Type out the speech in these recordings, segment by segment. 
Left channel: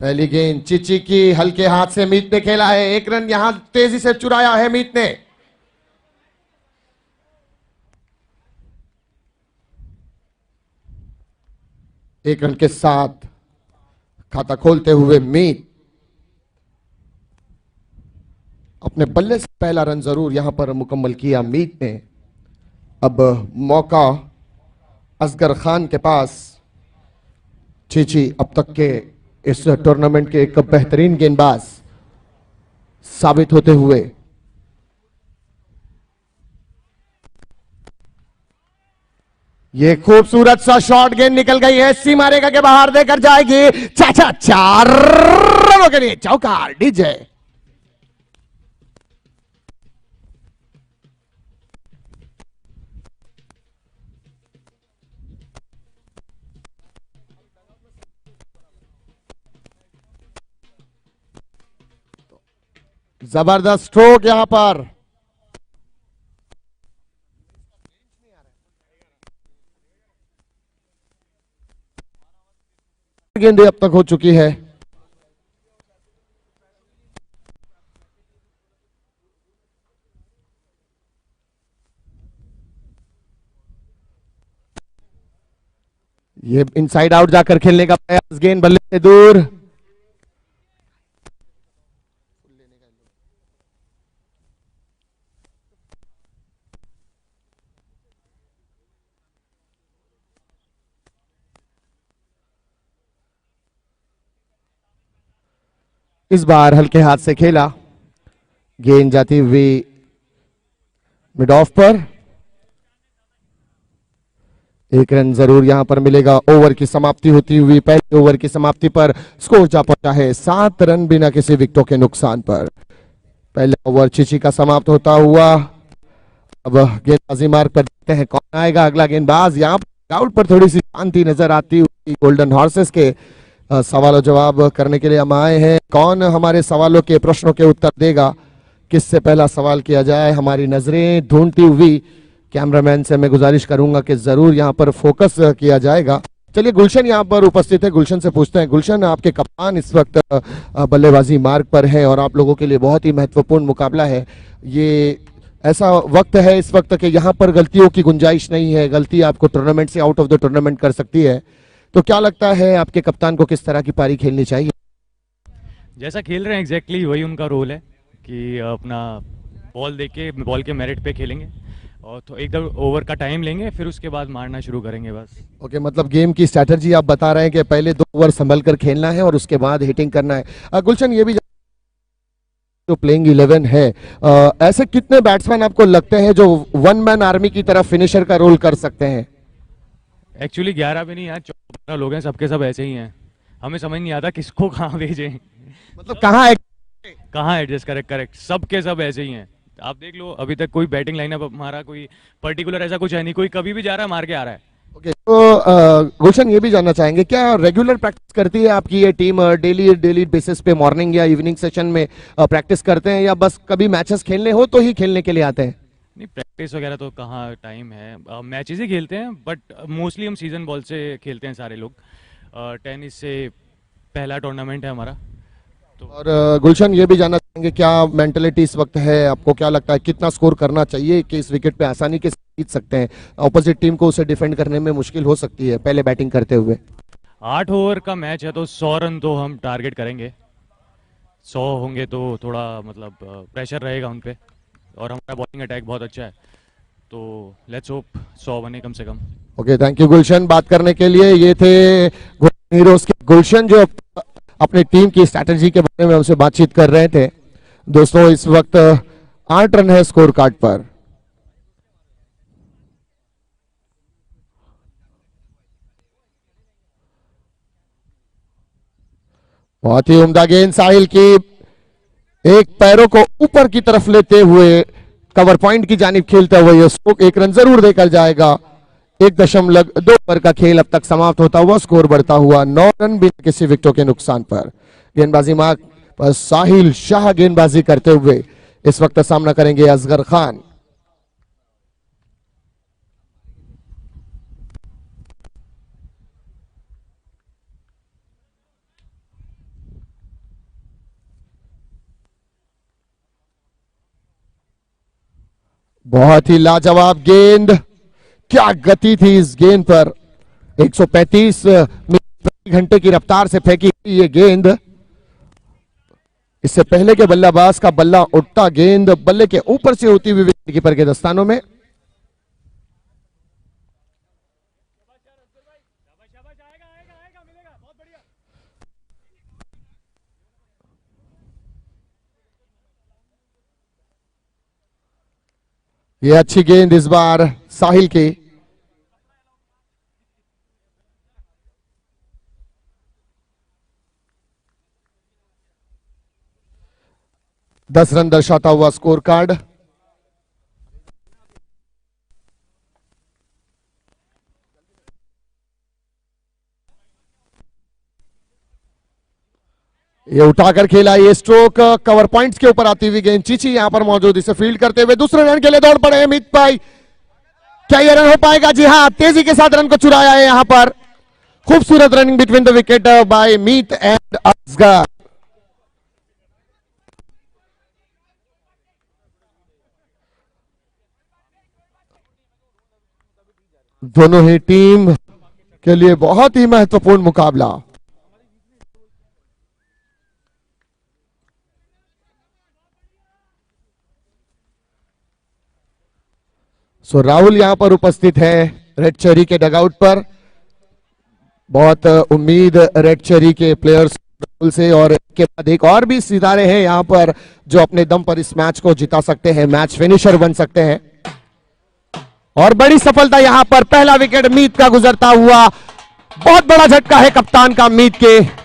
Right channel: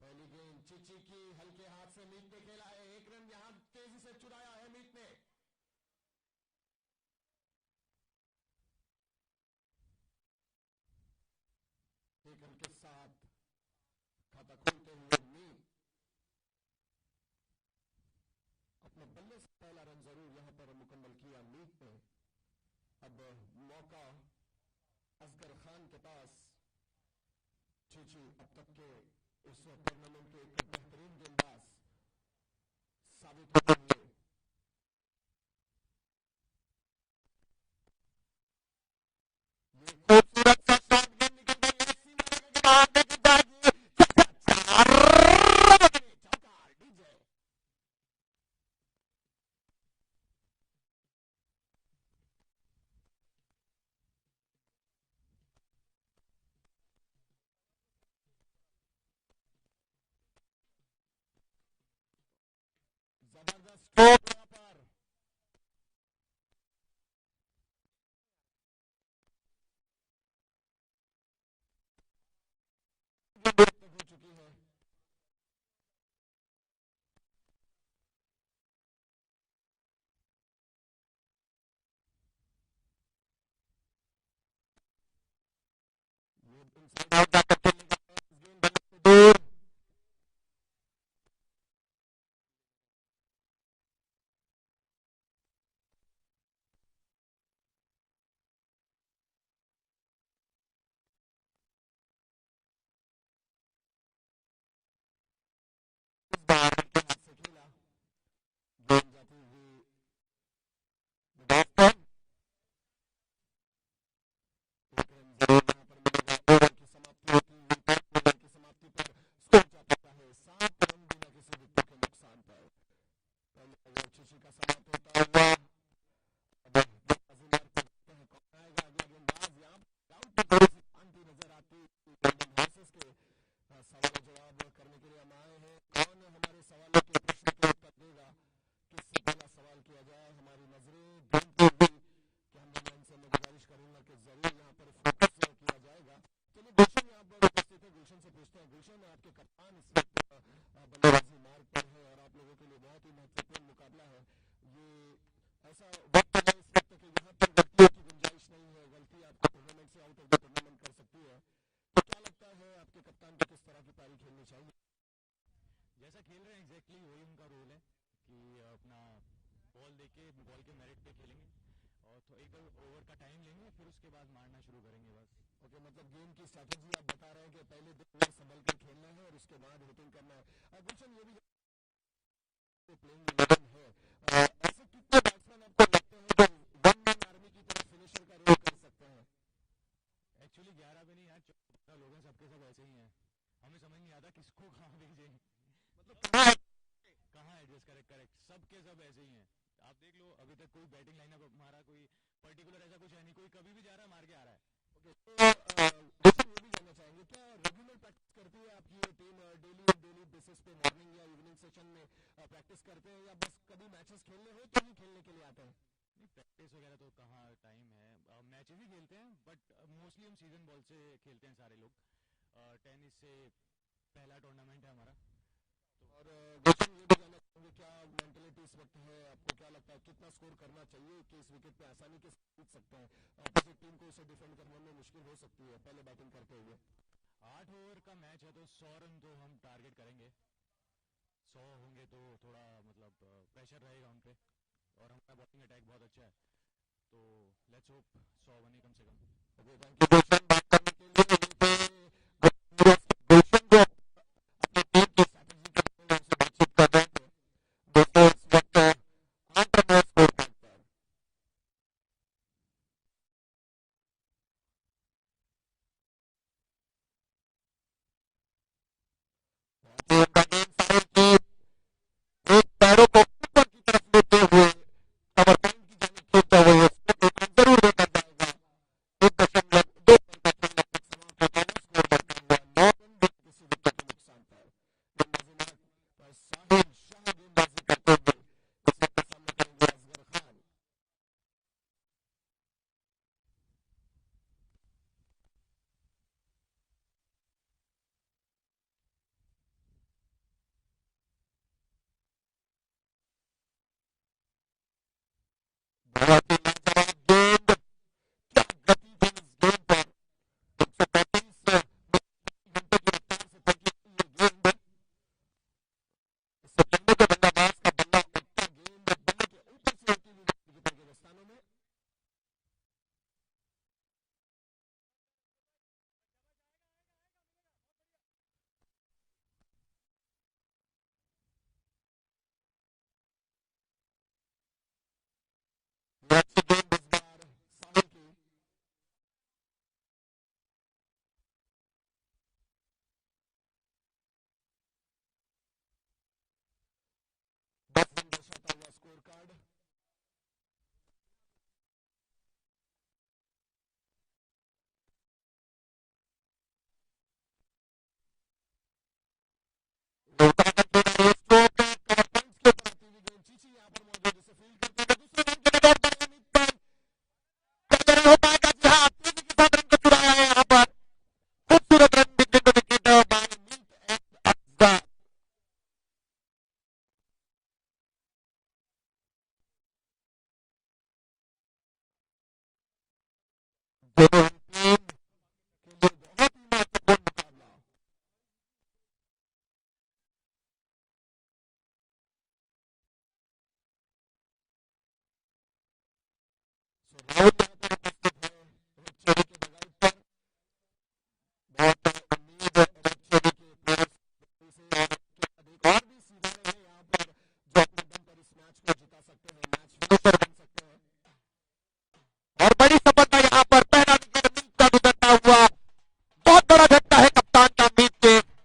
पहली गेंद चिची की हल्के हाथ से मीत ने खेला है। एक रन यहां तेजी से चुराया है मीत ने। एक रन के साथ खाता खोलते हुए मीत अपने बल्ले से पहला रन जरूर यहां पर मुकम्मल किया मीत ने। अब मौका असगर खान के पास। चीची अब तक के इस टूर्नामेंट के एक बेहतरीन गेंदबाज साबित होते हुए। ये खूबसूरत सा शॉट गेंद निकल गई है, सी मारेगा के बाहर देकर जाएगी। चाचा 4 रनों के लिए चौका डीजे। जबरदस्त स्ट्रोक यहां पर। गेंदें अब तक हो चुकी है। ये इनसाइड आउट जाकर खेलने का प्रयास, गेंद बल्ले से दूर। इस बार हल्के हाथ से खेला, गेंद जाती हुई मिड ऑफ पर। एक रन जरूर यहां पर मिलेगा। ओवर की समाप्ति होती हुई, पहले ओवर की समाप्ति पर स्कोर जा पहुंचा है 7 रन बिना किसी विकेटों के नुकसान पर। पहला ओवर चिची का समाप्त होता हुआ। अब गेंदबाजी मार्ग पर देखते हैं कौन आएगा अगला गेंदबाज। यहाँ आउट पर थोड़ी सी शांति नजर आती हुई गोल्डन हॉर्सेस के सवालों जवाब करने के लिए हम आए हैं। कौन हमारे सवालों के प्रश्नों के उत्तर देगा, किससे पहला सवाल किया जाए, हमारी नजरें ढूंढती हुई कैमरामैन से मैं गुजारिश करूंगा कि जरूर यहां पर फोकस किया जाएगा। चलिए गुलशन यहां पर उपस्थित है, गुलशन से पूछते हैं। गुलशन, आपके कप्तान इस वक्त बल्लेबाजी मार्ग पर है और आप लोगों के लिए बहुत ही महत्वपूर्ण मुकाबला है। ये ऐसा वक्त है इस वक्त कि यहाँ पर गलतियों की गुंजाइश नहीं है, गलती आपको टूर्नामेंट से आउट ऑफ द टूर्नामेंट कर सकती है। तो क्या लगता है आपके कप्तान को किस तरह की पारी खेलनी चाहिए? जैसा खेल रहे हैं एग्जैक्टली वही उनका रोल है कि अपना बॉल देके बॉल के मेरिट पे खेलेंगे और तो एकदम ओवर का टाइम लेंगे फिर उसके बाद मारना शुरू करेंगे बस। ओके, मतलब गेम की स्ट्रैटेजी आप बता रहे हैं कि पहले 2 ओवर संभल कर खेलना है और उसके बाद हिटिंग करना है। गुलशन, ये भी जो प्लेइंग 11 है, ऐसे कितने बैट्समैन आपको लगते हैं जो वन मैन आर्मी की तरह फिनिशर का रोल कर सकते हैं? एक्चुअली 11 भी नहीं यार, 14 लोग हैं, सबके सब ऐसे ही हैं। हमें समझ नहीं आता किसको कहाँ भेजें। मतलब कहाँ? कहाँ एडजस्ट करें, करेक्ट सबके सब ऐसे ही हैं। आप देख लो अभी तक कोई बैटिंग लाइनअप हमारा कोई पर्टिकुलर ऐसा कुछ है नहीं, कोई कभी भी जा रहा है मार के आ रहा है। ओके, तो गुलशन ये भी जानना चाहेंगे क्या रेगुलर प्रैक्टिस करती है आपकी ये टीम? डेली डेली बेसिस पे मॉर्निंग या इवनिंग सेशन में प्रैक्टिस करते हैं या बस कभी मैचेस खेलने हो तो ही खेलने के लिए आते हैं? नहीं प्रैक्टिस वगैरह तो कहाँ टाइम है, मैचेस ही खेलते हैं बट मोस्टली हम सीजन बॉल से खेलते हैं सारे लोग। टेनिस से पहला टूर्नामेंट है हमारा तो। और गुलशन ये भी जानना चाहेंगे क्या मेंटेलिटी इस वक्त है, आपको क्या लगता है कितना स्कोर करना चाहिए कि इस विकेट पे आसानी के साथ जीत सकते हैं? ऑपोजिट टीम को उसे डिफेंड करने में मुश्किल हो सकती है पहले बैटिंग करते हुए। 8 ओवर का मैच है तो 100 रन तो हम टारगेट करेंगे। 100 होंगे तो थोड़ा मतलब प्रेशर रहेगा उन पे और हमारा बॉलिंग अटैक बहुत अच्छा है तो लेट्स होप 100 बने कम से कम। ओके, थैंक यू गुलशन बात करने के लिए। ये थे हीरोज के गुलशन जो अपनी टीम की स्ट्रैटेजी के बारे में हमसे बातचीत कर रहे थे। दोस्तों इस वक्त 8 रन है स्कोर कार्ड पर। बहुत ही उम्दा गेंद साहिल की, एक पैरों को ऊपर की तरफ लेते हुए कवर पॉइंट की जानिब खेलते हुए ये स्ट्रोक 1 रन जरूर देकर जाएगा। 1.2 ओवर का खेल अब तक समाप्त होता हुआ, स्कोर बढ़ता हुआ 9 रन बिना किसी विकेटों के नुकसान पर। गेंदबाजी मार्ग पर साहिल शाह गेंदबाजी करते हुए इस वक्त सामना करेंगे असगर खान। बहुत ही लाजवाब गेंद, क्या गति थी इस गेंद पर। 135 मीटर प्रति घंटे की रफ्तार से फेंकी गई ये गेंद। इससे पहले के बल्लेबाज का बल्ला उठता, गेंद बल्ले के ऊपर से होती हुई विकेटकीपर के दस्तानों में। ये अच्छी गेंद इस बार साहिल की। दस रन दर्शाता हुआ स्कोर कार्ड। ये उठाकर खेला, ये स्ट्रोक कवर पॉइंट्स के ऊपर आती हुई गेंद। चीची यहां पर मौजूद, इसे फील्ड करते हुए दूसरे रन के लिए दौड़ पड़े अमित भाई। क्या ये रन हो पाएगा? जी हां, तेजी के साथ रन को चुराया है यहां पर। खूबसूरत running between the wicket by Meet and Asghar. दोनों ही टीम के लिए बहुत ही महत्वपूर्ण मुकाबला। सो राहुल यहां पर उपस्थित है रेड चेरी के डगआउट पर। बहुत उम्मीद रेड चेरी के प्लेयर्स राहुल से, और के बाद एक और भी सितारे हैं यहां पर जो अपने दम पर इस मैच को जिता सकते हैं, मैच फिनिशर बन सकते हैं। और बड़ी सफलता यहां पर, पहला विकेट मीत का गुजरता हुआ। बहुत बड़ा झटका है कप्तान का मीत के।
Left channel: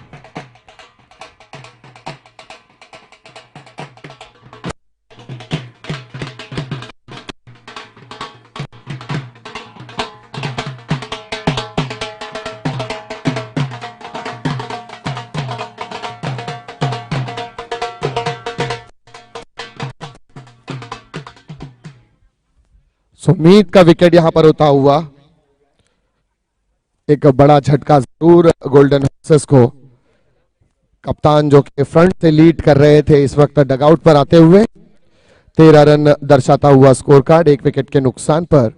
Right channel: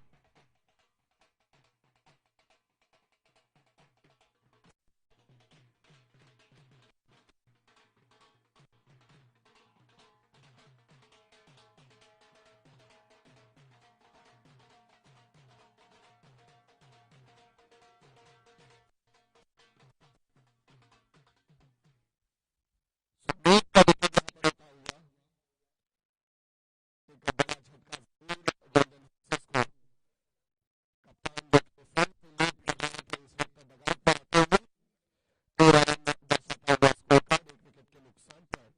सुमीत का विकेट यहां पर होता हुआ एक बड़ा झटका जरूर गोल्डन हॉर्सेस को। कप्तान जो कि फ्रंट से लीड कर रहे थे इस वक्त डगआउट पर आते हुए। 13 रन दर्शाता हुआ स्कोर कार्ड, एक विकेट के नुकसान पर।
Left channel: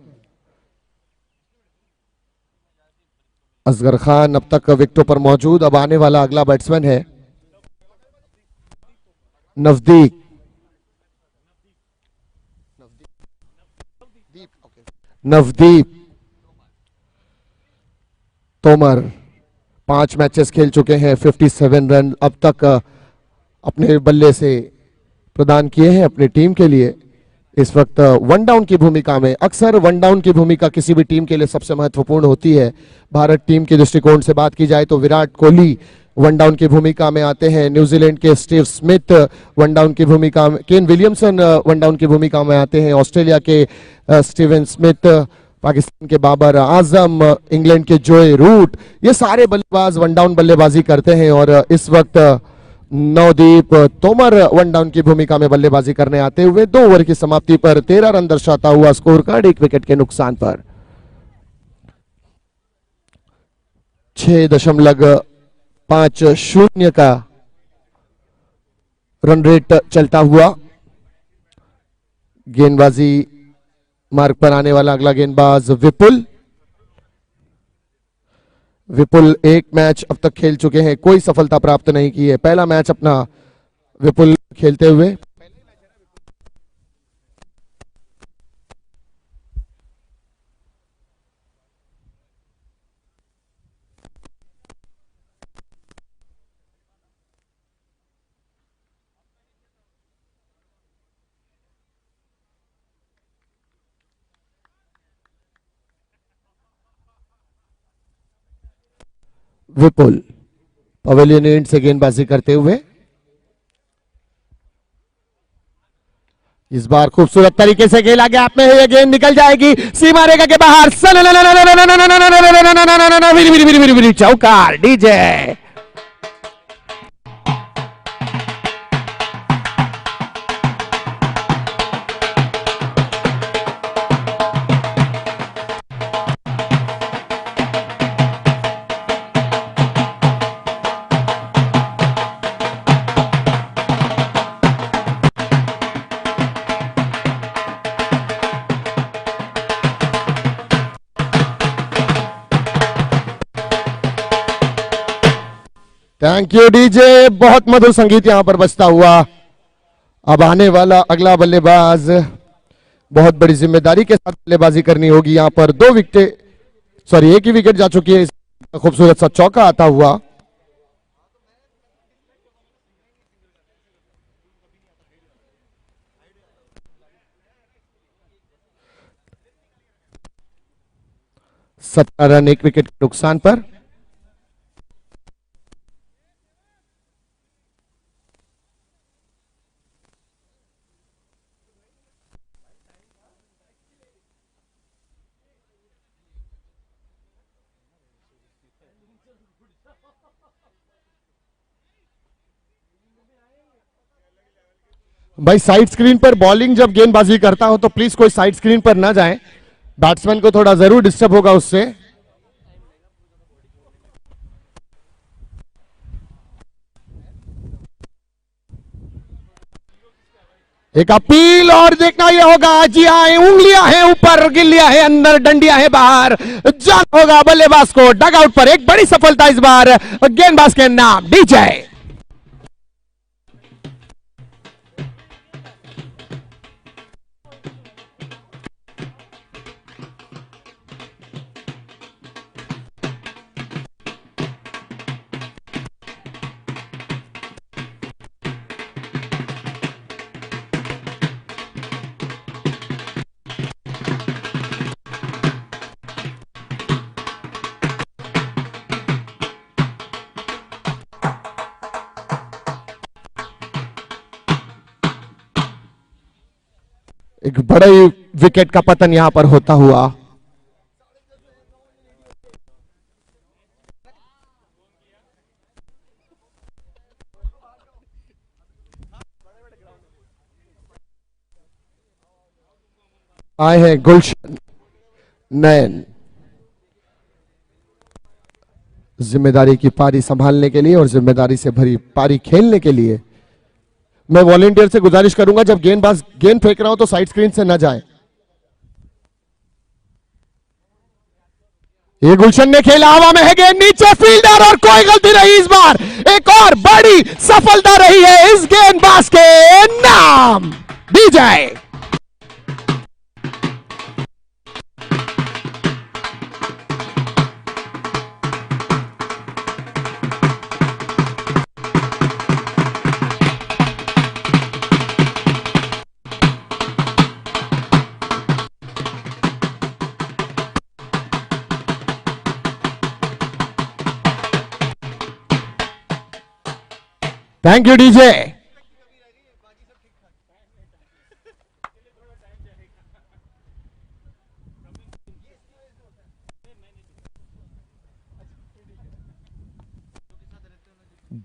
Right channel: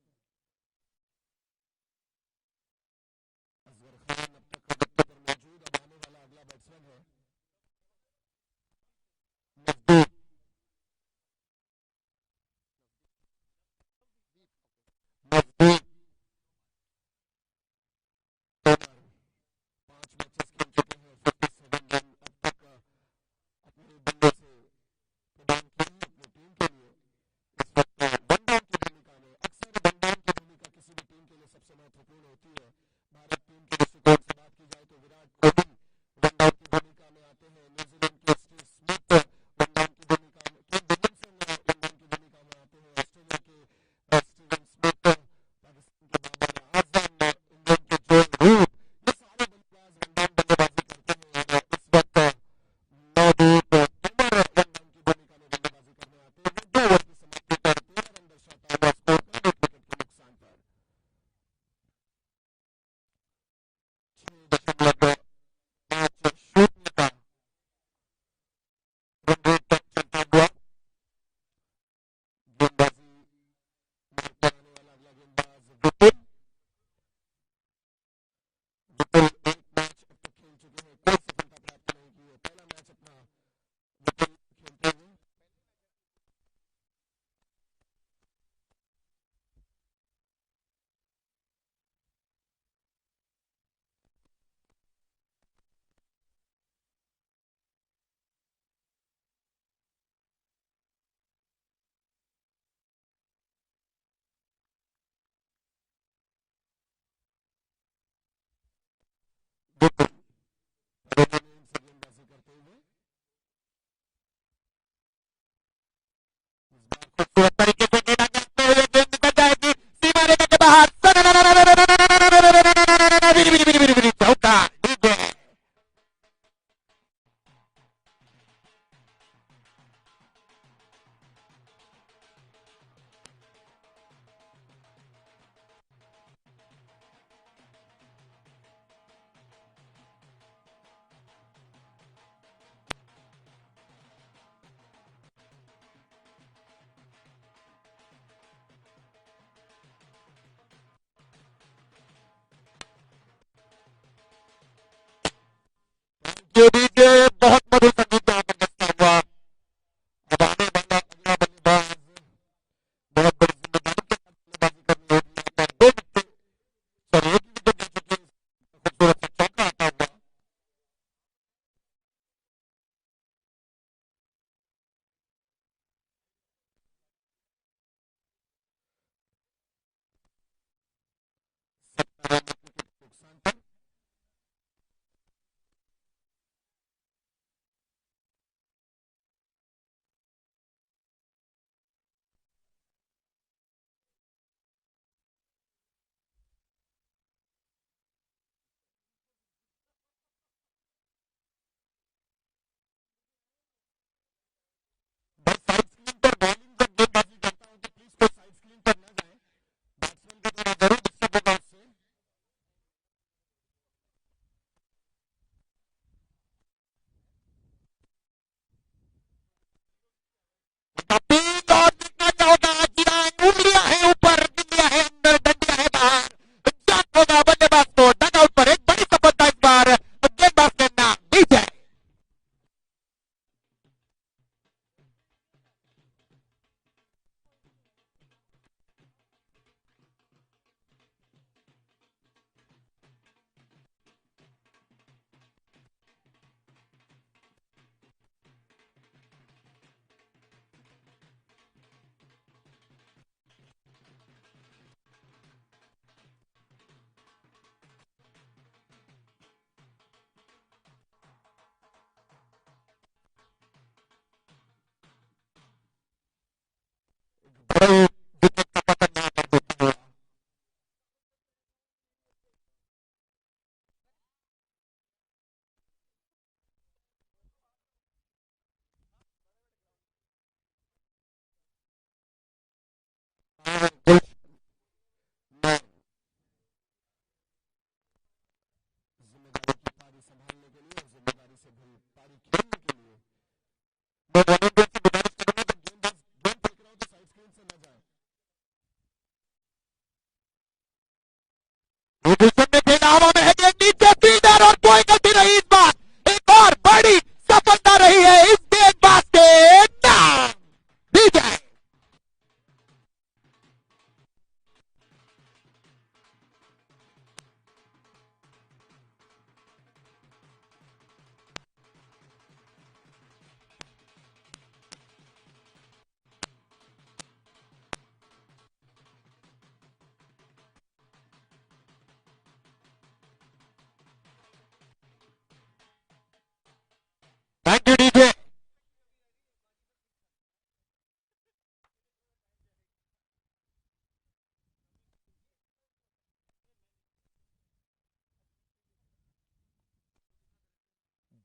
असगर खान अब तक विकेटों पर मौजूद। अब आने वाला अगला बैट्समैन है नवदीप। नवदीप तोमर 5 मैचेस खेल चुके हैं, 57 रन अब तक अपने बल्ले से प्रदान किए हैं अपनी टीम के लिए। इस वक्त वन डाउन की भूमिका में, अक्सर वन डाउन की भूमिका किसी भी टीम के लिए सबसे महत्वपूर्ण होती है। भारत टीम के दृष्टिकोण से बात की जाए तो विराट कोहली वन डाउन की भूमिका में आते हैं, न्यूजीलैंड के स्टीव स्मिथ वन डाउन की भूमिका में, केन विलियमसन वन डाउन की भूमिका में आते हैं, ऑस्ट्रेलिया के स्टीवन स्मिथ, पाकिस्तान के बाबर आजम, इंग्लैंड के जोए रूट, ये सारे बल्लेबाज वन डाउन बल्लेबाजी करते हैं। और इस वक्त नवदीप तोमर वन डाउन की भूमिका में बल्लेबाजी करने आते हुए 2 ओवर की समाप्ति पर 13 रन दर्शाता हुआ स्कोर कार्ड, 1 विकेट के नुकसान पर। 6.50 का रन रेट चलता हुआ। गेंदबाजी मार्ग पर आने वाला अगला गेंदबाज विपुल। विपुल एक मैच अब तक खेल चुके हैं, कोई सफलता प्राप्त नहीं की है। पहला मैच अपना विपुल खेलते हुए। विपुल पवेलियन एंड से गेंदबाजी करते हुए। इस बार खूबसूरत तरीके से खेला, गैप में है, ये गेंद निकल जाएगी सीमा रेखा के बाहर। चौका डीजे। थैंक यू डीजे, बहुत मधुर संगीत यहां पर बजता हुआ। अब आने वाला अगला बल्लेबाज, बहुत बड़ी जिम्मेदारी के साथ बल्लेबाजी करनी होगी। यहां पर दो विकेट, सॉरी एक ही विकेट जा चुकी है। खूबसूरत सा चौका आता हुआ। सत्रह रन एक विकेट के नुकसान पर। भाई साइड स्क्रीन पर बॉलिंग जब गेंदबाजी करता हो तो प्लीज कोई साइड स्क्रीन पर ना जाए, बैट्समैन को थोड़ा जरूर डिस्टर्ब होगा उससे। एक अपील और देखना यह होगा, जी हाँ, उंगलियां हैं ऊपर, गिल्लियां हैं अंदर, डंडियां हैं बाहर, जाना होगा बल्लेबाज को डगआउट पर। एक बड़ी सफलता इस बार गेंदबाज के नाम डीजे। एक बड़े विकेट का पतन यहां पर होता हुआ। आए हैं गुलशन नयन जिम्मेदारी की पारी संभालने के लिए और जिम्मेदारी से भरी पारी खेलने के लिए। मैं वॉलेंटियर से गुजारिश करूंगा, जब गेंदबाज गेंद फेंक रहा हो तो साइड स्क्रीन से न जाए। ये गुलशन ने खेला, हवा में है गेंद, नीचे फील्डर, और कोई गलती नहीं इस बार। एक और बड़ी सफलता रही है इस गेंदबाज के नाम डीजे। Thank you DJ.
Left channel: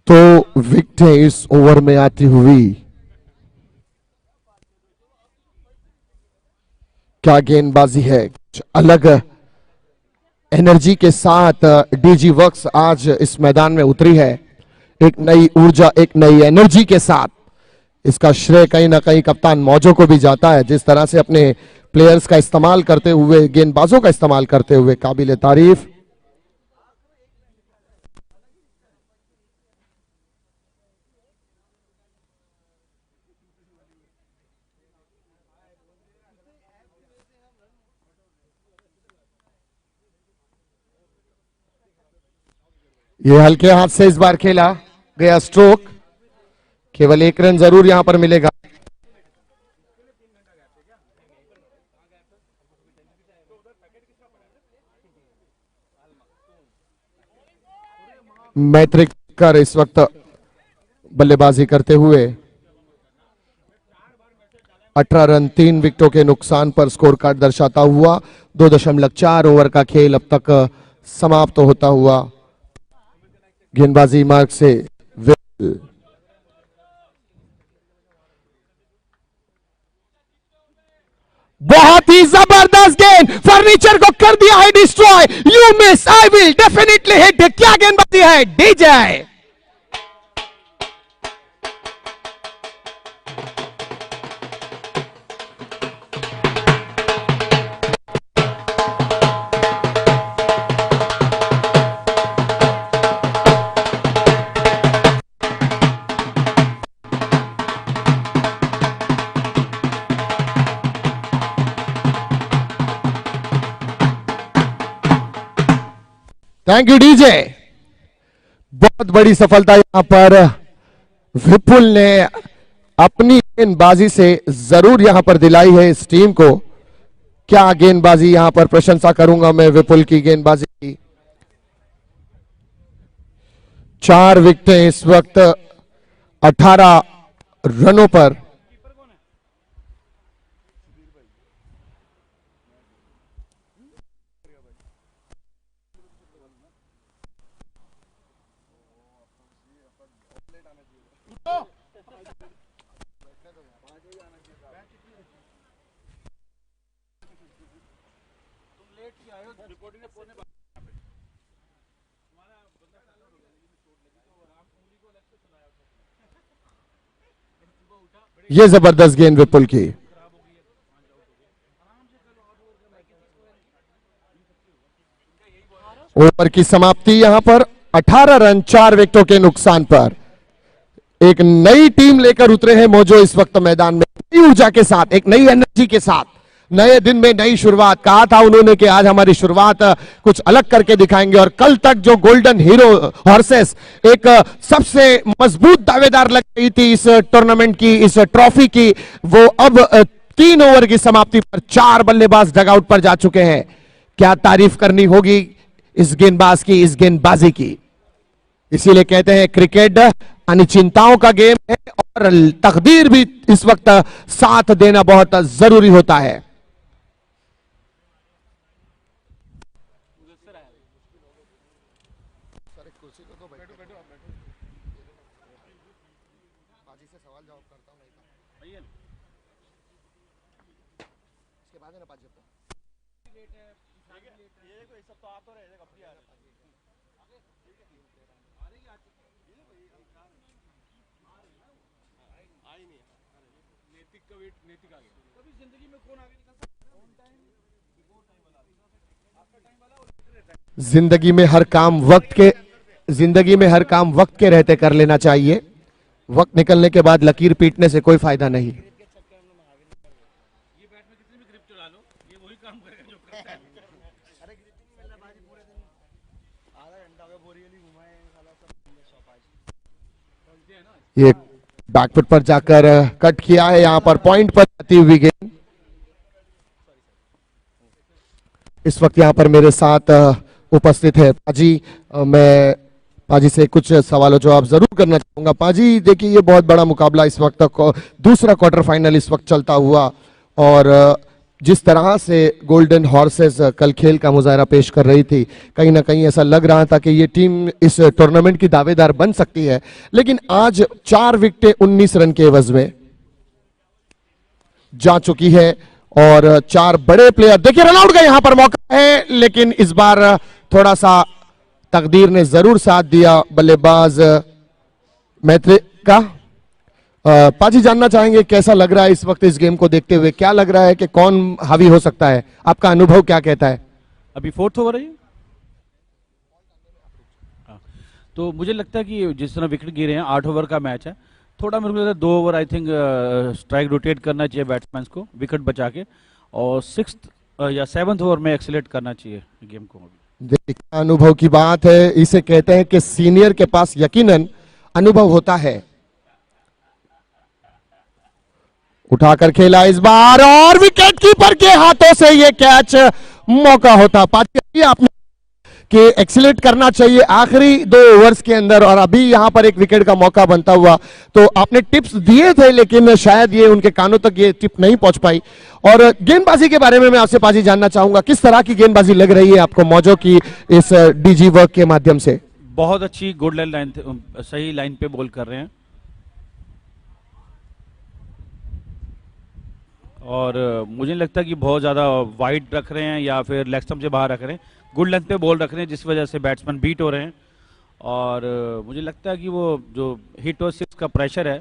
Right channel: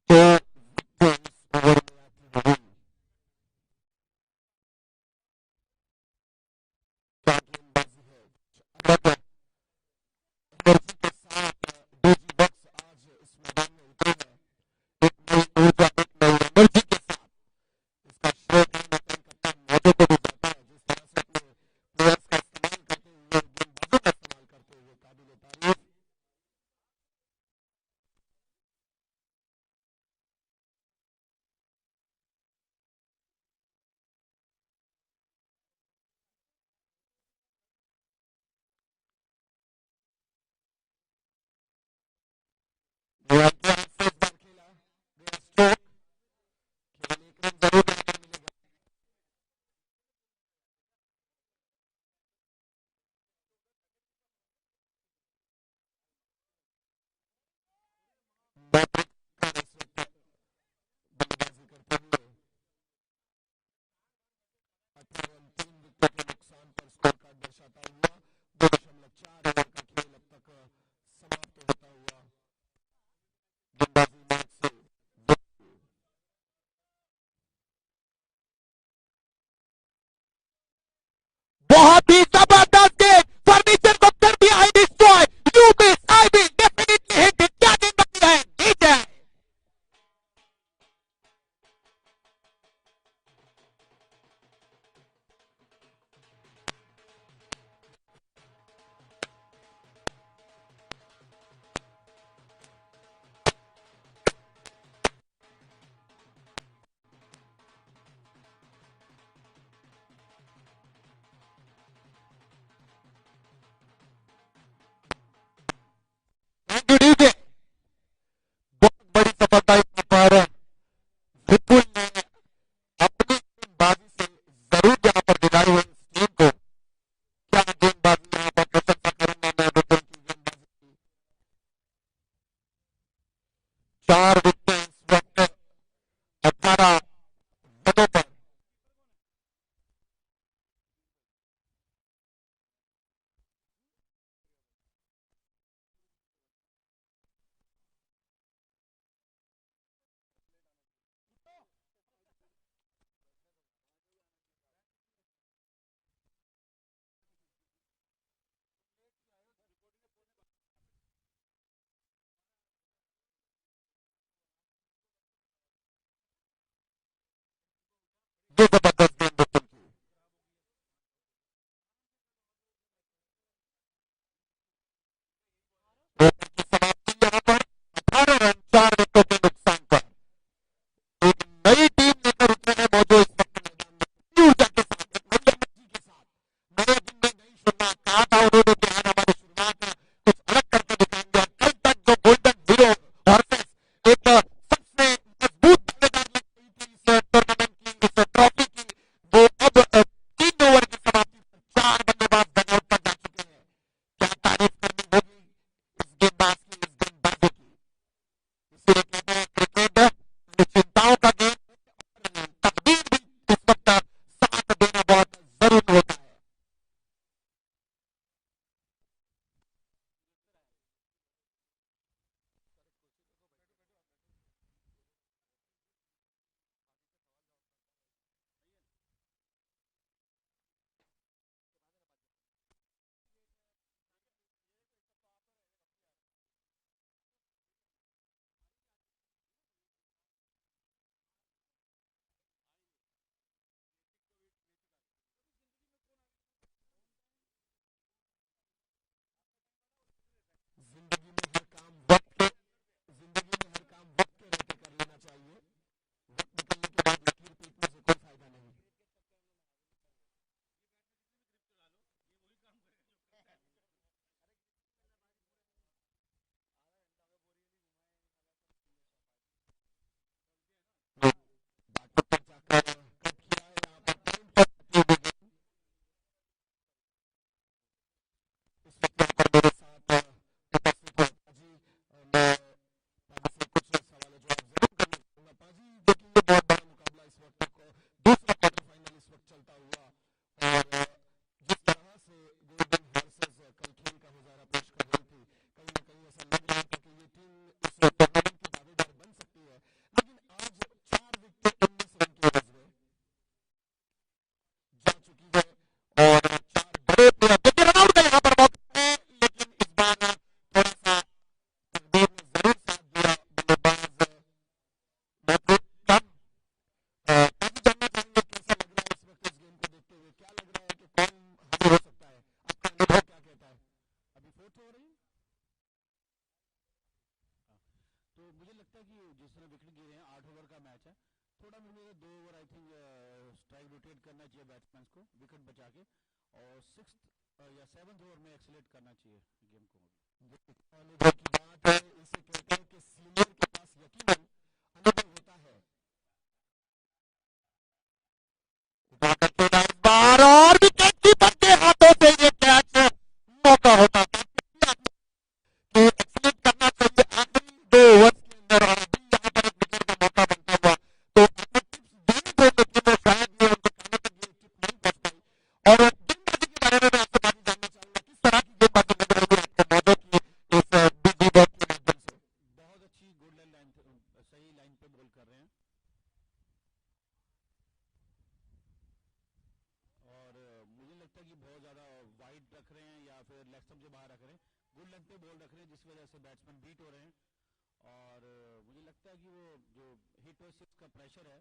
दो विकेटें इस ओवर में आती हुई। क्या गेंदबाजी है, कुछ अलग एनर्जी के साथ डीजी वर्क्स आज इस मैदान में उतरी है, एक नई ऊर्जा, एक नई एनर्जी के साथ। इसका श्रेय कहीं ना कहीं कप्तान मौजो को भी जाता है, जिस तरह से अपने प्लेयर्स का इस्तेमाल करते हुए, गेंदबाजों का इस्तेमाल करते हुए, काबिले तारीफ। ये हल्के हाथ से इस बार खेला गया स्ट्रोक, केवल एक रन जरूर यहां पर मिलेगा। मैत्रिक कर इस वक्त बल्लेबाजी करते हुए 18 रन 3 विकेटों के नुकसान पर स्कोर कार्ड दर्शाता हुआ 2.4 ओवर का खेल अब तक समाप्त होता हुआ। गेंदबाजी मार्ग से बहुत ही जबरदस्त गेंद, फर्नीचर को कर दिया है destroy. You miss, I will definitely hit. क्या गेंदबाजी है डीजे। Thank you DJ. बहुत बड़ी सफलता यहां पर विपुल ने अपनी गेंदबाजी से जरूर यहां पर दिलाई है इस टीम को। क्या गेंदबाजी, यहां पर प्रशंसा करूंगा मैं विपुल की गेंदबाजी की। 4 विकेटें इस वक्त 18 रनों पर। ये जबरदस्त गेंद विपुल की। ओवर की समाप्ति यहां पर 18 रन 4 विकेटों के नुकसान पर। एक नई टीम लेकर उतरे हैं मोजो इस वक्त मैदान में, नई ऊर्जा के साथ, एक नई एनर्जी के साथ, नए दिन में नई शुरुआत। कहा था उन्होंने कि आज हमारी शुरुआत कुछ अलग करके दिखाएंगे, और कल तक जो गोल्डन हीरो हॉर्सेस एक सबसे मजबूत दावेदार लग रही थी इस टूर्नामेंट की, इस ट्रॉफी की, वो अब 3 ओवर की समाप्ति पर 4 बल्लेबाज डगआउट पर जा चुके हैं। क्या तारीफ करनी होगी इस गेंदबाज की, इस गेंदबाजी की। इसीलिए कहते हैं क्रिकेट अनिश्चितताओं का गेम है, और तकदीर भी इस वक्त साथ देना बहुत जरूरी होता है। जिंदगी में हर काम वक्त के रहते कर लेना चाहिए। वक्त निकलने के बाद लकीर पीटने से कोई फायदा नहीं। ये बैकफुट पर जाकर कट किया है, यहां पर पॉइंट पर आती हुई गेंद। इस वक्त यहां पर मेरे साथ उपस्थित है पाजी। मैं पाजी से कुछ सवालों जवाब जरूर करना चाहूंगा। पाजी देखिए, ये बहुत बड़ा मुकाबला इस वक्त तक, दूसरा क्वार्टर फाइनल इस वक्त चलता हुआ, और जिस तरह से गोल्डन हॉर्सेस कल खेल का मुजाहरा पेश कर रही थी, कहीं ना कहीं ऐसा लग रहा था कि ये टीम इस टूर्नामेंट की दावेदार बन सकती है। लेकिन आज 4 विकेटें 19 रन के एवज में जा चुकी है, और 4 बड़े प्लेयर, देखिए रनआउट का यहां पर मौका है, लेकिन इस बार थोड़ा सा तकदीर ने जरूर साथ दिया बल्लेबाज मैत्री का। पाजी जानना चाहेंगे कैसा लग रहा है इस वक्त इस गेम को देखते हुए, क्या लग रहा है कि कौन हावी हो सकता है, आपका अनुभव क्या कहता है। अभी 4th ओवर है ये? तो मुझे लगता है कि जिस तरह विकेट गिरे हैं, 8 ओवर का मैच है, थोड़ा मेरे को लगता है 2 over I think strike rotate करना चाहिए बैट्समैन को विकेट बचा के, और 6th या 7th ओवर में एक्सीलेट करना चाहिए गेम को। देखिए अनुभव की बात है, इसे कहते हैं कि सीनियर के पास यकीनन अनुभव होता है। उठाकर खेला इस बार, और विकेट कीपर के हाथों से ये कैच, मौका होता पाजी आपने कि एक्सीलेट करना चाहिए आखिरी 2 ओवर्स के अंदर, और अभी यहां पर एक विकेट का मौका बनता हुआ। तो आपने टिप्स दिए थे, लेकिन शायद ये उनके कानों तक ये टिप नहीं पहुंच पाई। और गेंदबाजी के बारे में मैं आपसे पाजी जानना चाहूंगा, किस तरह की गेंदबाजी लग रही है आपको मौजो की इस डीजी वर्क के माध्यम से। बहुत अच्छी गुड लाइन, सही लाइन पे बॉल कर रहे हैं, और मुझे नहीं लगता कि बहुत ज़्यादा वाइड रख रहे हैं या फिर लेग स्टंप से बाहर रख रहे हैं, गुड लेंथ पे बॉल रख रहे हैं, जिस वजह से बैट्समैन बीट हो रहे हैं। और मुझे लगता है कि वो जो हिट और 6 का प्रेशर है,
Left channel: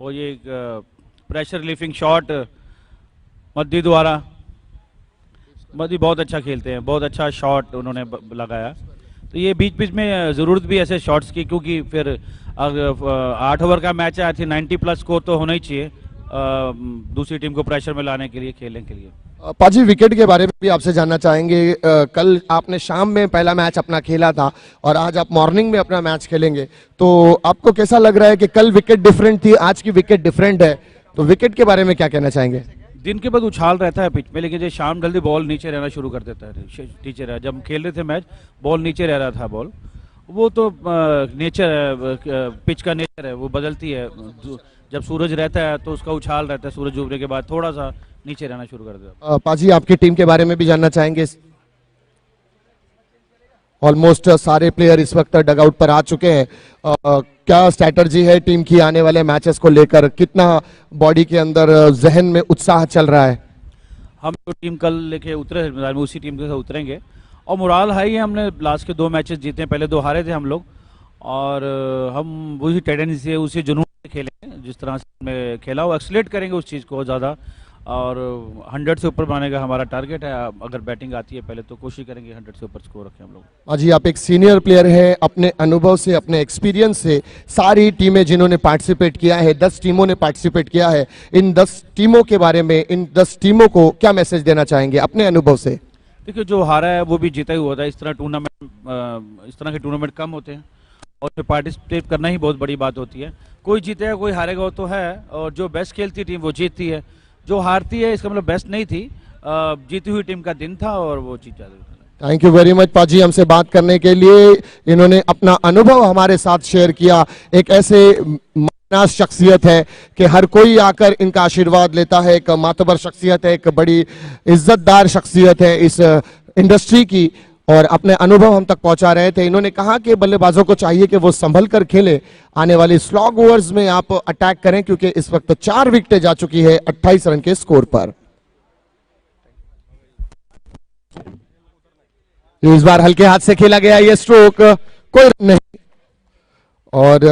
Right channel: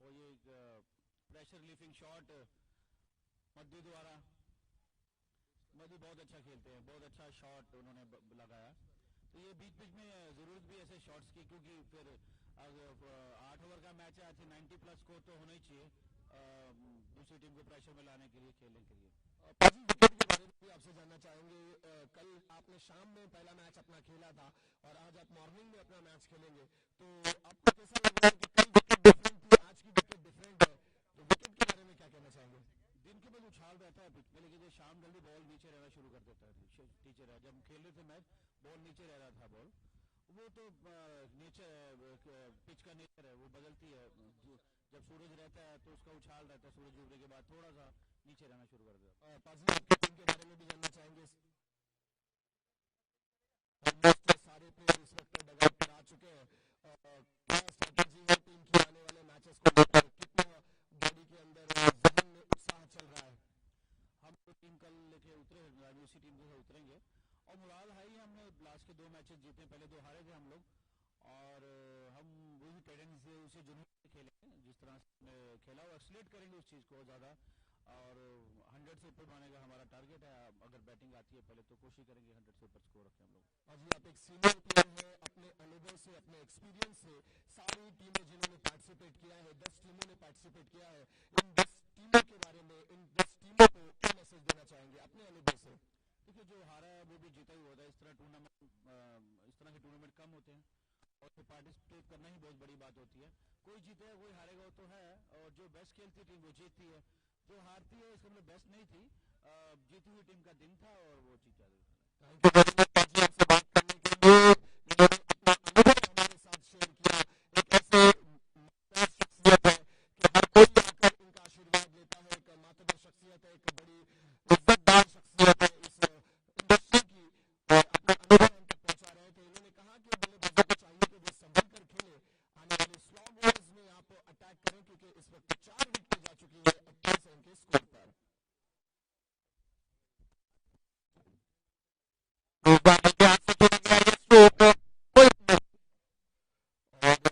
और ये प्रेशर रिलीफिंग शॉट मद्दी द्वारा, मद्दी बहुत अच्छा खेलते हैं, बहुत अच्छा शॉट उन्होंने लगाया। तो ये बीच बीच में ज़रूरत भी ऐसे शॉट्स की, क्योंकि फिर 8 ओवर का मैच है, आई थिंक 90+ स्कोर तो होना ही चाहिए, दूसरी टीम को प्रेशर में लाने के लिए, खेलने के लिए। पाजी, विकेट के बारे में भी आपसे जानना चाहेंगे। कल आपने शाम में पहला मैच अपना खेला था और आज आप मॉर्निंग में अपना मैच खेलेंगे, तो आपको कैसा लग रहा है कि कल विकेट डिफरेंट थी, आज की विकेट डिफरेंट है, तो विकेट के बारे में क्या कहना चाहेंगे? दिन के बाद उछाल रहता है पिच पे, लेकिन जब शाम जल्दी बॉल नीचे रहना शुरू कर देता है, नीचे रहा। जब हम खेल रहे थे मैच, बॉल नीचे रह रहा था, बॉल वो तो नेचर है, पिच का नेचर है, वो बदलती है। जब सूरज रहता है तो उसका उछाल रहता है, सूरज डूबने के बाद थोड़ा सा नीचे रहना शुरू कर देता है। पाजी, आपकी टीम के बारे में भी जानना चाहेंगे। ऑलमोस्ट सारे प्लेयर इस वक्त डगआउट पर आ चुके हैं। क्या स्ट्रैटेजी है टीम की आने वाले मैचेस को लेकर? कितना बॉडी के अंदर, जहन में उत्साह चल रहा है? हम जो टीम कल लेके उतरे, उसी टीम के साथ उतरेंगे और मोराल हाई है। हमने लास्ट के 2 मैचेस जीते हैं, पहले 2 हारे थे हम लोग, और हम वही टेंडेंसी से, उसी जुनून से खेलेंगे जिस तरह से हमने खेला, वो एक्सलेट करेंगे उस चीज़ को ज़्यादा, और 100 से ऊपर बनाने का हमारा टारगेट है। अगर बैटिंग आती है पहले तो कोशिश करेंगे 100 से ऊपर स्कोर रखें हम लोग। पाजी, आप एक सीनियर प्लेयर हैं, अपने अनुभव से, अपने एक्सपीरियंस से सारी टीमें जिन्होंने पार्टिसिपेट किया है, 10 टीमों ने पार्टिसिपेट किया है, इन 10 टीमों के बारे में, इन 10 टीमों को क्या मैसेज देना चाहेंगे अपने अनुभव से? देखिए, जो हारा है वो भी जीता ही हुआ था। इस तरह के टूर्नामेंट कम होते हैं और उसमें पार्टिसिपेट करना ही बहुत बड़ी बात होती है। कोई जीतेगा कोई हारेगा, वो तो है, और जो बेस्ट खेलती टीम वो जीतती है, जो हारती है इसका मतलब बेस्ट नहीं थी, जीती हुई टीम का दिन था और वो जीत जाती है। थैंक यू वेरी मच पाजी, हमसे बात करने के लिए। इन्होंने अपना अनुभव हमारे साथ शेयर किया। एक ऐसे मानास शख्सियत है कि हर कोई आकर इनका आशीर्वाद लेता है, एक मातबर शख्सियत है, एक बड़ी इज्जतदार शख्सियत है इस इंडस्ट्री की, और अपने अनुभव हम तक पहुंचा रहे थे। इन्होंने कहा कि बल्लेबाजों को चाहिए कि वो संभल कर खेले, आने वाली स्लॉग ओवर्स में आप अटैक करें, क्योंकि इस वक्त 4 विकेटें जा चुकी है 28 रन के स्कोर पर। इस बार हल्के हाथ से खेला गया ये स्ट्रोक, कोई रन नहीं। और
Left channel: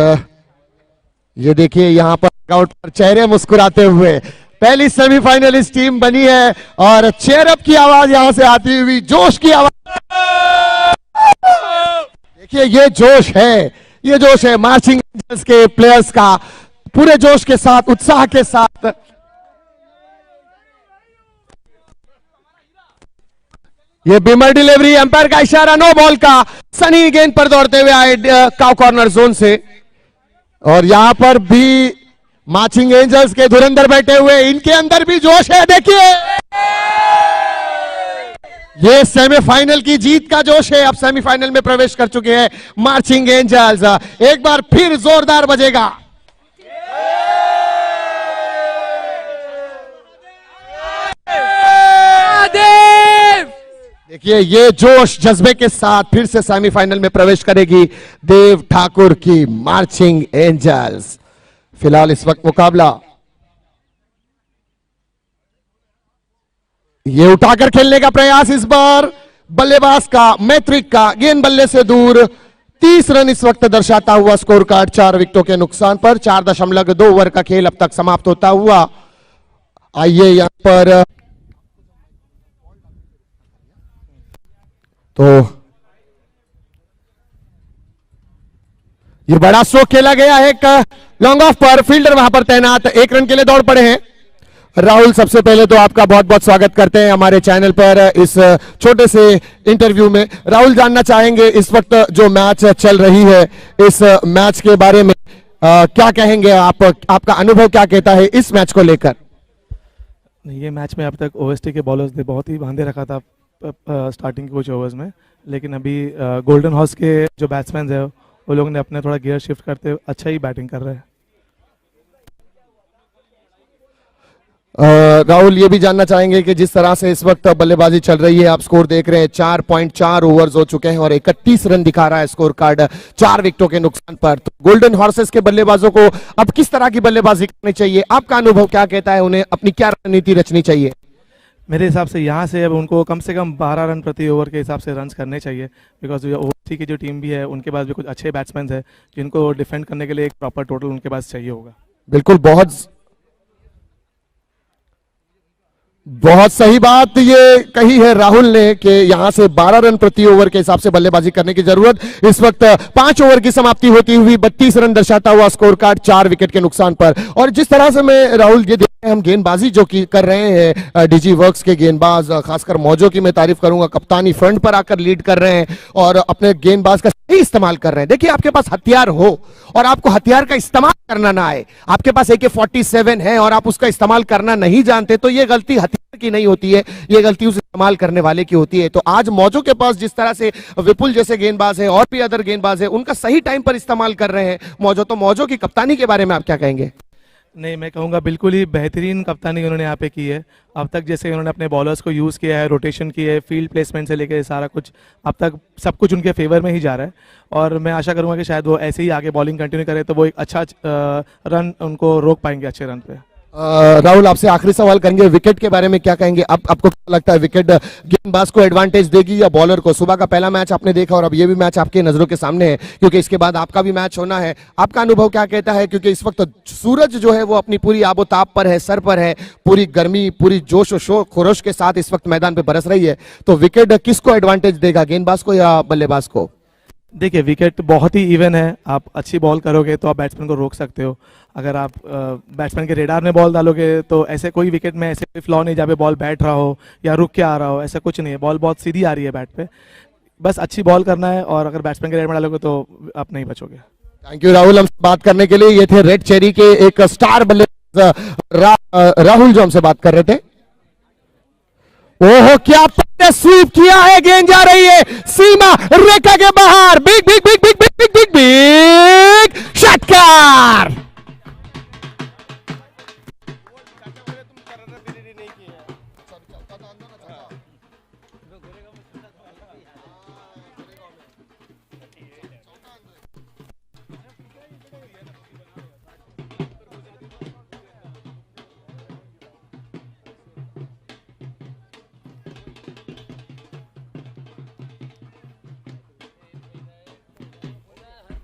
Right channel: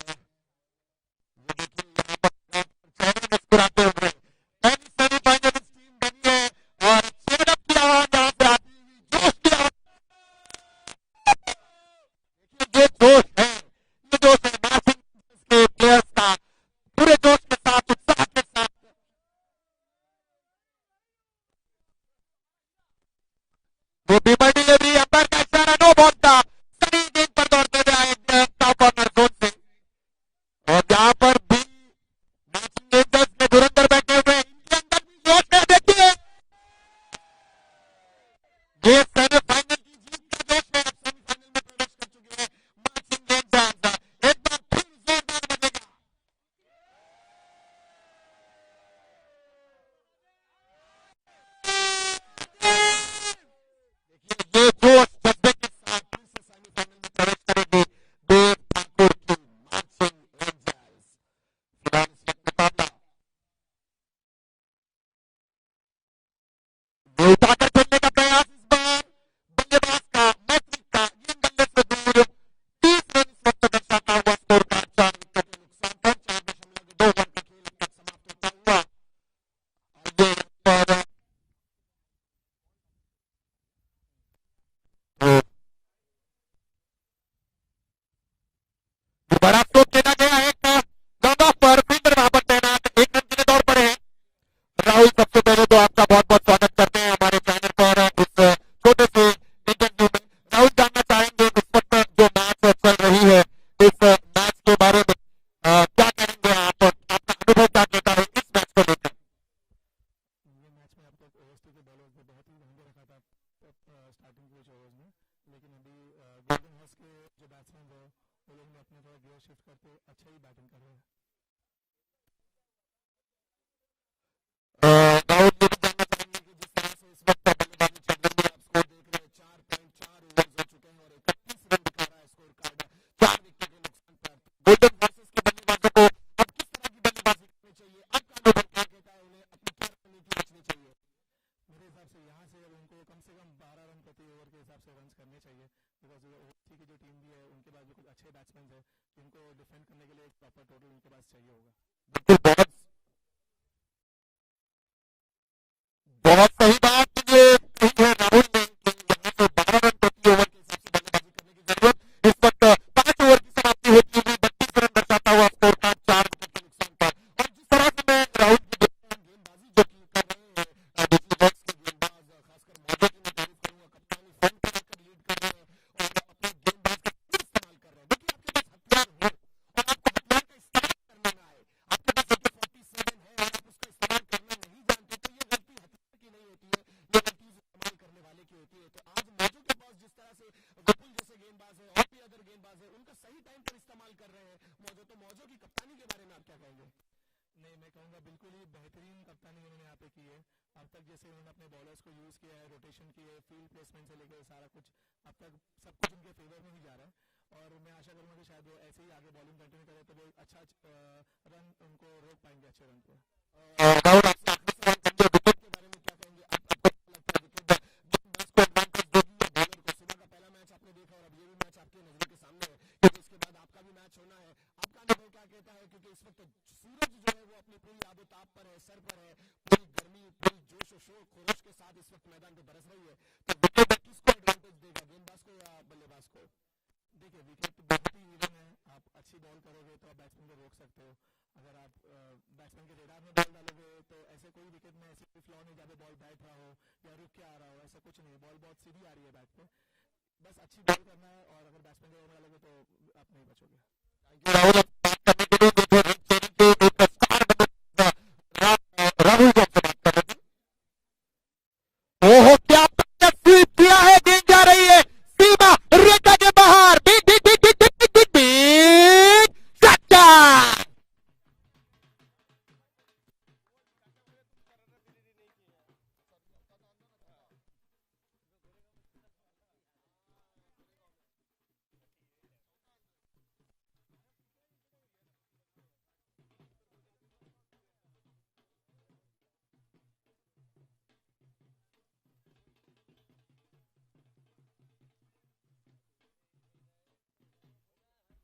ये देखिए यहां पर आउट पर चेहरे मुस्कुराते हुए पहली सेमीफाइनलिस्ट टीम बनी है, और चेयरअप की आवाज यहां से आती हुई, जोश की आवाज। देखिए ये जोश है, ये जोश है मार्चिंग एंजल्स के प्लेयर्स का, पूरे जोश के साथ, उत्साह के साथ। ये बीमर डिलीवरी, एम्पायर का इशारा, नो बॉल का। सनी गेंद पर दौड़ते हुए आए काउ कॉर्नर जोन से, और यहां पर भी मार्चिंग एंजल्स के धुरंधर बैठे हुए, इनके अंदर भी जोश है। देखिए ये सेमीफाइनल की जीत का जोश है। अब सेमीफाइनल में प्रवेश कर चुके हैं मार्चिंग एंजल्स। एक बार फिर जोरदार बजेगा। देखिए ये जोश जज्बे के साथ फिर से सेमीफाइनल में प्रवेश करेगी देव ठाकुर की मार्चिंग एंजल्स। फिलहाल इस वक्त मुकाबला ये उठाकर खेलने का प्रयास इस बार बल्लेबाज का, मैत्रिक का, गेंद बल्ले से दूर। 30 रन इस वक्त दर्शाता हुआ स्कोर कार्ड 4 विकेटों के नुकसान पर। 4.2 ओवर का खेल अब तक समाप्त होता हुआ। आइए यहां पर तो ये बड़ा स्ट्रोक खेला गया है एक लॉन्ग ऑफ पर, फील्डर वहां पर तैनात 1 रन के लिए दौड़ पड़े हैं। राहुल, सबसे पहले तो आपका बहुत बहुत स्वागत करते हैं हमारे चैनल पर इस छोटे से इंटरव्यू में। राहुल, जानना चाहेंगे इस वक्त जो मैच चल रही है, इस मैच के बारे में क्या कहेंगे आप? आपका अनुभव क्या कहता है इस मैच को लेकर? ये मैच में अब तक ओएसटी के बॉलर्स ने बहुत ही बांधे रखा था स्टार्टिंग के कुछ ओवर्स में, लेकिन अभी गोल्डन हॉर्स के जो बैट्समैन है वो लोग ने अपने थोड़ा गियर शिफ्ट करते हुए अच्छा ही बैटिंग कर रहे हैं। राहुल, ये भी जानना चाहेंगे कि जिस तरह से इस वक्त बल्लेबाजी चल रही है, आप स्कोर देख रहे हैं, 4.4 ओवर्स हो चुके हैं और 31 रन दिखा रहा है स्कोर कार्ड 4 विकेटों के नुकसान पर। तो गोल्डन हॉर्सेस के बल्लेबाजों को अब किस तरह की बल्लेबाजी करनी चाहिए? आपका अनुभव क्या कहता है? उन्हें अपनी क्या रणनीति रचनी चाहिए? मेरे हिसाब से यहाँ से अब उनको कम से कम 12 रन प्रति ओवर के हिसाब से रन करने चाहिए, बिकॉज ओवरसी की जो टीम भी है उनके पास भी कुछ अच्छे बैट्समैन है जिनको डिफेंड करने के लिए एक प्रॉपर टोटल उनके पास चाहिए होगा। बिल्कुल, बहुत बहुत सही बात ये कही है राहुल ने कि यहां से 12 रन प्रति ओवर के हिसाब से बल्लेबाजी करने की जरूरत। इस वक्त 5 ओवर की समाप्ति होती हुई 32 रन दर्शाता हुआ स्कोर कार्ड 4 विकेट के नुकसान पर। और जिस तरह से मैं राहुल ये देख रहे हैं हम गेंदबाजी जो की कर रहे हैं डीजी वर्क्स के गेंदबाज, खासकर मौजों की मैं तारीफ करूंगा, कप्तानी फ्रंट पर आकर लीड कर रहे हैं और अपने गेंदबाज का सही इस्तेमाल कर रहे हैं। देखिए आपके पास हथियार हो और आपको हथियार का इस्तेमाल करना ना आए, आपके पास AK-47 है और आप उसका इस्तेमाल करना नहीं जानते, तो ये गलती हथियार की नहीं होती है, ये गलती उस इस्तेमाल करने वाले की होती है। तो आज मौजों के पास जिस तरह से विपुल जैसे गेंदबाज है और भी अदर गेंदबाज है, उनका सही टाइम पर इस्तेमाल कर रहे हैं मौजों। तो मौजों की कप्तानी के बारे में आप क्या कहेंगे? नहीं, मैं कहूँगा बिल्कुल ही बेहतरीन कप्तानी उन्होंने यहाँ पे की है। अब तक जैसे उन्होंने अपने बॉलर्स को यूज़ किया है, रोटेशन की है, फील्ड प्लेसमेंट से लेकर सारा कुछ अब तक सब कुछ उनके फेवर में ही जा रहा है। और मैं आशा करूँगा कि शायद वो ऐसे ही आगे बॉलिंग कंटिन्यू करे तो वो एक अच्छा रन उनको रोक पाएंगे अच्छे रन पे। राहुल आपसे आखिरी सवाल करेंगे, विकेट के बारे में क्या कहेंगे? अब आपको क्या लगता है विकेट गेंदबाज को एडवांटेज देगी या बॉलर को? सुबह का पहला मैच आपने देखा और अब ये भी मैच आपके नजरों के सामने है, क्योंकि इसके बाद आपका भी मैच होना है। आपका अनुभव क्या कहता है? क्योंकि इस वक्त सूरज जो है वो अपनी पूरी आबोताब पर है, सर पर है, पूरी गर्मी पूरी जोश और शोर खरोश के साथ इस वक्त मैदान पे बरस रही है, तो विकेट किसको एडवांटेज देगा, गेंदबाज को या बल्लेबाज को? देखिए विकेट बहुत ही इवन है, आप अच्छी बॉल करोगे तो आप बैट्समैन को रोक सकते हो। अगर आप बैट्समैन के रेडार में बॉल डालोगे तो ऐसे कोई विकेट में ऐसे कोई फ्लॉ नहीं जहाँ पे बॉल बैठ रहा हो या रुक के आ रहा हो, ऐसा कुछ नहीं है। बॉल बहुत सीधी आ रही है बैट पे, बस अच्छी बॉल करना है और अगर बैट्समैन के रेडार में डालोगे तो आप नहीं बचोगे। थैंक यू राहुल हमसे बात करने के लिए। ये थे रेड चेरी के एक स्टार बल्लेबाज राहुल जो हमसे बात कर रहे थे। ओहो क्या पहले स्वीप किया है, गेंद जा रही है सीमा रेखा के बाहर, big big big big big big big big षटकार।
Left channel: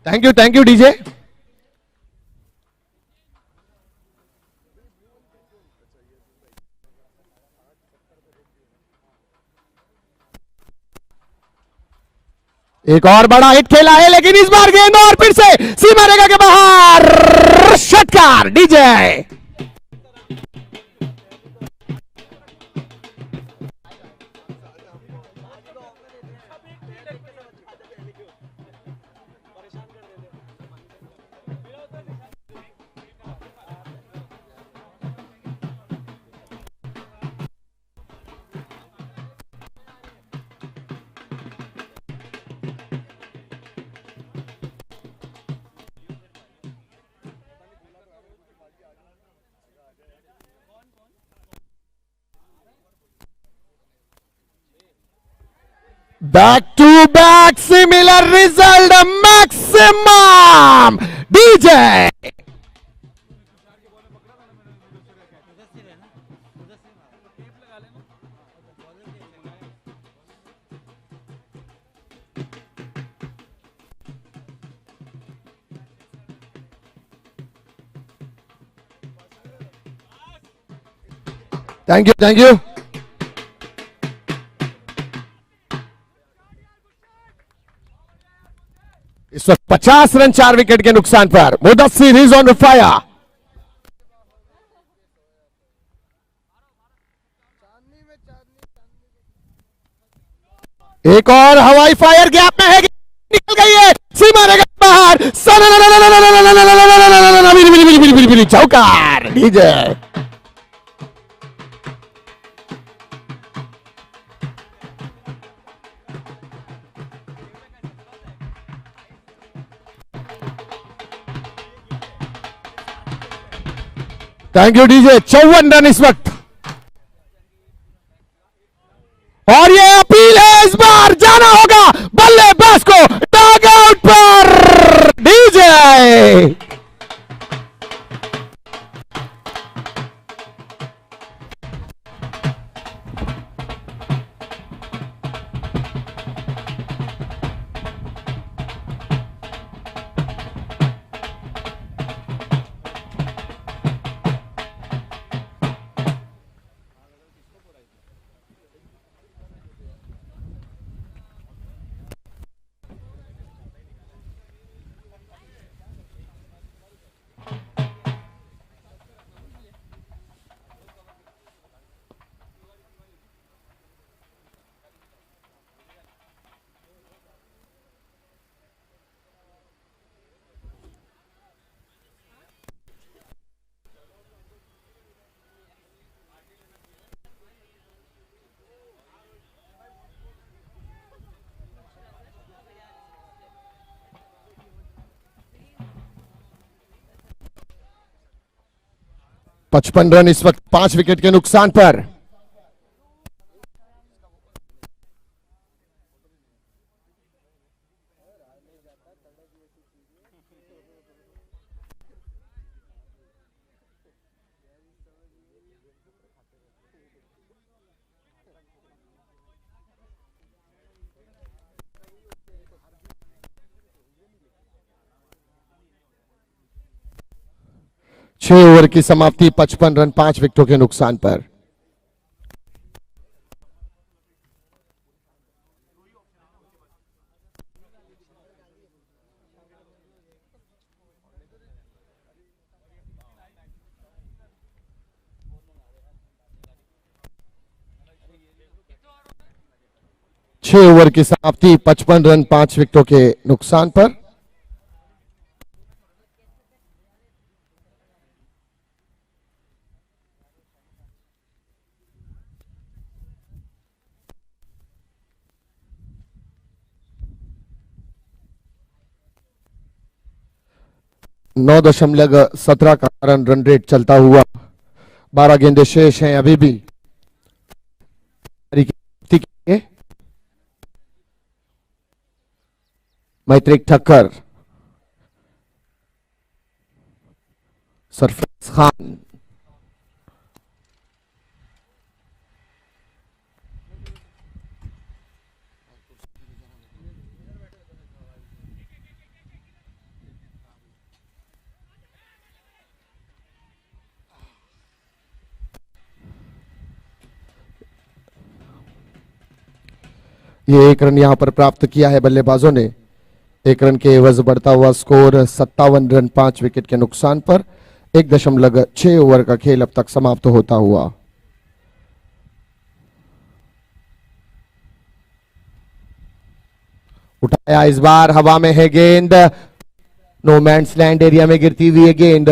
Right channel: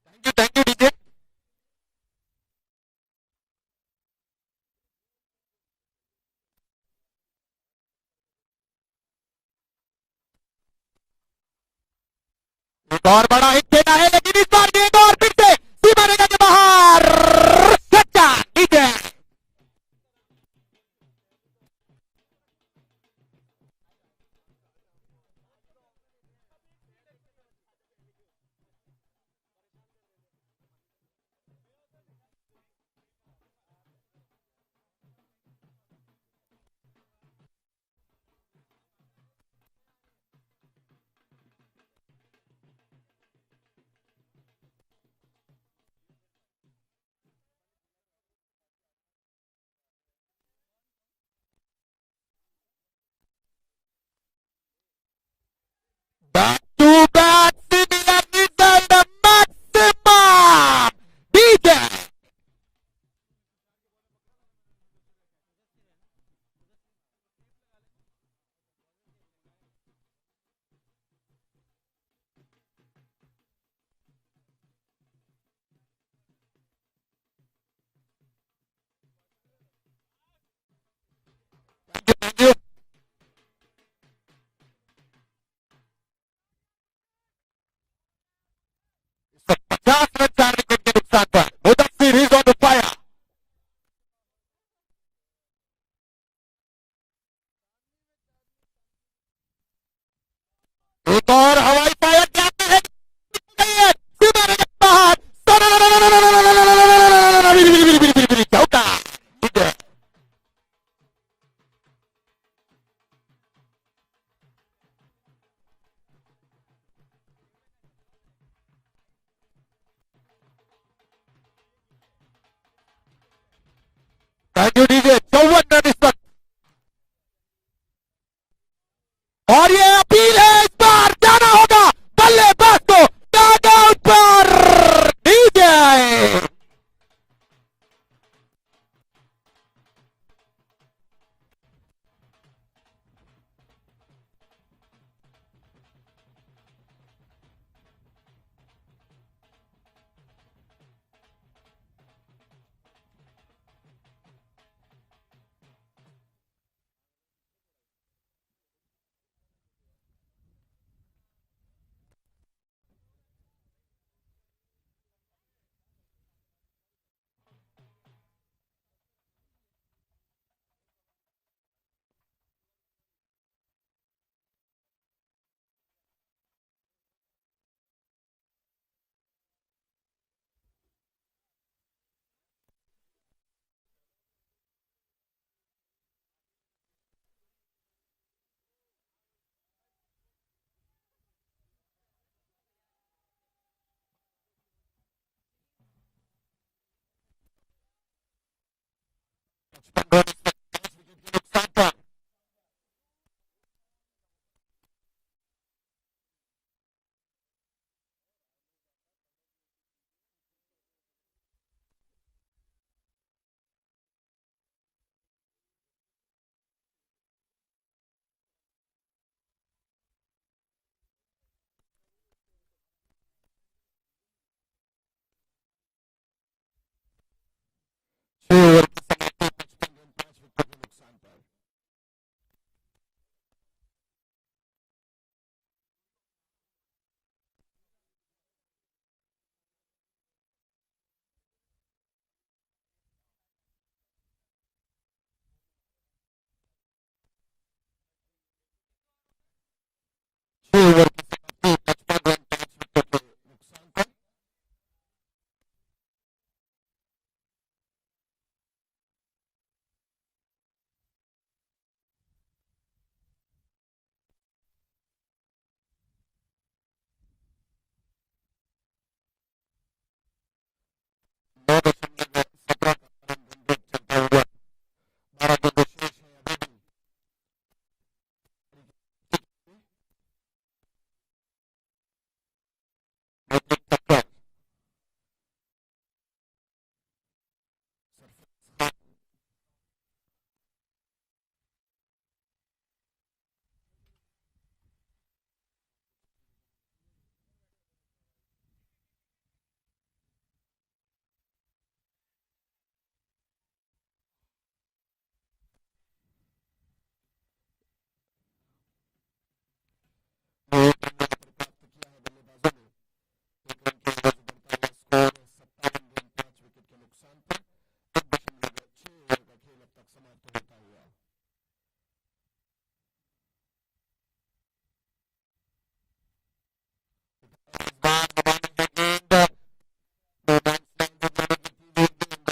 Thank you DJ. एक और बड़ा हिट खेला है लेकिन इस बार गेंद और फिर से सीमा रेखा के बाहर, षटकार DJ. Back to back similar result maximum DJ। Thank you. इस वक्त 50 रन 4 विकेट के नुकसान पर मुदस्सिर इज ऑन फायर। एक और हवाई फायर गैप में है, निकल गई है सीमा रेखा बाहर, चौकार DJ. Thank you DJ. 54 run इस वक्त और ये अपील है, इस बार जाना होगा बल्लेबाज को डॉग आउट पर डीजे। 55 रन इस वक्त 5 विकेट के नुकसान पर। छह ओवर की समाप्ति 55 रन 5 विकेटों के नुकसान पर। छह ओवर की समाप्ति 55 रन 5 विकेटों के नुकसान पर। नौ दशमलव 17 का रन रेट चलता हुआ 12 गेंदें शेष हैं अभी भी। मैत्रिक ठक्कर, सरफराज खान, ये एक रन यहां पर प्राप्त किया है बल्लेबाजों ने। एक रन के एवज बढ़ता हुआ स्कोर 57 रन 5 विकेट के नुकसान पर। 1.6 ओवर का खेल अब तक समाप्त होता हुआ। उठाया इस बार, हवा में है गेंद, नो मैंस लैंड एरिया में गिरती हुई है गेंद।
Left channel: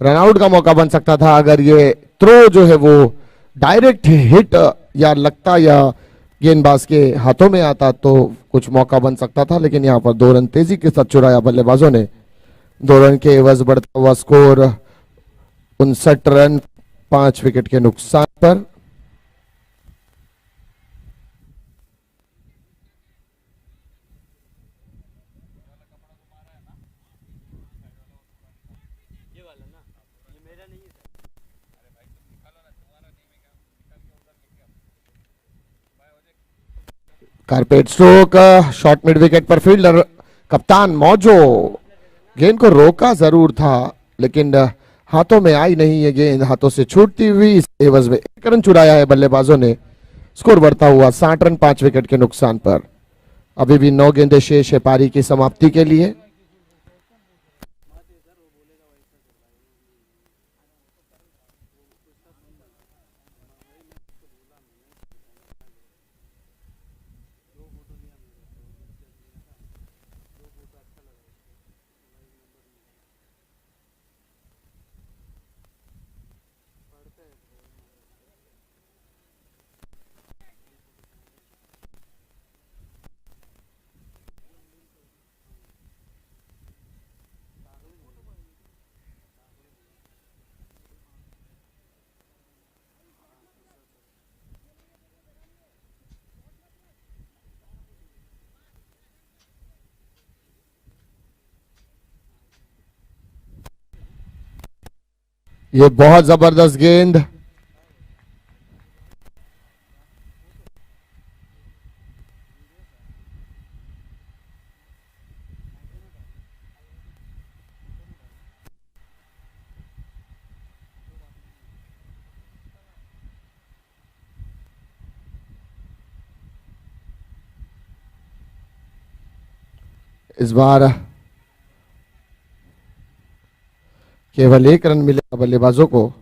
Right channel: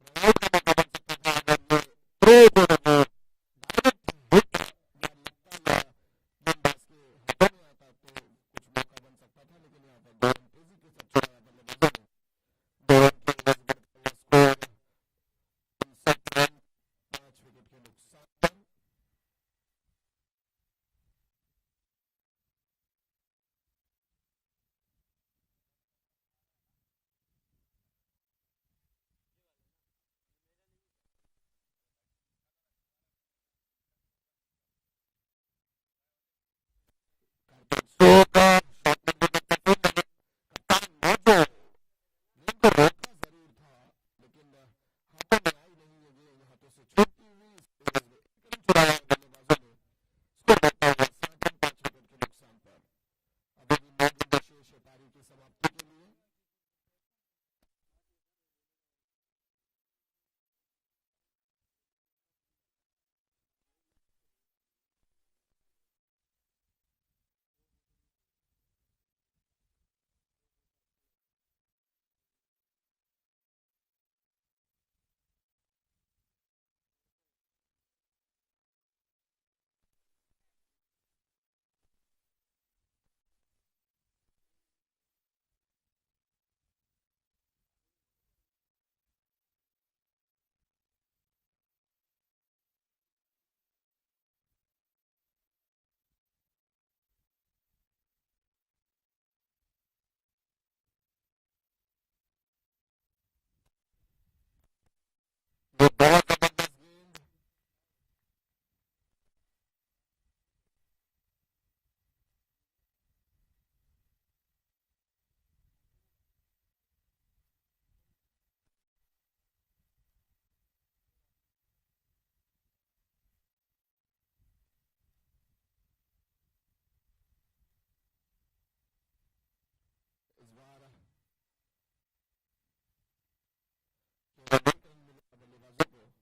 रनआउट का मौका बन सकता था अगर ये थ्रो जो है वो डायरेक्ट हिट या लगता या गेंदबाज के हाथों में आता तो कुछ मौका बन सकता था, लेकिन यहां पर 2 रन तेजी के साथ चुराया बल्लेबाजों ने। 2 रन के एवज बढ़ता हुआ स्कोर 59 रन 5 विकेट के नुकसान पर। Carpet stroke, short mid wicket पर फील्डर कप्तान मौजो गेंद को रोका जरूर था, लेकिन हाथों में आई नहीं है गेंद, हाथों से छूटती हुई। इस एवज में 1 रन चुराया है बल्लेबाजों ने। स्कोर बढ़ता हुआ 60 रन 5 विकेट के नुकसान पर। अभी भी 9 गेंदें शेष है पारी की समाप्ति के लिए। ये बहुत जबरदस्त गेंद, इस बार केवल 1 रन मिलेगा बल्लेबाजों को।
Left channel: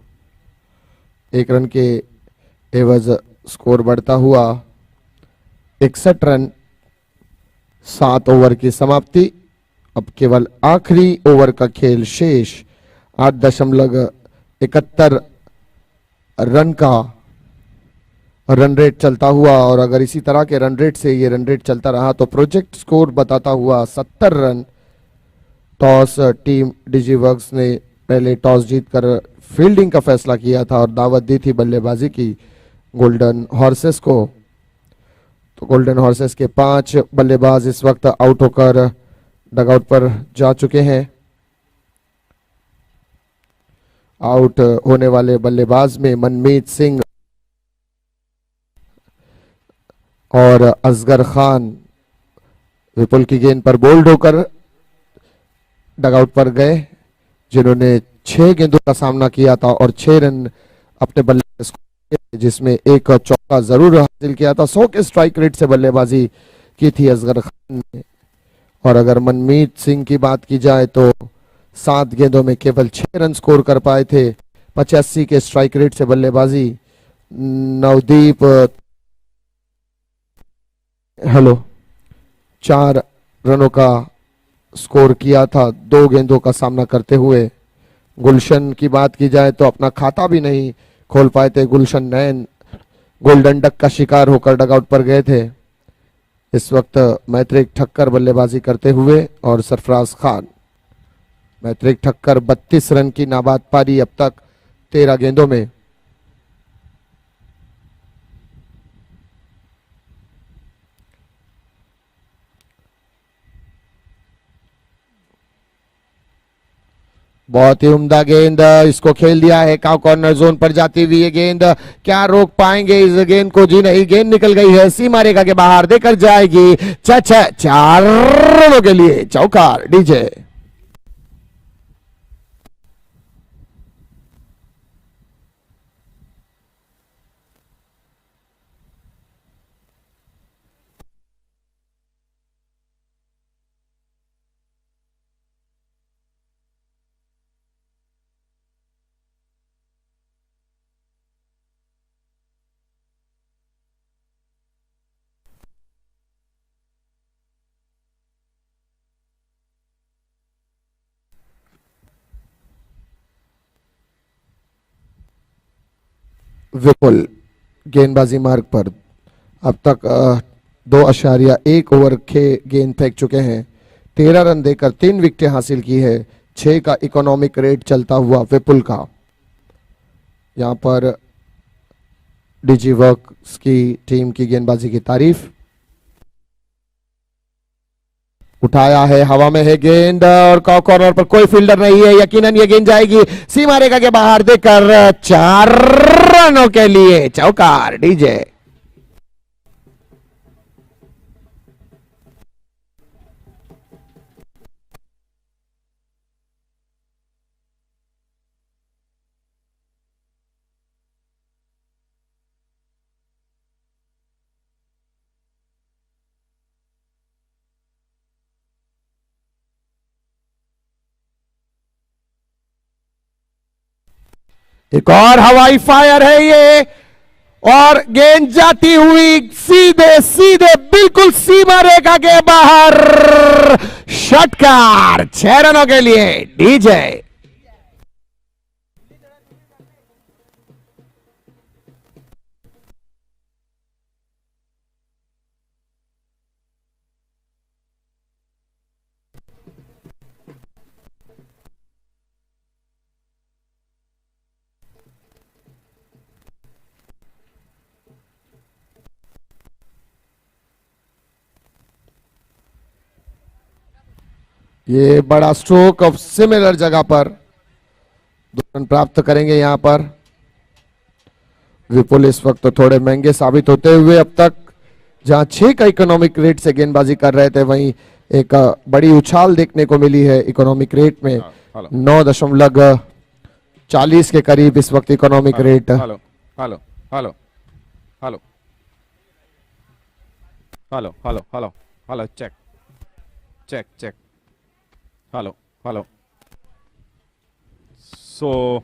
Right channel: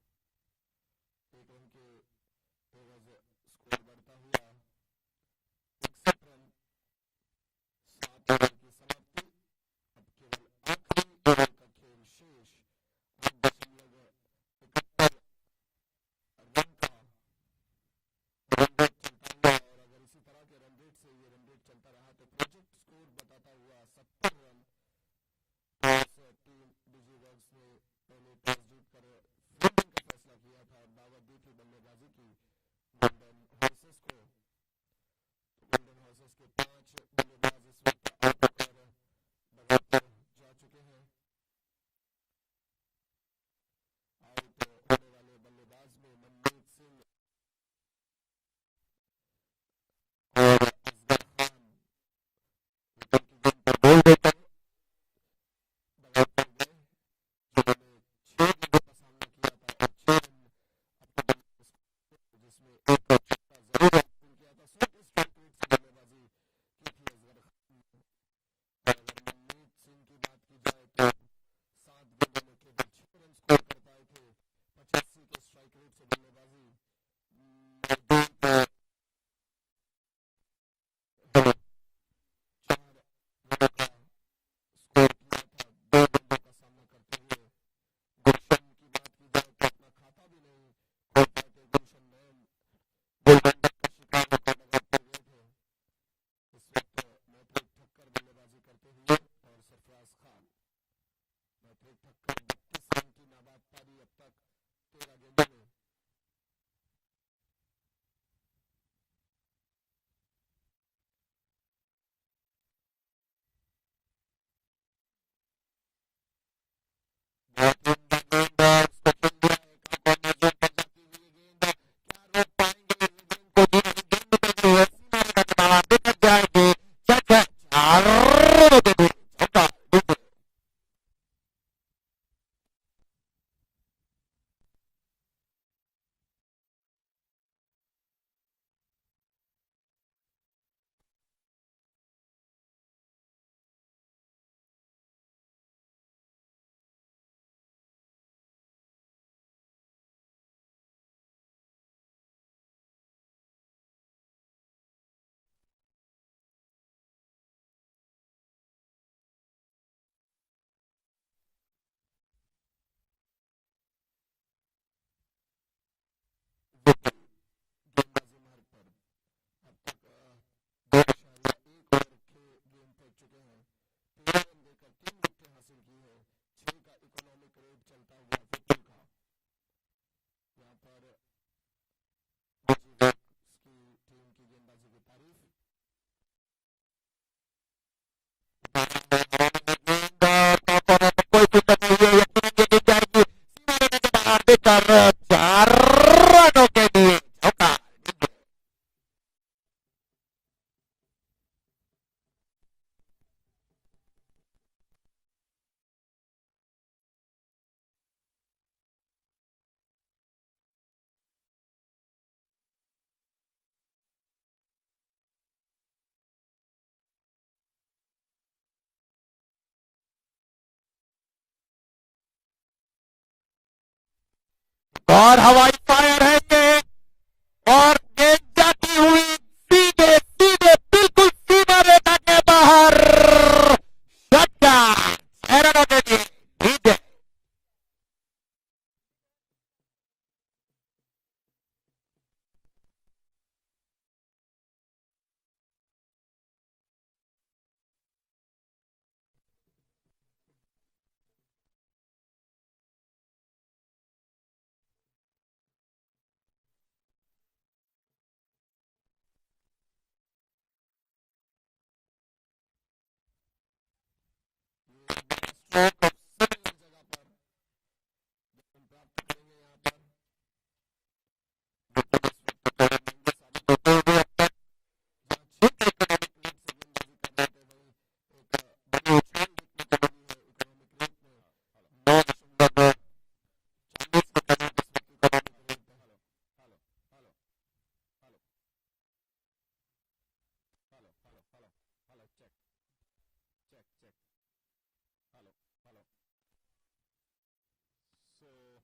1 रन के एवज स्कोर बढ़ता हुआ 61 रन 7 ओवर की समाप्ति। अब केवल आखिरी ओवर का खेल शेष। 8.71 रन का रन रेट चलता हुआ, और अगर इसी तरह के रन रेट से ये रन रेट चलता रहा तो प्रोजेक्ट स्कोर बताता हुआ 70 रन। टॉस टीम डिजीवर्क्स ने पहले टॉस जीतकर फील्डिंग का फैसला किया था और दावत दी थी बल्लेबाजी की गोल्डन हॉर्सेस को। तो गोल्डन हॉर्सेस के 5 बल्लेबाज इस वक्त आउट होकर डगआउट पर जा चुके हैं। आउट होने वाले बल्लेबाज में मनमीत सिंह और असगर खान विपुल की गेंद पर बोल्ड होकर डगआउट पर गए, जिन्होंने 6 गेंदों का सामना किया था और 6 रन अपने बल्ले से, जिसमें एक चौका जरूर हासिल किया था। 100 के स्ट्राइक रेट से बल्लेबाजी की थी असगर खान ने। और अगर मनमीत सिंह की बात की जाए तो 7 गेंदों में केवल 6 रन स्कोर कर पाए थे। 85 के स्ट्राइक रेट से बल्लेबाजी। नवदीप 4 रनों का स्कोर किया था 2 गेंदों का सामना करते हुए। गुलशन की बात की जाए तो अपना खाता भी नहीं खोल पाए थे गुलशन नैन, गोल्डन डक का शिकार होकर डगआउट पर गए थे। इस वक्त मैत्रिक ठक्कर बल्लेबाजी करते हुए और सरफराज खान। मैत्रिक ठक्कर 32 रन की नाबाद पारी अब तक 13 गेंदों में। बहुत ही उम्दा गेंद, इसको खेल दिया है काउ कॉर्नर जोन पर जाती हुई ये गेंद। क्या रोक पाएंगे इस गेंद को? जी नहीं, गेंद निकल गई है, सीमा रेखा के बाहर देकर जाएगी। 4 रनों के लिए चौकार डीजे। विपुल गेंदबाजी मार्ग पर अब तक 2.1 ओवर के गेंद फेंक चुके हैं। 13 रन देकर 3 विकेटें हासिल की है। 6 का इकोनॉमिक रेट चलता हुआ विपुल का। यहां पर डीजी वर्क्स की टीम की गेंदबाजी की तारीफ। उठाया है, हवा में है गेंद और कॉर्नर पर कोई फील्डर नहीं है। यकीनन ये गेंद जाएगी सीमा रेखा के बाहर देकर 4 रनों के लिए चौकार डीजे। एक और हवाई फायर है ये, और गेंद जाती हुई सीधे सीधे बिल्कुल सीमा रेखा के बाहर। षटकार 6 रनों के लिए डीजे। ये बड़ा स्ट्रोक ऑफ सिमिलर जगह पर 2 रन प्राप्त करेंगे यहां पर विपुल। इस वक्त तो थोड़े महंगे साबित होते हुए अब तक जहां 6 का इकोनॉमिक रेट से गेंदबाजी कर रहे थे, वहीं एक बड़ी उछाल देखने को मिली है इकोनॉमिक रेट में। 9.40 के करीब इस वक्त economic rate. Hello hello hello hello hello hello hello hello check check check hello hello so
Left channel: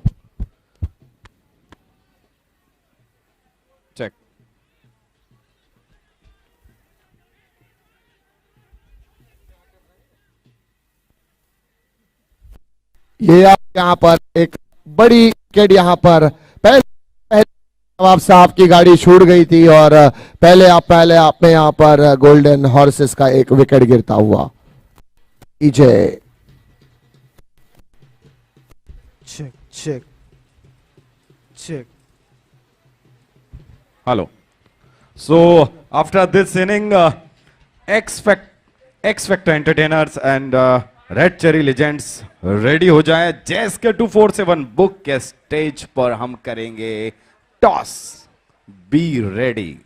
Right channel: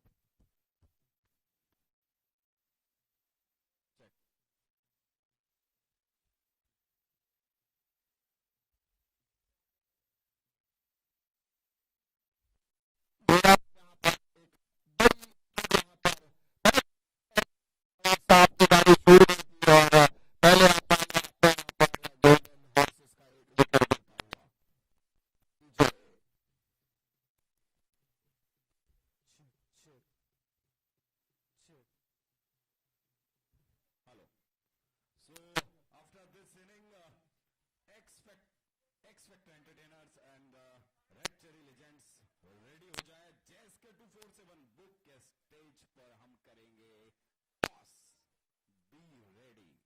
check ये आप यहाँ पर एक बड़ी विकेट यहाँ पर पहले नवाब साहब की गाड़ी छूट गई थी और पहले आप में यहाँ पर गोल्डन हॉर्सेस का एक विकेट गिरता हुआ। DJ check check check. Hello. So after this inning, X Factor Entertainers and Red Cherry Legends ready हो जाए. JSK 247 बुक के स्टेज पर हम करेंगे टॉस. Be ready.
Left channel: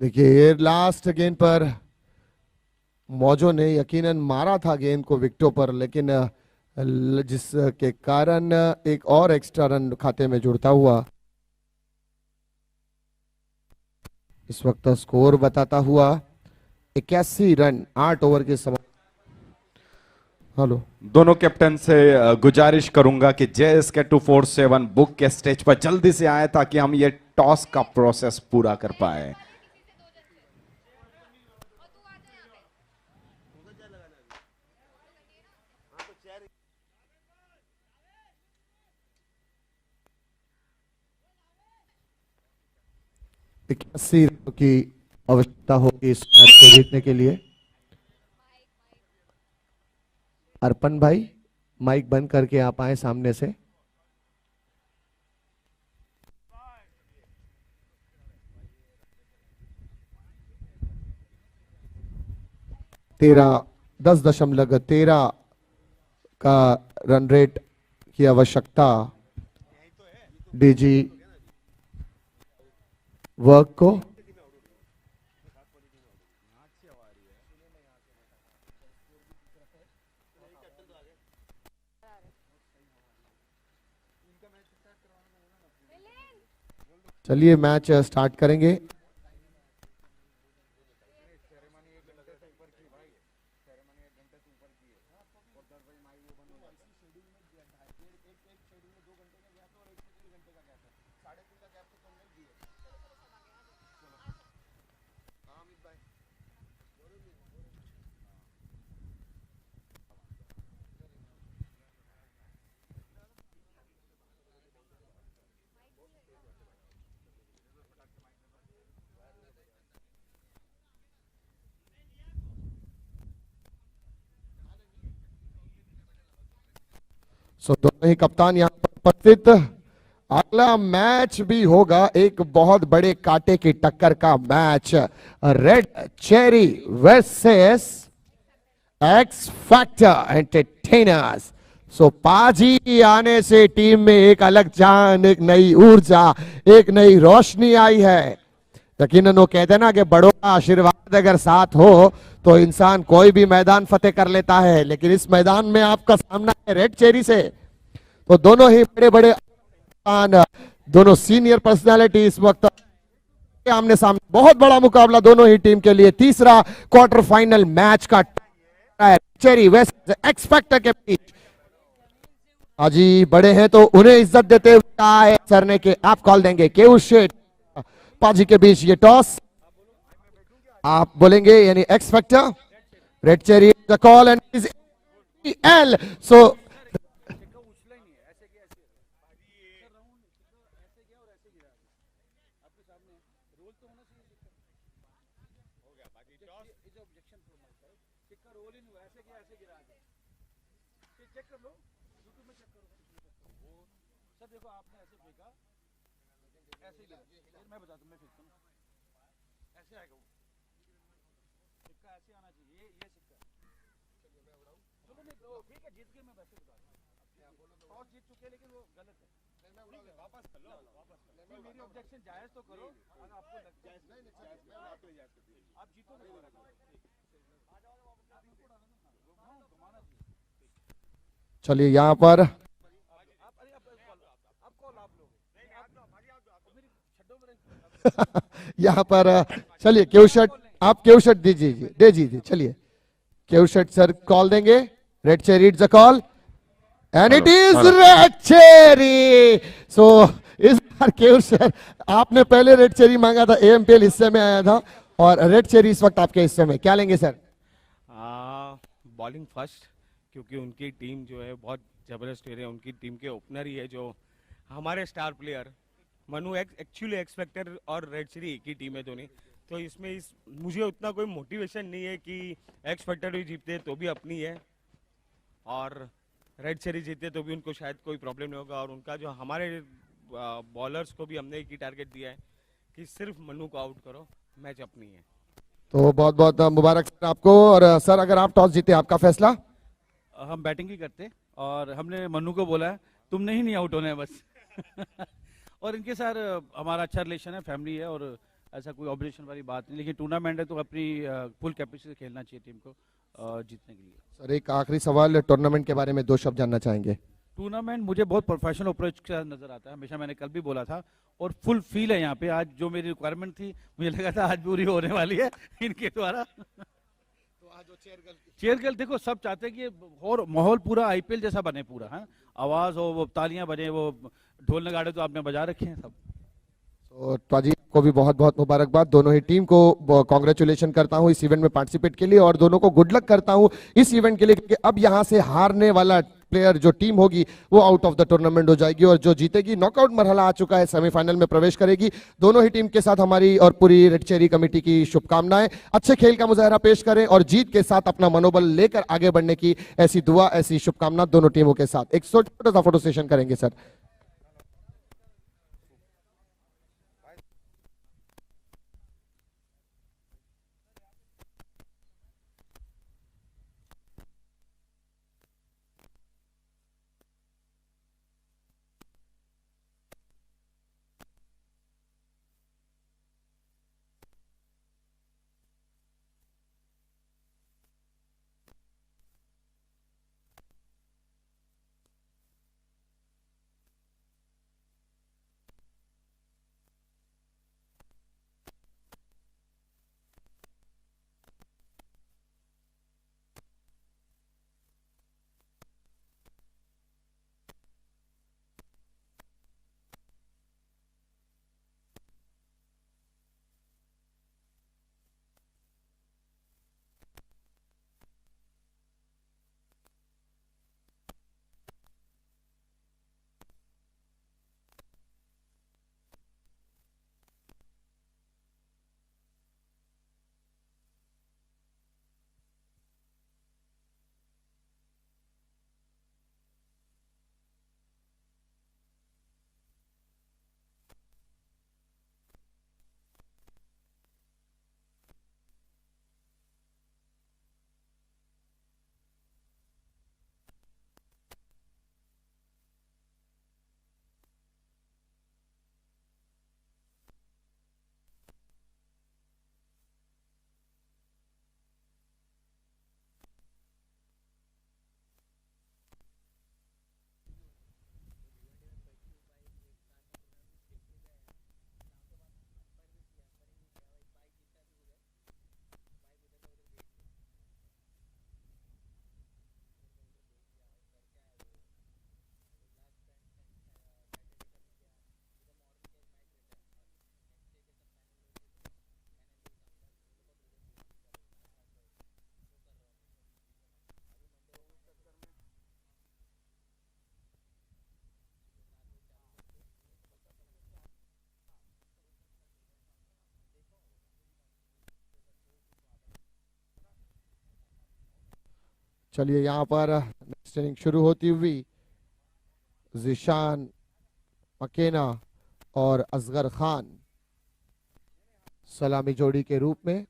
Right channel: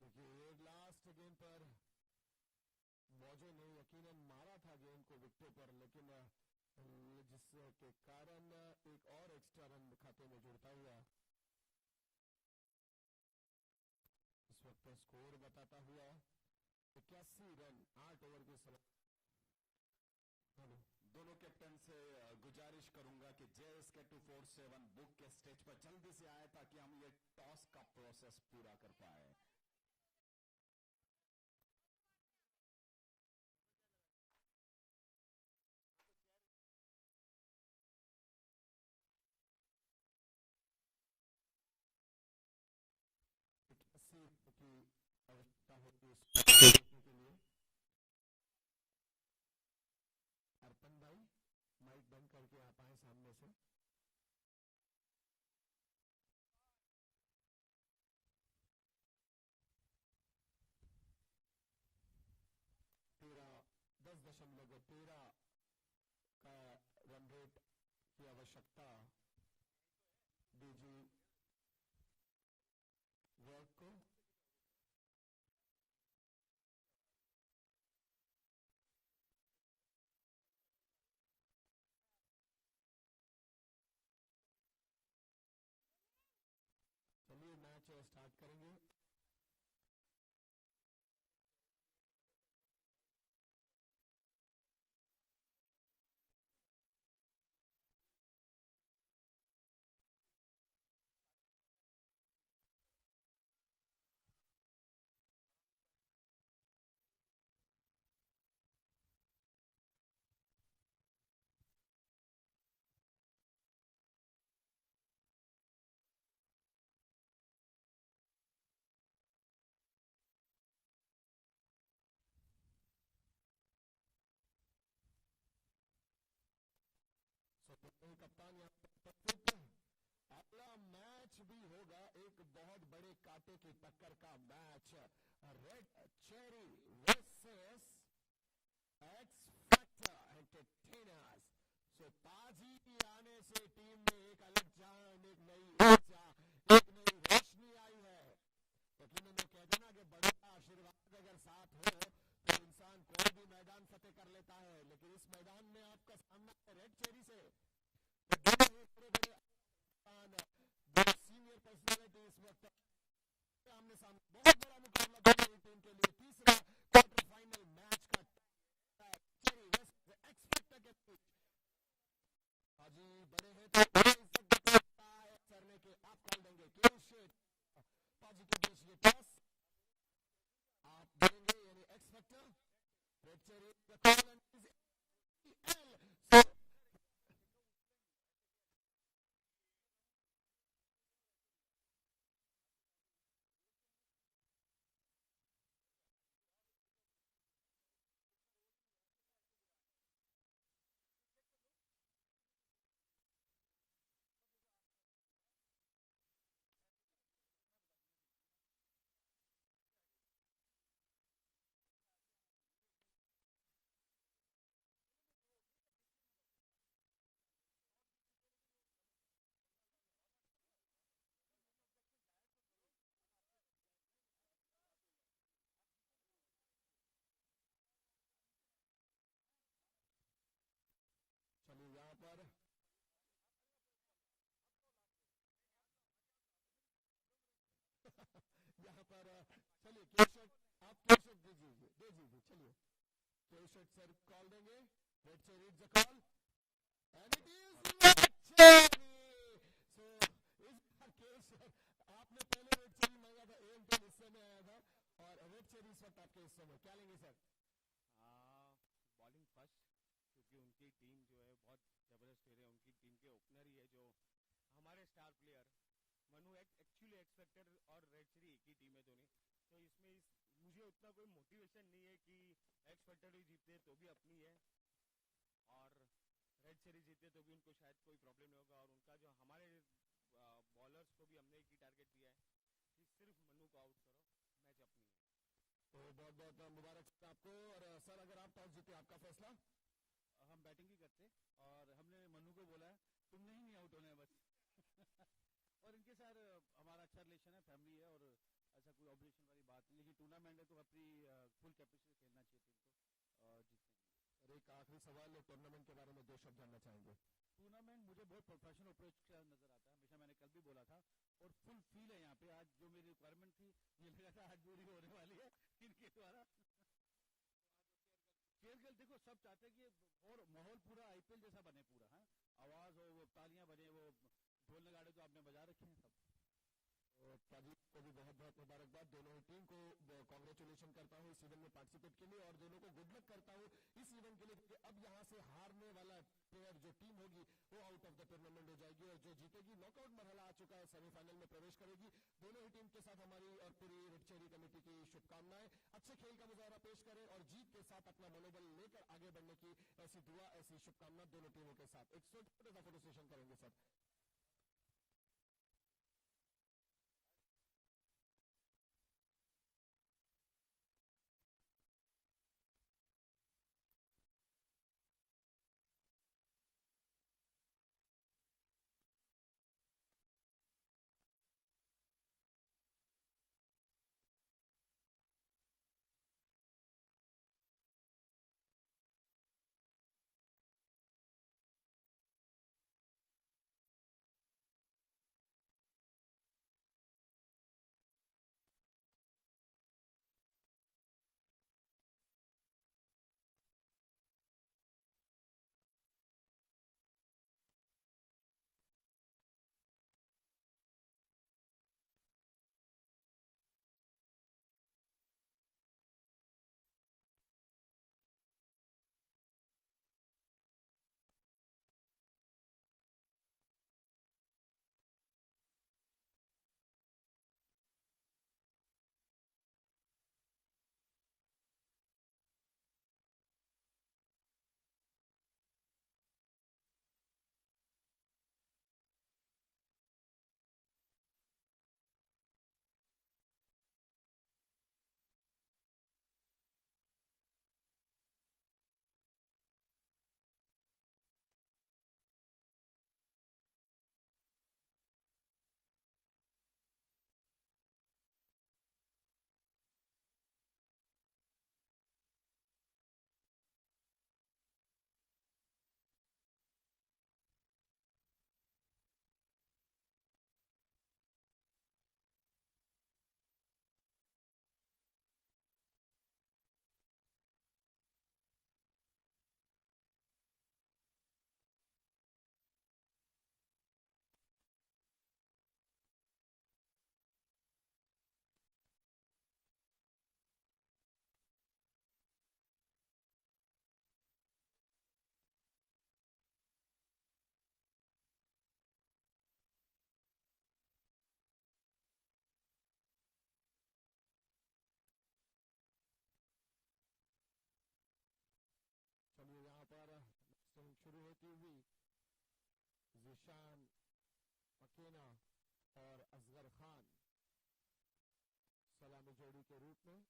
देखिए ये लास्ट गेंद पर मौजो ने यकीनन मारा था गेंद को विकेटों पर, लेकिन जिसके कारण एक और एक्स्ट्रा रन खाते में जुड़ता हुआ इस वक्त स्कोर बताता हुआ 81 रन 8 ओवर के समय. हेलो, दोनों कैप्टन से गुजारिश करूंगा कि JSK 247 बुक के स्टेज पर जल्दी से आए ताकि हम ये टॉस का प्रोसेस पूरा कर पाए. इक्यासी रनों की आवश्यकता होगी इस मैच को जीतने के लिए. अर्पण भाई माइक बंद करके आप आए सामने से. तेरह 10.13 का रन रेट की आवश्यकता डीजी वर्क को. चलिए मैच स्टार्ट करेंगे. दोनों ही कप्तान यहाँ पर उपस्थित. अगला मैच भी होगा एक बहुत बड़े कांटे की टक्कर का match. Red cherry versus x factor entertainers. पाजी आने से टीम में एक अलग जान, एक नई ऊर्जा, एक नई रोशनी आई है. यकीनन वो कहते हैं ना कि बड़ों का आशीर्वाद अगर साथ हो तो इंसान कोई भी मैदान फतेह कर लेता है. लेकिन इस मैदान में आपका सामना है रेड चेरी से. तो दोनों ही बड़े बड़े दोनों सीनियर पर्सनालिटी इस वक्त आमने सामने. बहुत बड़ा मुकाबला दोनों ही टीम के लिए. तीसरा क्वार्टर फाइनल मैच का चेरी वेस्ट एक्स फैक्टर के बीच. हाजी बड़े हैं तो उन्हें इज्जत देते हुए सरने के आप कॉल देंगे. केयू शेठ पाजी के बीच ये टॉस आप बोलेंगे, यानी x factor red cherry the call and is L. चलिए यहां पर यहां पर चलिए केवशट, आप केवशट दीजिए, दे दीजिए. चलिए केवशट सर कॉल देंगे. Red cherry it's a call and it is red cherry. इस बार केवशट आपने पहले रेड चेरी मांगा था, AMPL हिस्से में आया था और रेड चेरी इस वक्त आपके हिस्से में. क्या लेंगे सर? बॉलिंग फर्स्ट, क्योंकि उनकी टीम जो है बहुत जबरदस्त है. उनकी टीम के ओपनर ही है जो हमारे स्टार प्लेयर मनु एक्चुअली एक्सपेक्टर और रेड चिली एक ही टीम है दोनों, तो इसमें मुझे उतना कोई मोटिवेशन नहीं है कि एक्स फैक्टर भी जीतते तो भी अपनी है, और रेड चिली जीतते तो भी उनको शायद कोई प्रॉब्लम नहीं होगा। और उनका जो हमारे बॉलर्स को भी हमने एक ही टारगेट दिया है कि सिर्फ मनु को आउट करो, मैच अपनी है। तो बहुत बहुत मुबारक सर आपको। और सर अगर आप टॉस जीते आपका फैसला? हम बैटिंग ही करते और हमने मन्नू को बोला है तुमने ही नहीं आउट होना है बस। और इनके साथ हमारा अच्छा रिलेशन है, फैमिली है, और ऐसा कोई ऑब्जेक्शन वाली बात नहीं, लेकिन टूर्नामेंट है तो अपनी फुल कैपेसिटी से खेलना चाहिए टीम को जीतने के लिए। सर एक आखिरी सवाल, टूर्नामेंट के बारे में 2 शब्द जानना चाहेंगे? टूर्नामेंट मुझे बहुत प्रोफेशनल अप्रोच का नजर आता है, हमेशा मैंने कल भी बोला था, और फुल फील है यहाँ पे। आज जो मेरी रिक्वायरमेंट थी मुझे लगा था आज पूरी होने वाली है इनके द्वारा। तो आज चेयर गर्ल देखो सब चाहते हैं कि और माहौल पूरा आईपीएल जैसा बने पूरा, है आवाज हो, वो तालियां बजे, वो ढोल नगाड़े तो आपने बजा रखे हैं सब। तो ताजी को भी बहुत बहुत मुबारकबाद, दोनों ही टीम को कॉन्ग्रेचुलेशन करता हूं इस इवेंट में पार्टिसिपेट के लिए, और दोनों को गुड लक करता हूं इस इवेंट के लिए, क्योंकि अब यहां से हारने वाला प्लेयर जो टीम होगी वो आउट ऑफ द टूर्नामेंट हो जाएगी, और जो जीतेगी नॉकआउट मरहला आ चुका है, सेमीफाइनल में प्रवेश करेगी। दोनों ही टीम के साथ हमारी और पूरी रेड चेरी कमेटी की शुभकामनाएं। अच्छे खेल का मुजाहरा पेश करें और जीत के साथ अपना मनोबल लेकर आगे बढ़ने की ऐसी दुआ, ऐसी शुभकामना दोनों टीमों के साथ। एक छोटा सा फोटो सेशन करेंगे सर। चलिए यहाँ पर नेक्स्ट इनिंग शुरू होती हुई जिशान मकेना और असगर खान सलामी जोड़ी के रूप में।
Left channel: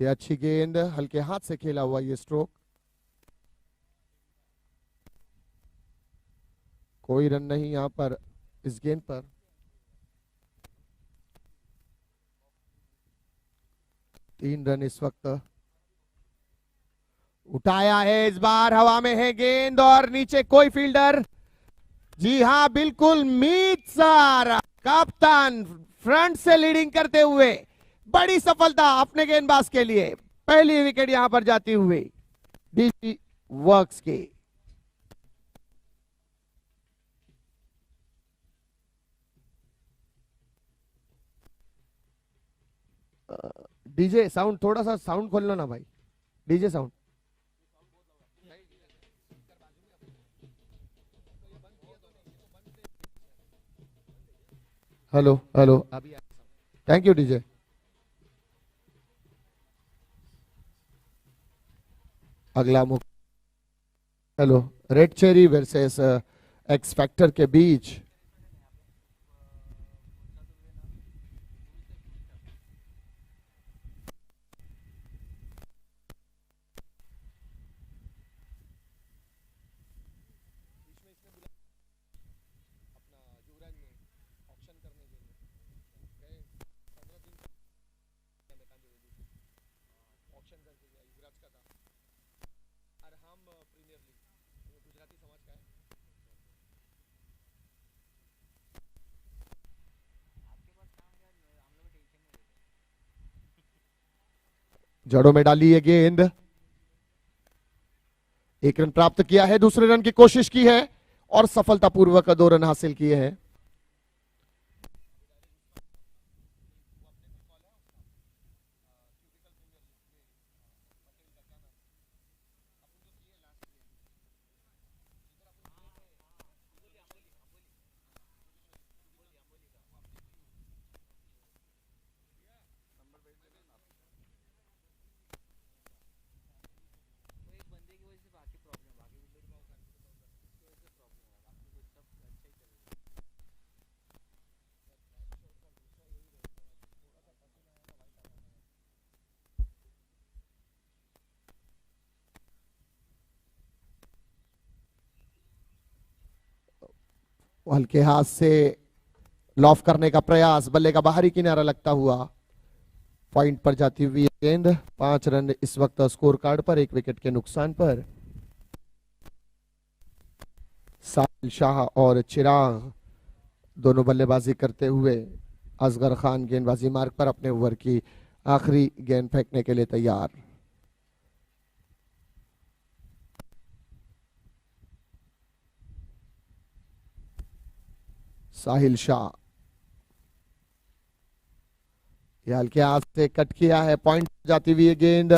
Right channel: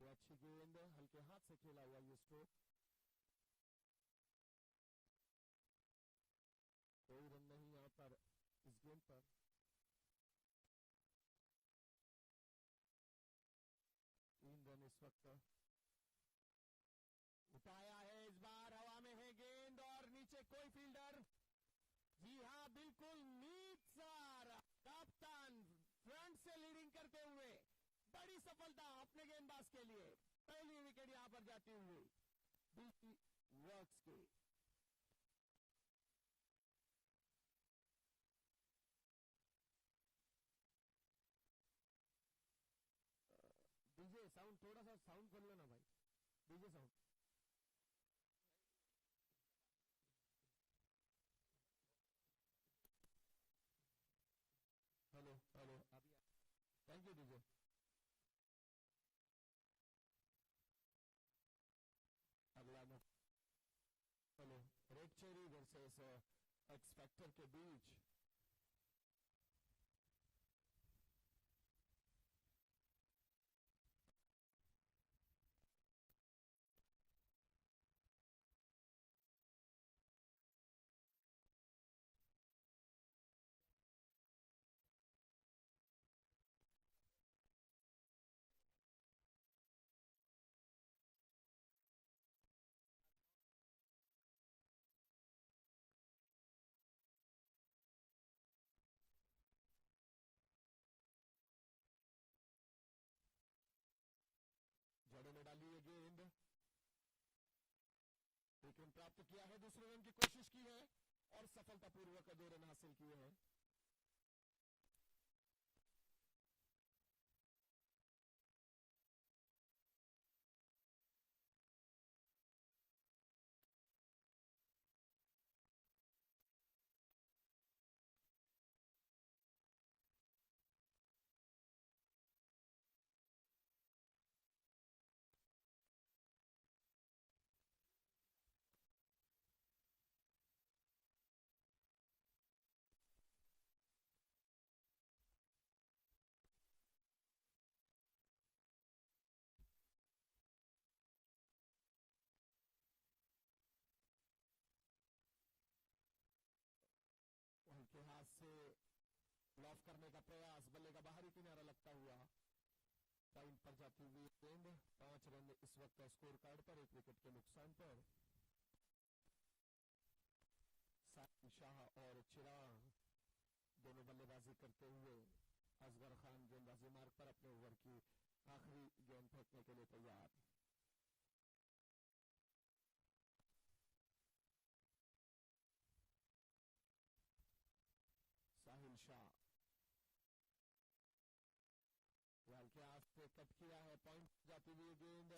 ये अच्छी गेंद, हल्के हाथ से खेला हुआ ये स्ट्रोक, कोई रन नहीं यहां पर इस गेंद पर। तीन रन इस वक्त। उठाया है इस बार, हवा में है गेंद और नीचे कोई फील्डर। जी हां बिल्कुल, मीत सर कप्तान फ्रंट से लीडिंग करते हुए, बड़ी सफलता अपने गेंदबाज के लिए। पहली विकेट यहां पर जाती हुई डीजी वर्क्स की। डीजे साउंड, थोड़ा सा साउंड खोल लो ना भाई, DJ sound. Hello hello, thank you DJ. अगला मुख, hello, red cherry versus x factor के बीच। जड़ों में डाली है गेंद, एक रन प्राप्त किया है, दूसरे रन की कोशिश की है और सफलतापूर्वक 2 रन हासिल किए हैं। हल्के हाथ से लॉफ करने का प्रयास, बल्ले का बाहरी किनारा लगता हुआ पॉइंट पर जाती हुई गेंद। 5 रन इस वक्त स्कोर कार्ड पर, 1 विकेट के नुकसान पर। साहिल शाह और चिराग दोनों बल्लेबाजी करते हुए, असगर खान गेंदबाजी मार्ग पर अपने ओवर की आखिरी गेंद फेंकने के लिए तैयार। साहिल शाह, यह हल्के हाथ से कट किया है, पॉइंट जाती हुई गेंद।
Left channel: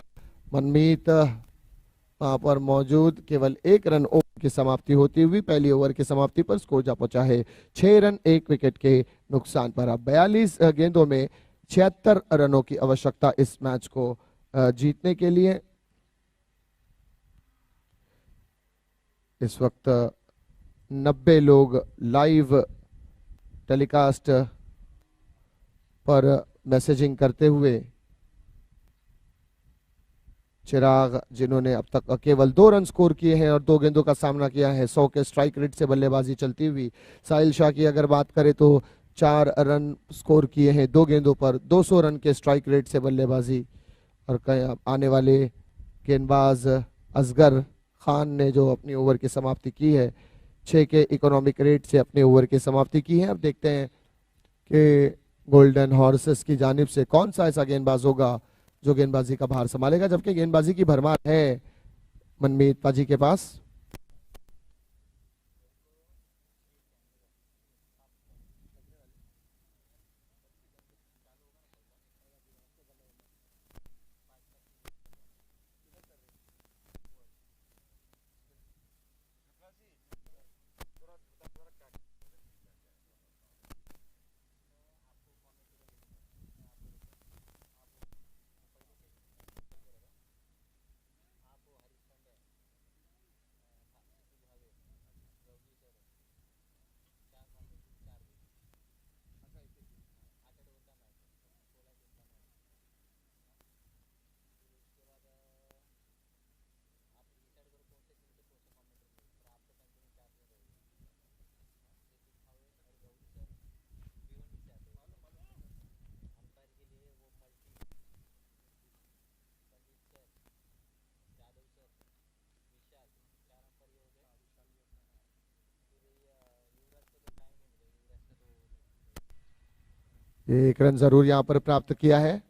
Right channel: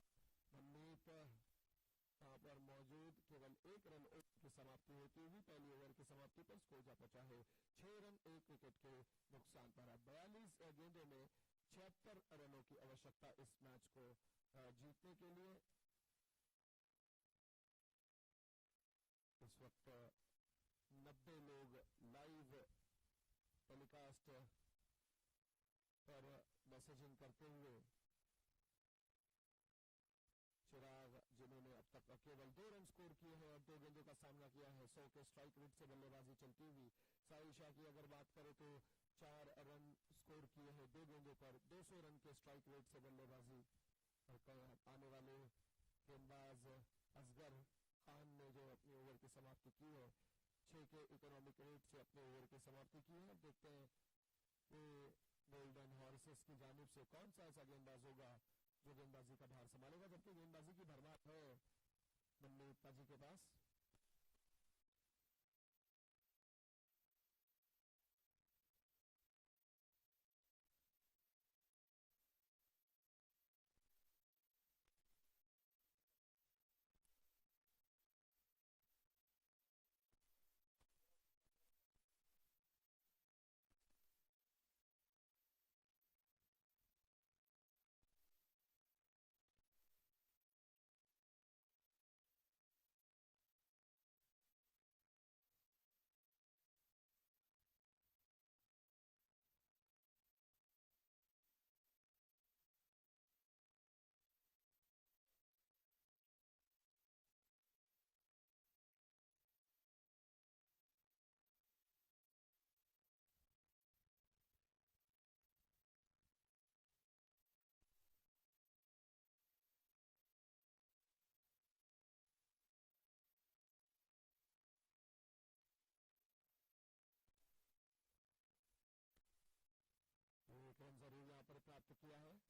मनमीत वहां पर मौजूद, केवल 1 रन ओवर की समाप्ति होती हुई पहली ओवर की समाप्ति पर स्कोर जा पहुंचा है 6 रन 1 विकेट के नुकसान पर। अब 42 गेंदों में 76 रनों की आवश्यकता इस मैच को जीतने के लिए। इस वक्त 90 लोग लाइव टेलीकास्ट पर मैसेजिंग करते हुए, चिराग जिन्होंने अब तक केवल 2 रन स्कोर किए हैं और 2 गेंदों का सामना किया है, 100 के स्ट्राइक रेट से बल्लेबाजी चलती हुई। साहिल शाह की अगर बात करें तो 4 रन स्कोर किए हैं 2 गेंदों पर, 200 रन के स्ट्राइक रेट से बल्लेबाजी। और आने वाले गेंदबाज असगर खान ने जो अपनी ओवर की समाप्ति की है, 6 के इकोनॉमिक रेट से अपने ओवर की समाप्ति की है। अब देखते हैं कि गोल्डन हॉर्सेस की जानिब से कौन सा ऐसा गेंदबाज होगा जो गेंदबाजी का भार संभालेगा, जबकि गेंदबाजी की भरमार है मनमीत पाजी के पास। एक रन जरूर यहां पर प्राप्त किया है।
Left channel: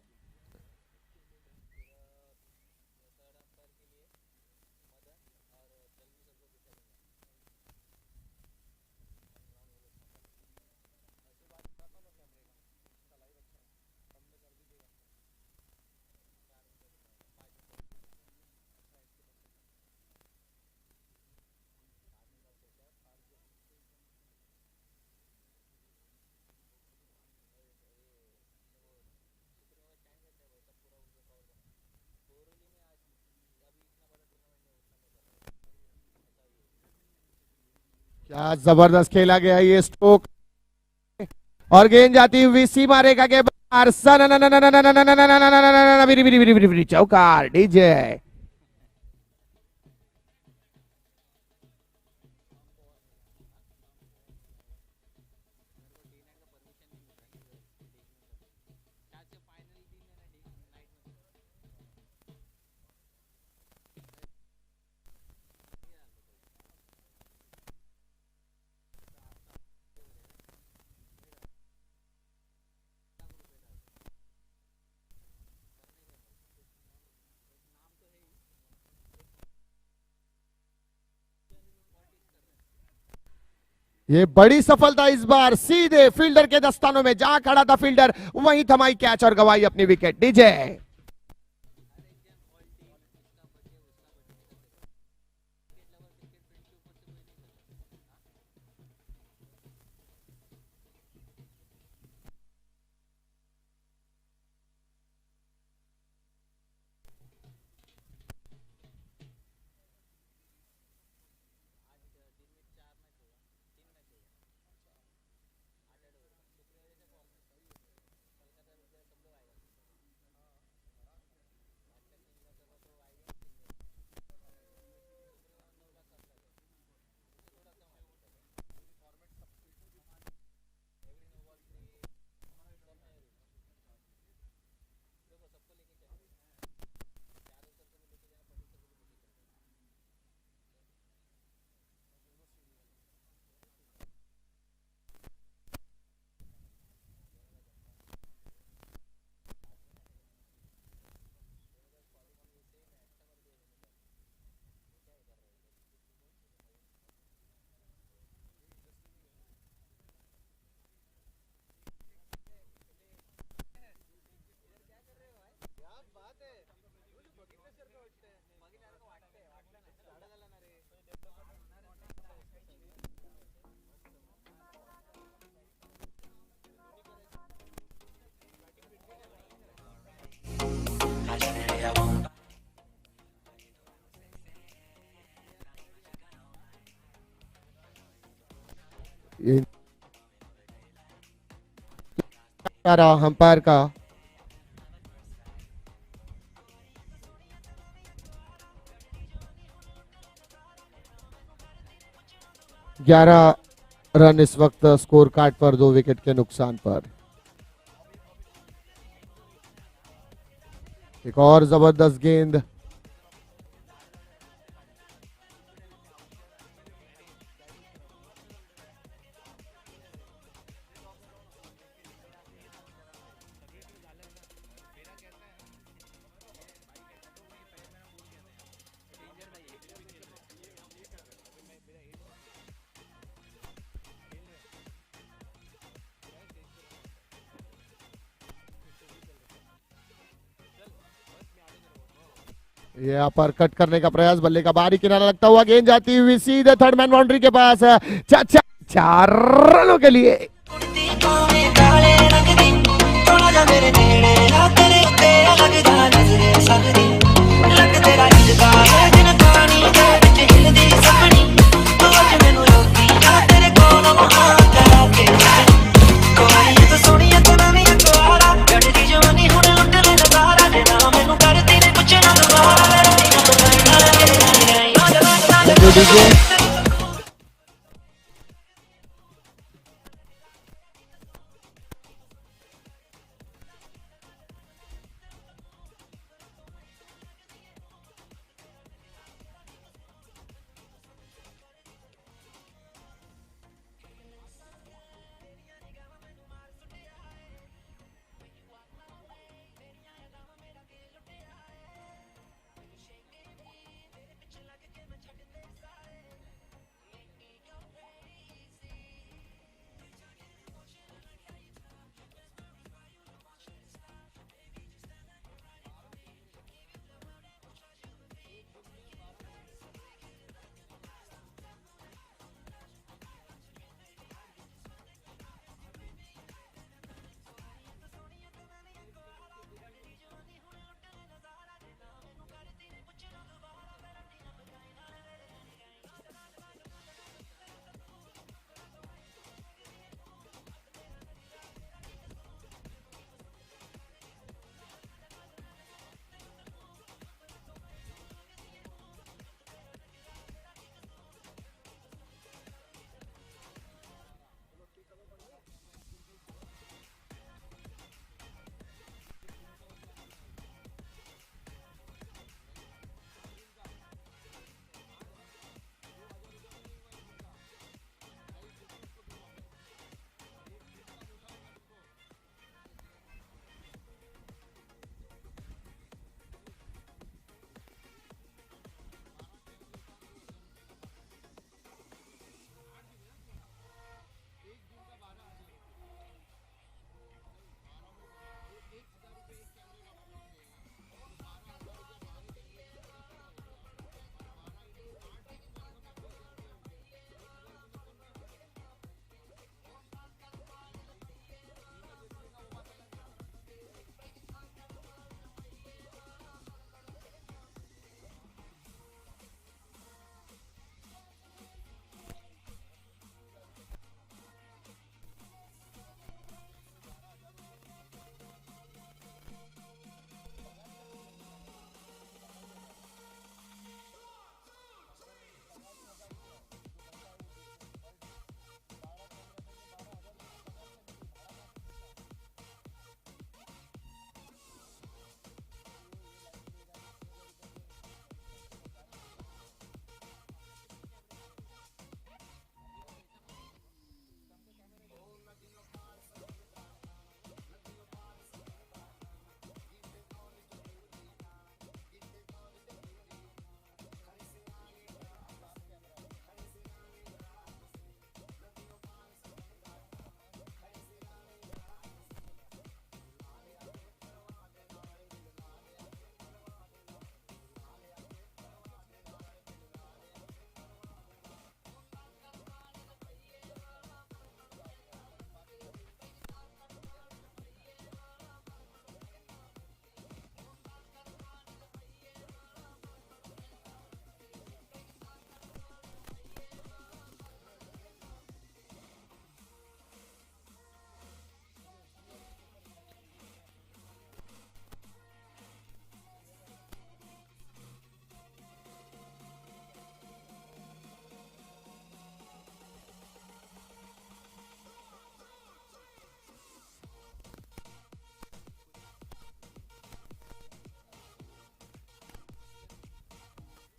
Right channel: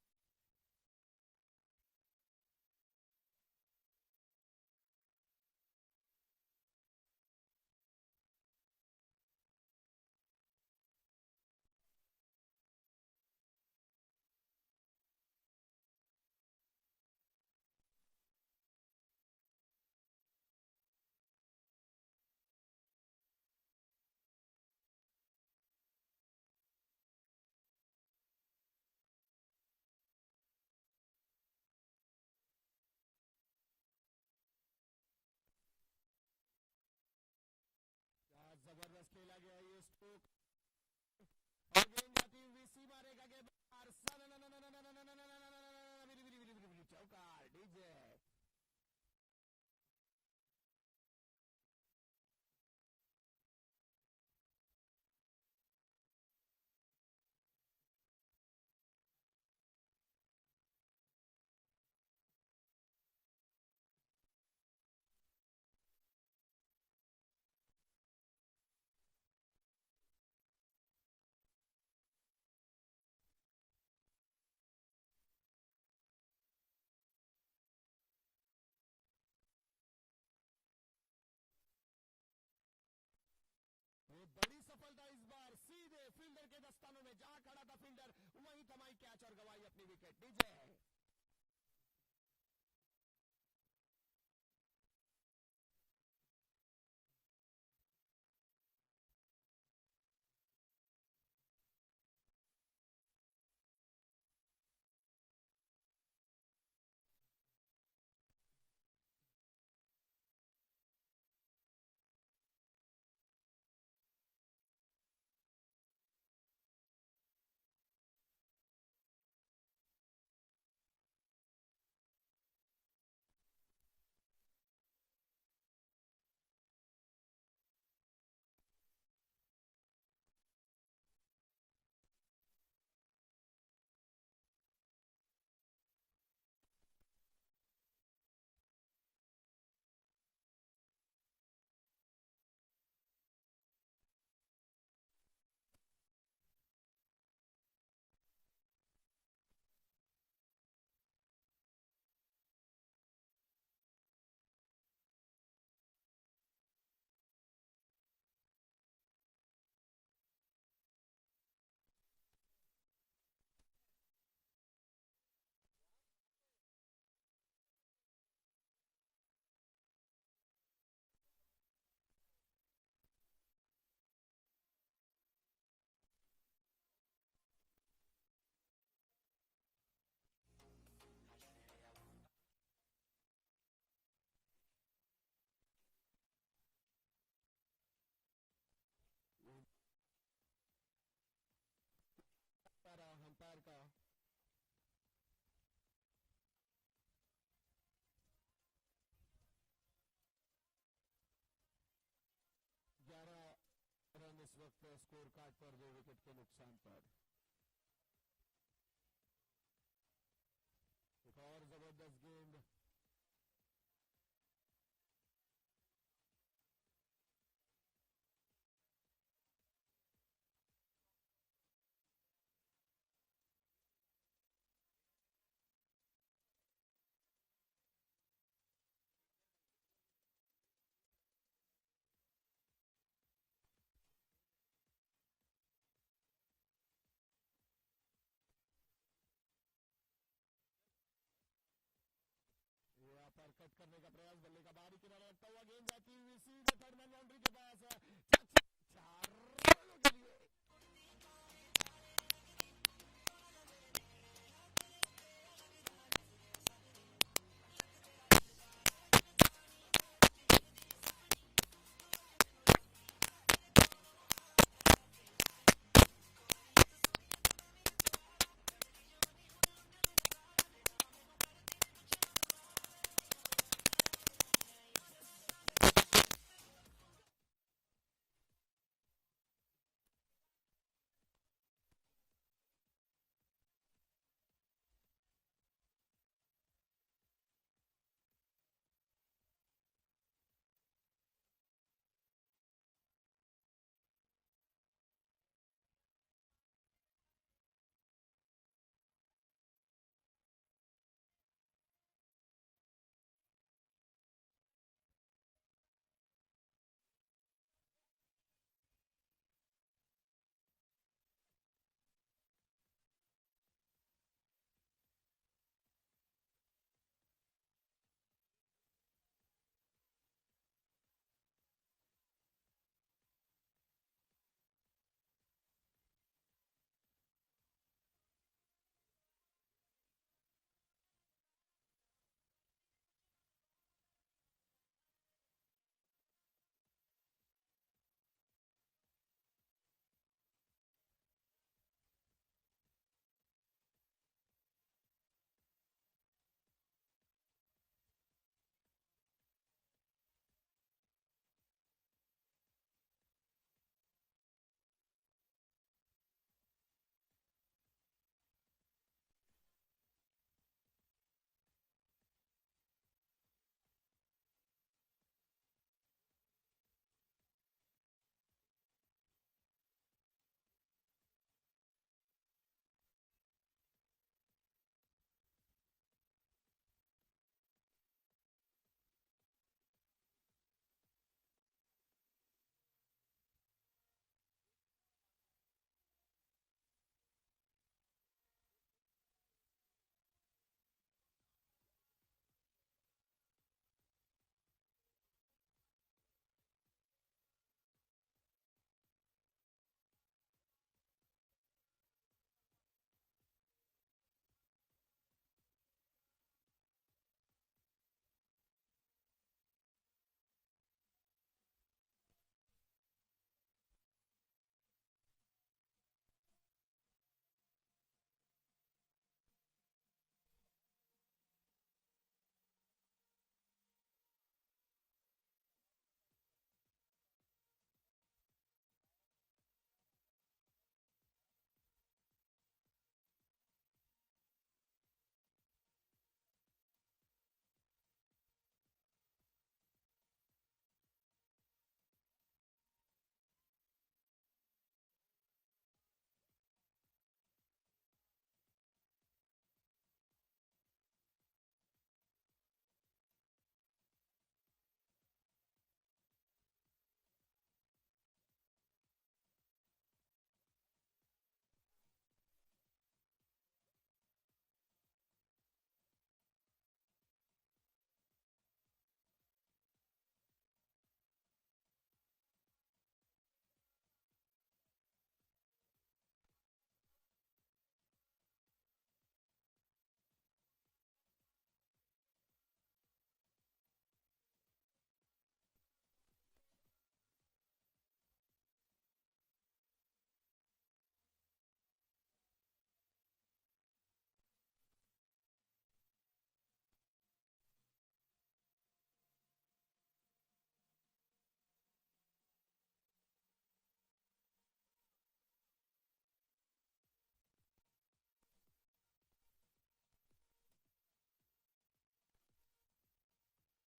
क्या जबरदस्त खेला गया ये स्ट्रोक, और गेंद जाती हुई सीमा रेखा के बाहर। चौकार डीजे। ये बड़ी सफलता इस बार, सीधे फील्डर के दस्तानों में, जहां खड़ा था फील्डर वहीं थमाई कैच और गवाई अपनी विकेट। डीजे। अंपायर का ग्यारह रन इस वक्त स्कोर कार्ड पर 2 विकेट के नुकसान पर। एक और जबरदस्त गेंद, ये अपर कट करने का प्रयास, बल्ले का बाहरी किनारा लगता हुआ, गेंद जाती हुई सीधे थर्ड मैन बाउंड्री के पास। चार रनों के लिए। डीजे।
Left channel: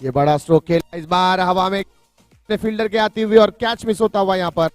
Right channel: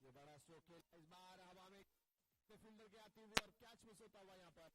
ये बड़ा स्ट्रोक खेला इस बार हवा में फील्डर के आती हुई और कैच मिस होता हुआ यहां पर।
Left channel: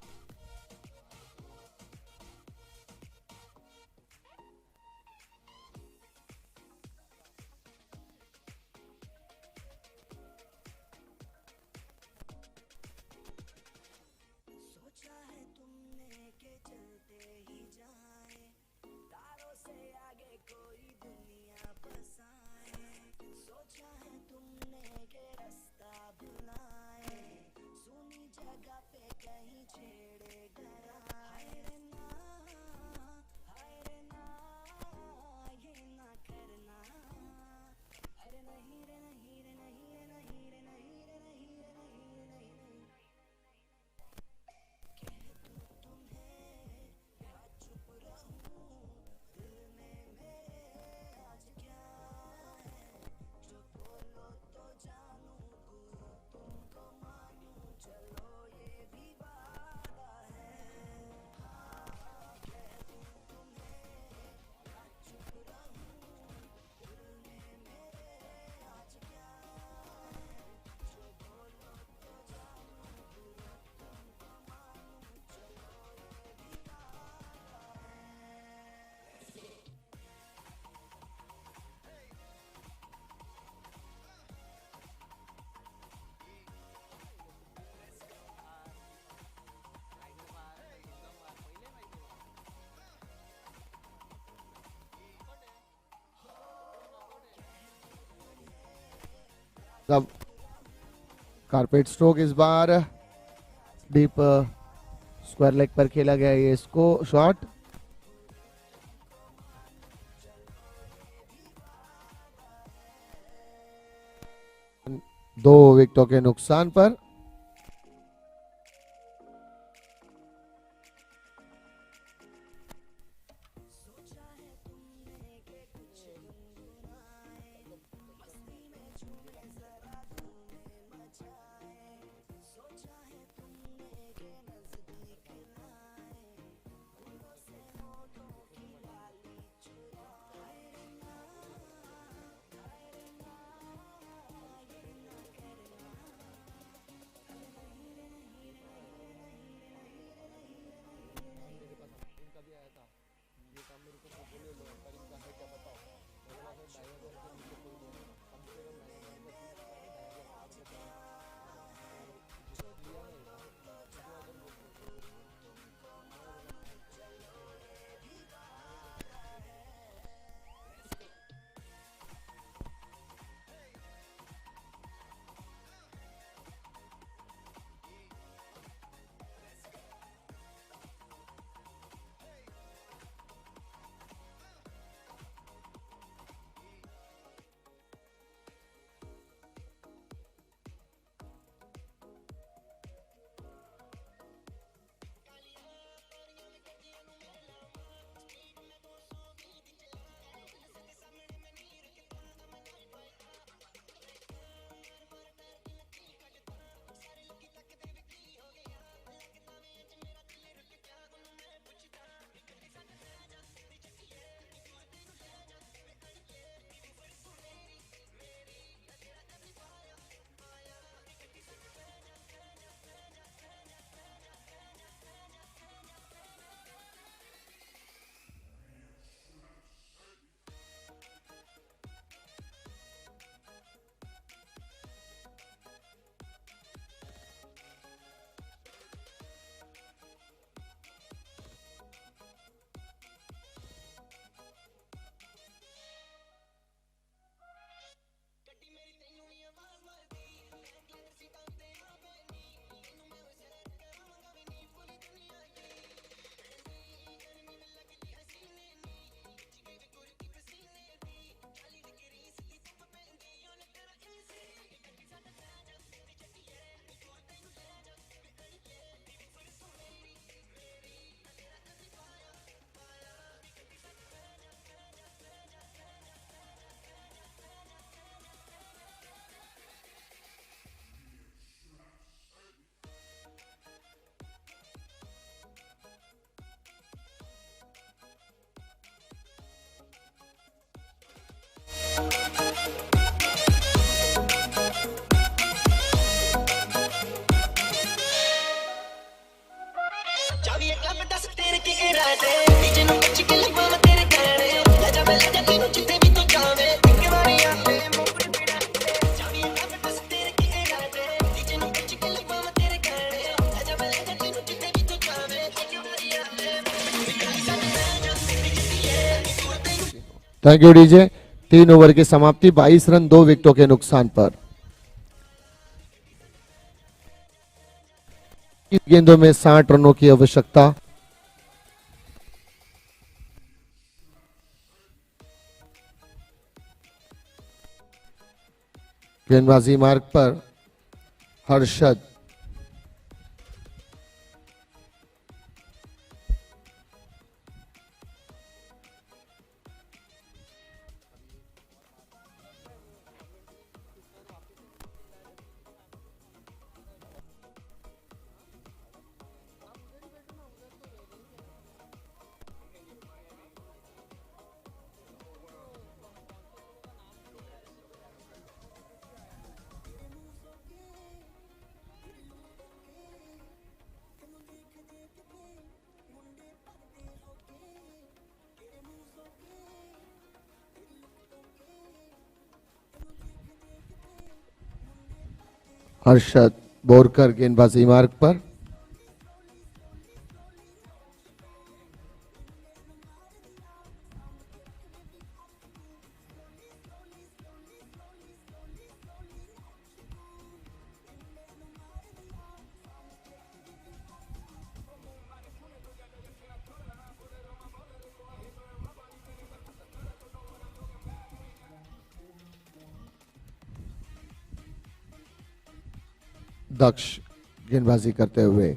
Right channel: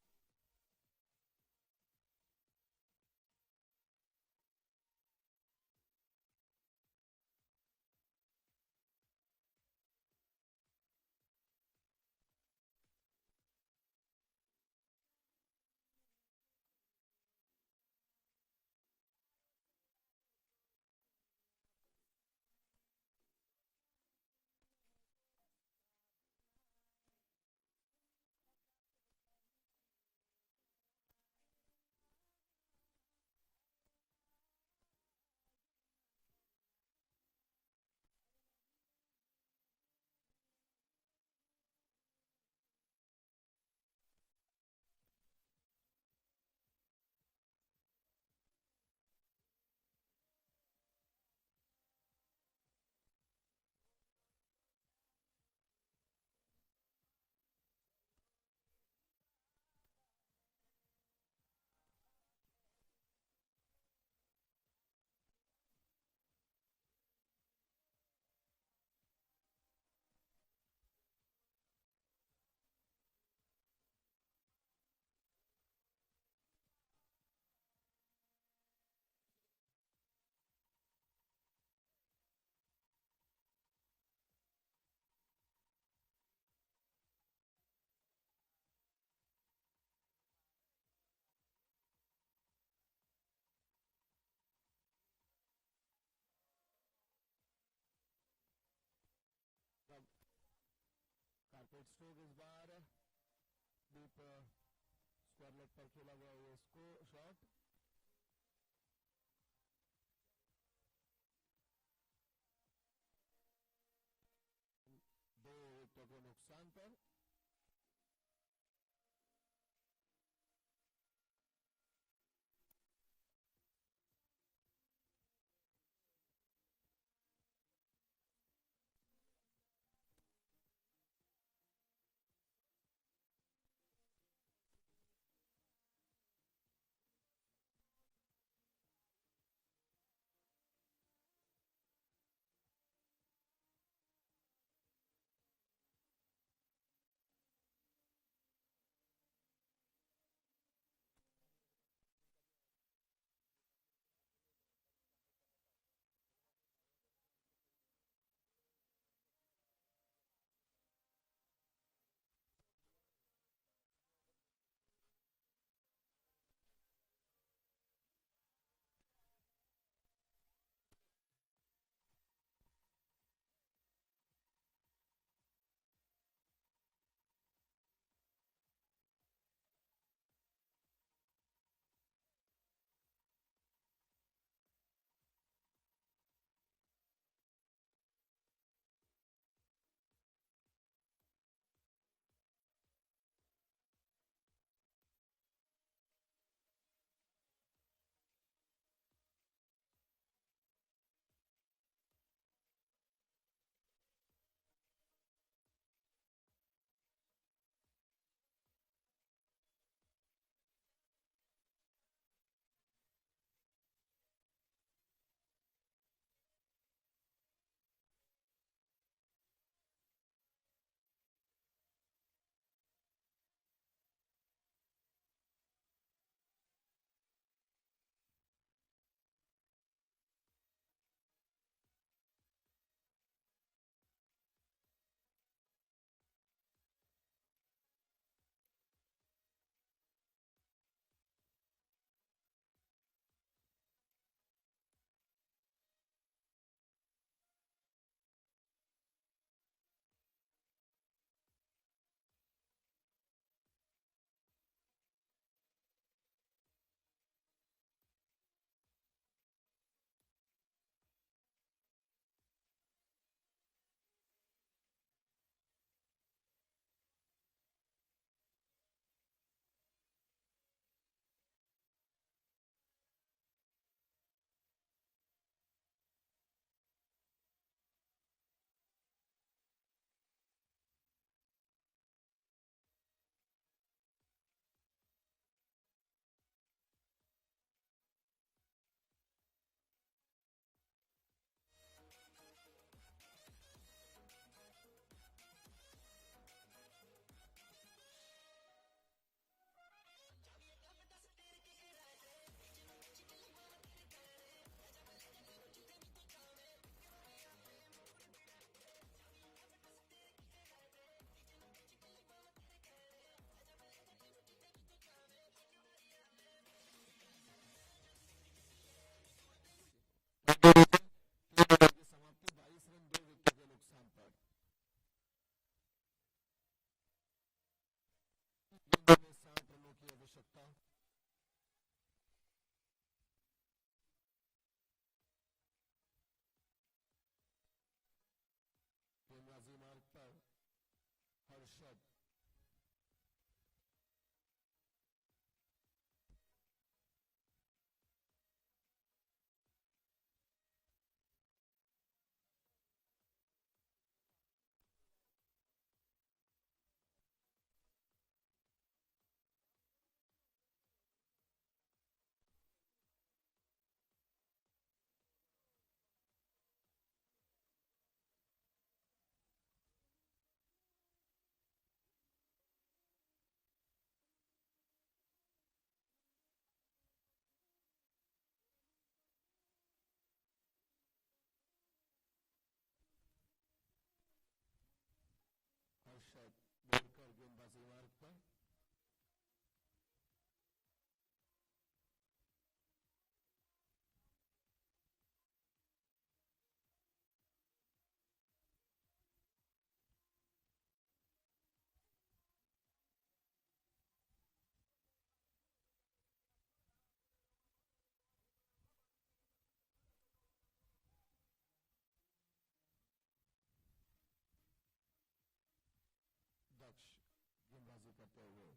अब कारपेट स्ट्रोक इस बार डीप स्क्वायर लेग पर खेला गया ये इसको शॉट। दो विकेटों के नुकसान पर थैंक यू डीजे। 3 ओवर की समाप्ति, 22 रन 2 विकेटों के नुकसान पर। इस गेंदों में 60 रनों की आवश्यकता। गेंदबाजी मार्ग पर हर्षद। हर्षद बोरकर गेंदबाजी मार्ग पर। दक्ष गेंदबाजी करते हुए।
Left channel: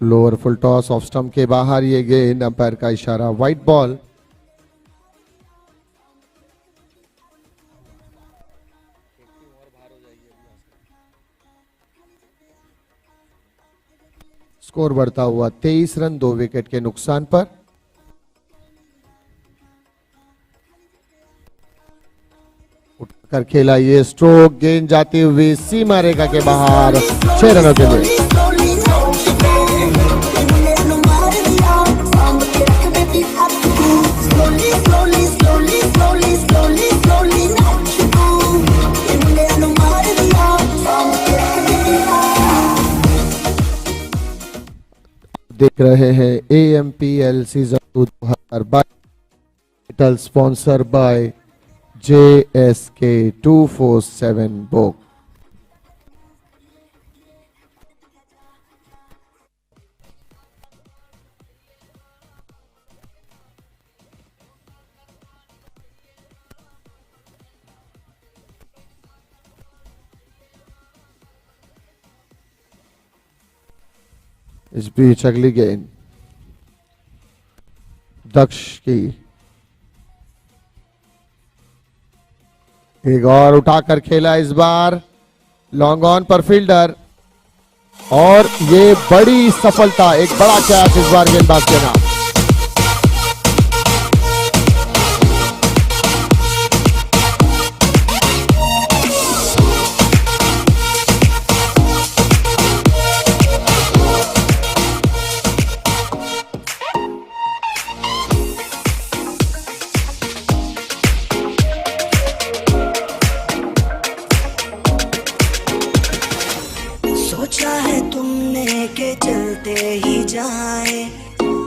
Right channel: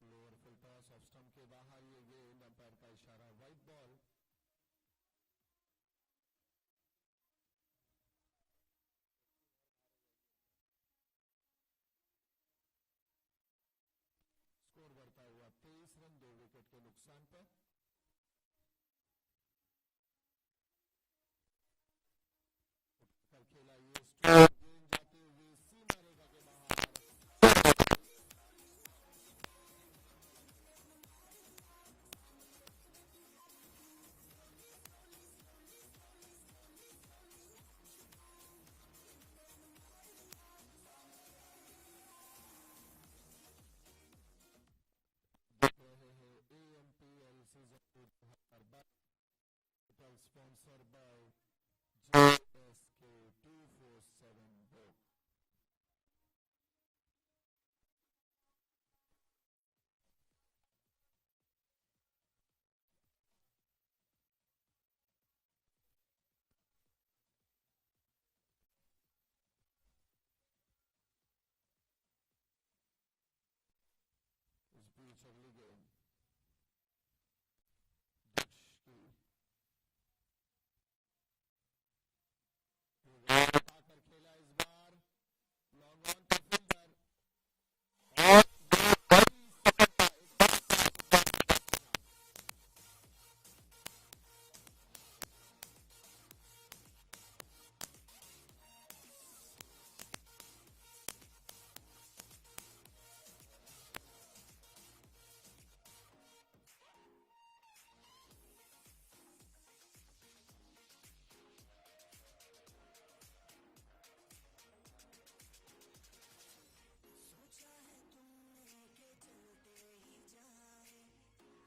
Lower full toss off stump के बाहर, ये गेंद अंपायर का इशारा, वाइट बॉल। स्कोर बढ़ता हुआ 23 रन 2 विकेट के नुकसान पर। उठकर खेला ये स्ट्रोक, गेंद जाती हुई सीमा रेखा के बाहर, 6 रनों के लिए। देख रहे हैं AMPL season 2 2022, sponsor by JSK 247 book. इस बीच अगली गेंद दक्ष की, एक और उठाकर खेला इस बार, लॉन्ग ऑन पर फील्डर, और ये बड़ी सफलता, एक बड़ा कैच इस बार गेंदबाज के नाम। सोचा है तुमने के चलते ही जाए,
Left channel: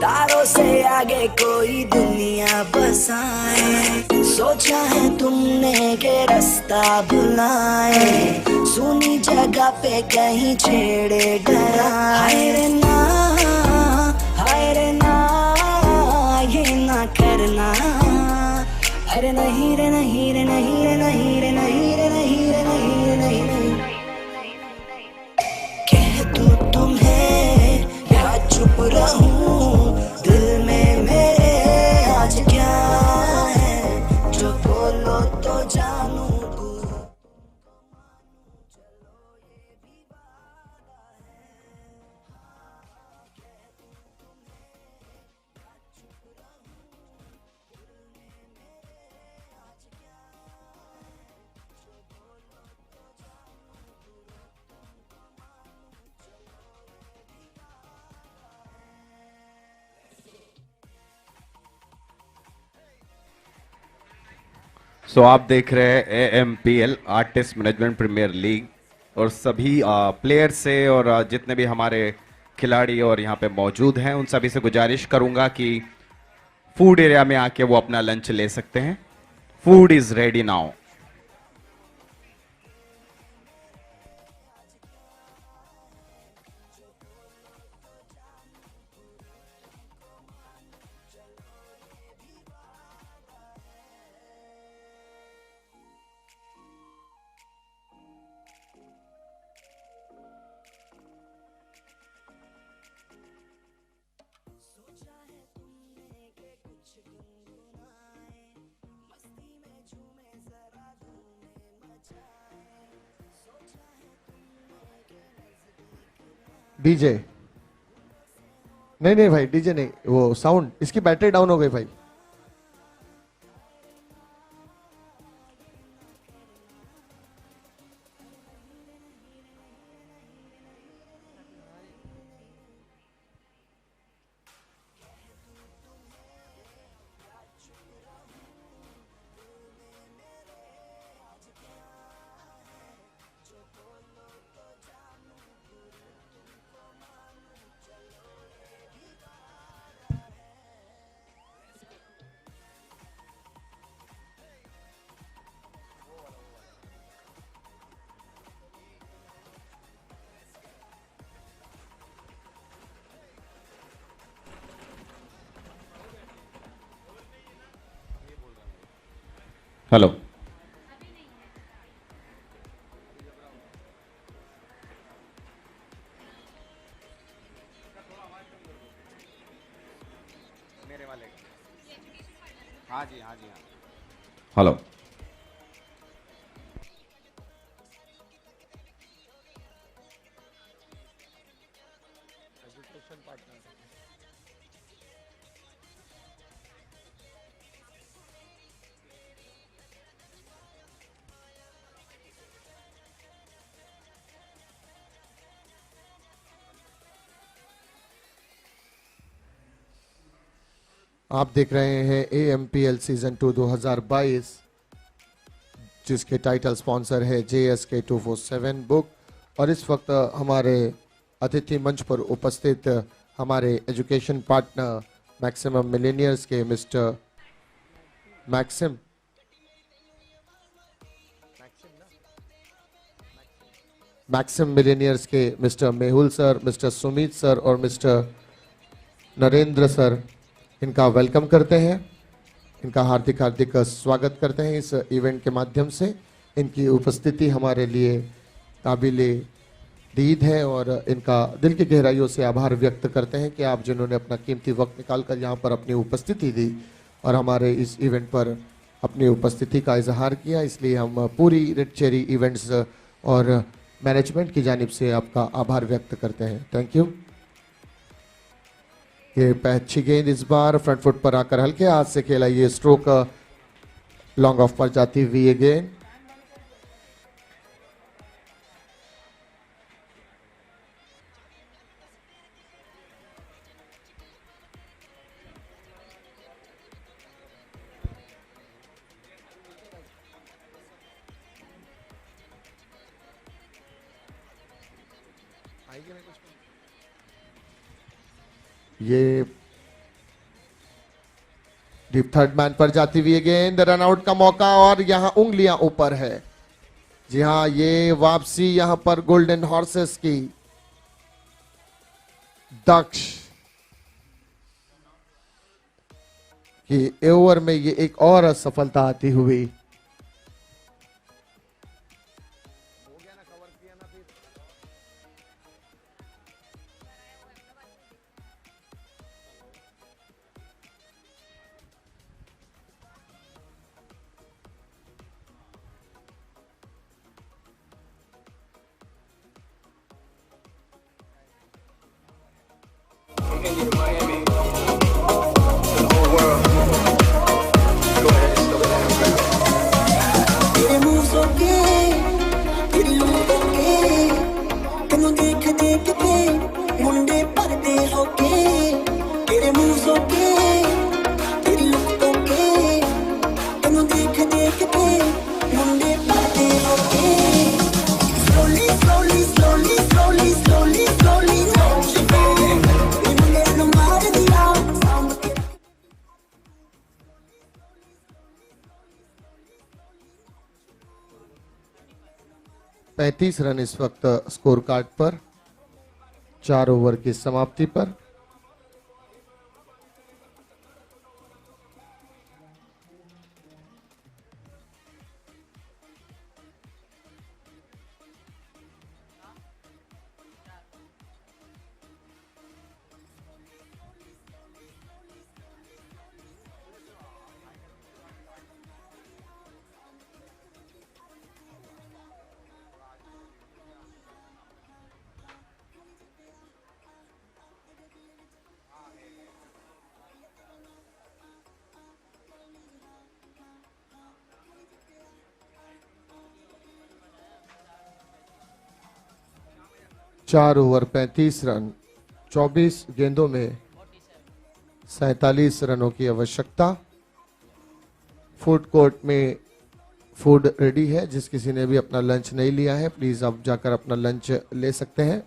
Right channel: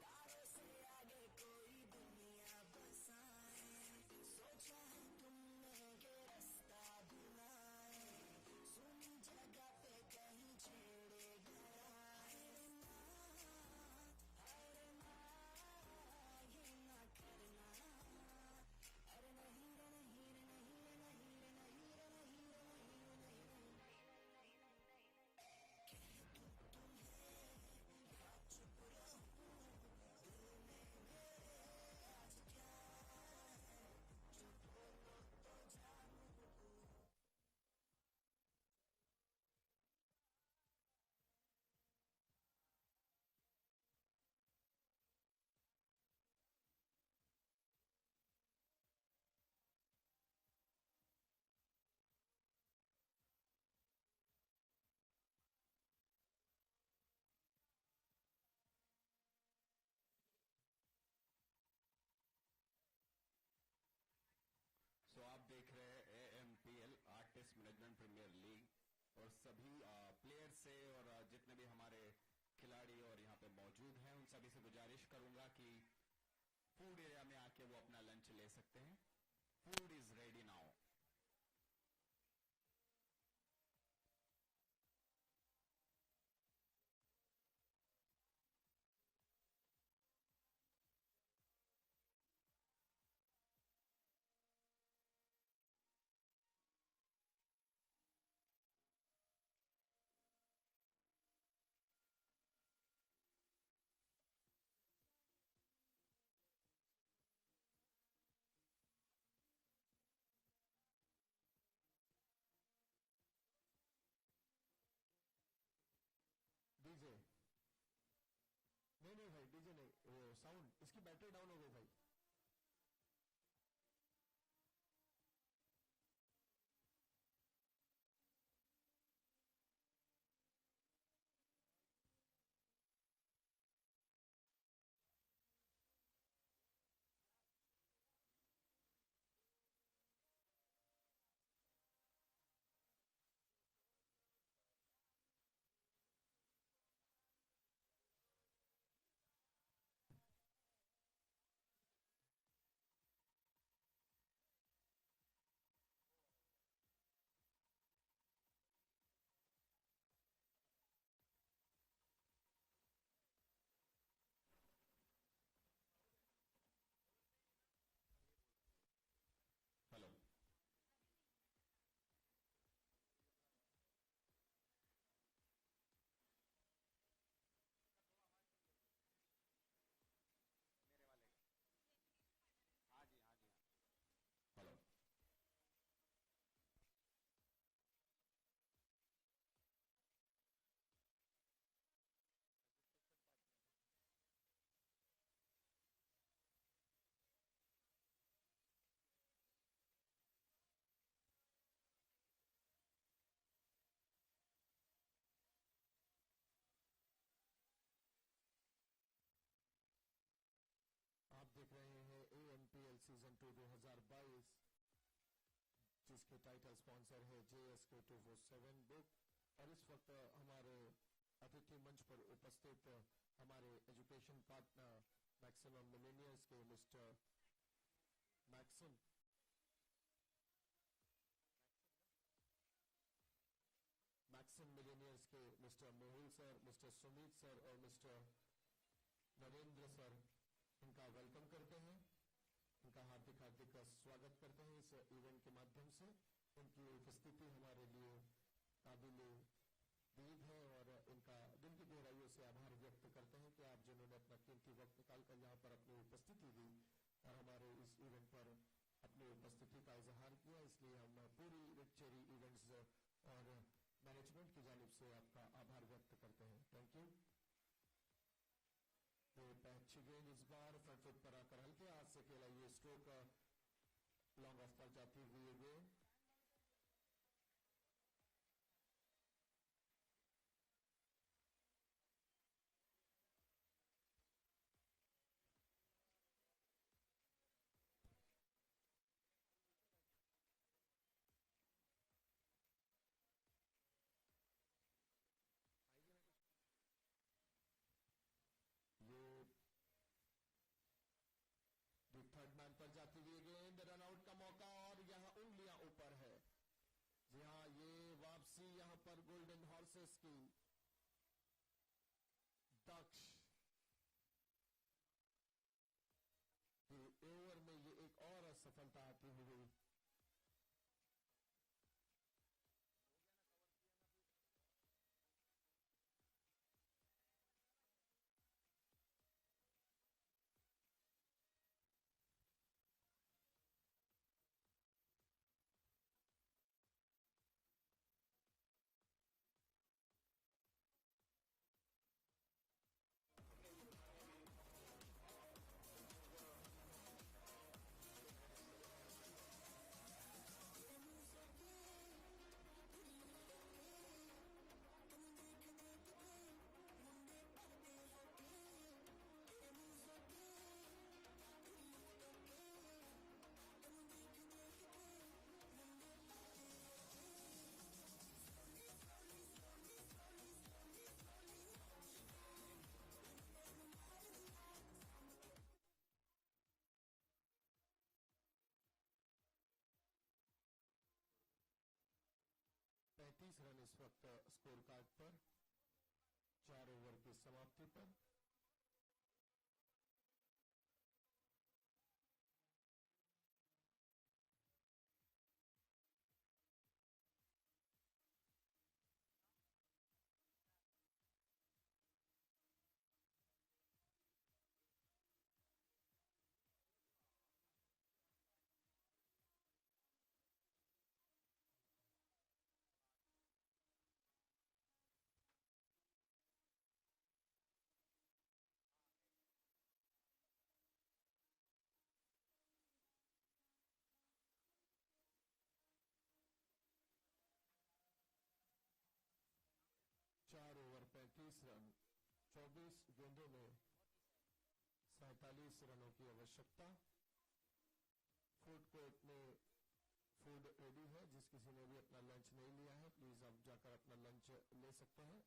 तारों से आगे कोई दुनिया बसाए। सोचा है तुमने के रास्ता भुलाए, सुनी जगह पे कहीं छेड़े डराए। हाय रे ना, ये ना करना। अरे नहीं रे नहीं रे नहीं रे नहीं रे नहीं रे नहीं रे नहीं रे नहीं रे। कह दूं तुम्हें या चुप रहूं, दिल में मेरे आज क्या है, जो बोलो तो जानूं। सो आप देख रहे हैं AMPL artist management premier league और सभी प्लेयर्स से और जितने भी हमारे खिलाड़ी और यहाँ पे मौजूद हैं उन सभी से गुजारिश करूंगा कि फूड एरिया में आके वो अपना लंच ले सकते हैं. Food is ready now. DJ नहीं नहीं भाई, डीजे नहीं, वो साउंड, इसकी बैटरी डाउन हो गई भाई. हेलो. हाँ जी, हाँ जी, हाँ. हेलो. आप देख रहे हैं AMPL सीजन 2 2022, जिसके टाइटल स्पॉन्सर है JSK 247 बुक. और इस वक्त हमारे अतिथि मंच पर उपस्थित हमारे एजुकेशन पार्टनर मैक्सिमम मिलेनियर्स के मिस्टर मैक्सिम मिलेनियर्स के mister Mehul sir, mister Sumit sir और मिस्टर नरेंद्र सर, इनका वेलकम करते हैं, इनका हार्दिक हार्दिक स्वागत करते हैं इस इवेंट के माध्यम से. इनकी उपस्थिति हमारे लिए काबिले दीद है और इनका दिल की गहराइयों से आभार व्यक्त करते हैं कि आप जिन्होंने अपना कीमती वक्त निकालकर यहाँ पर अपनी उपस्थिति दी और हमारे इस इवेंट पर अपनी उपस्थिति का इजहार किया. इसलिए हम पूरी रेड चेरी इवेंट्स और मैनेजमेंट की जानिब से आपका आभार व्यक्त करते हैं. Thank you. ये अच्छी गेंद इस बार फ्रंट फुट पर आकर हल्के हाथ से खेला, ये स्ट्रोक लॉन्ग ऑफ पर जाती हुई ये गेंद. ये डीप थर्ड मैन पर जाती हुई गेंद, रन आउट का मौका और यहां उंगलियां ऊपर है. जी हां, ये वापसी यहां पर गोल्डन हॉर्सेस की. दक्ष की ओवर में ये एक और असफलता आती हुई. 35 रन इस वक्त स्कोर कार्ड पर 4 ओवर की समाप्ति पर। चार ओवर 35 रन, 24 गेंदों में 47 रनों की आवश्यकता। फूड कोर्ट में फूड रेडी है। जिस किसी ने भी अपना लंच नहीं लिया है प्लीज आप जाकर अपना लंच ले सकते हैं।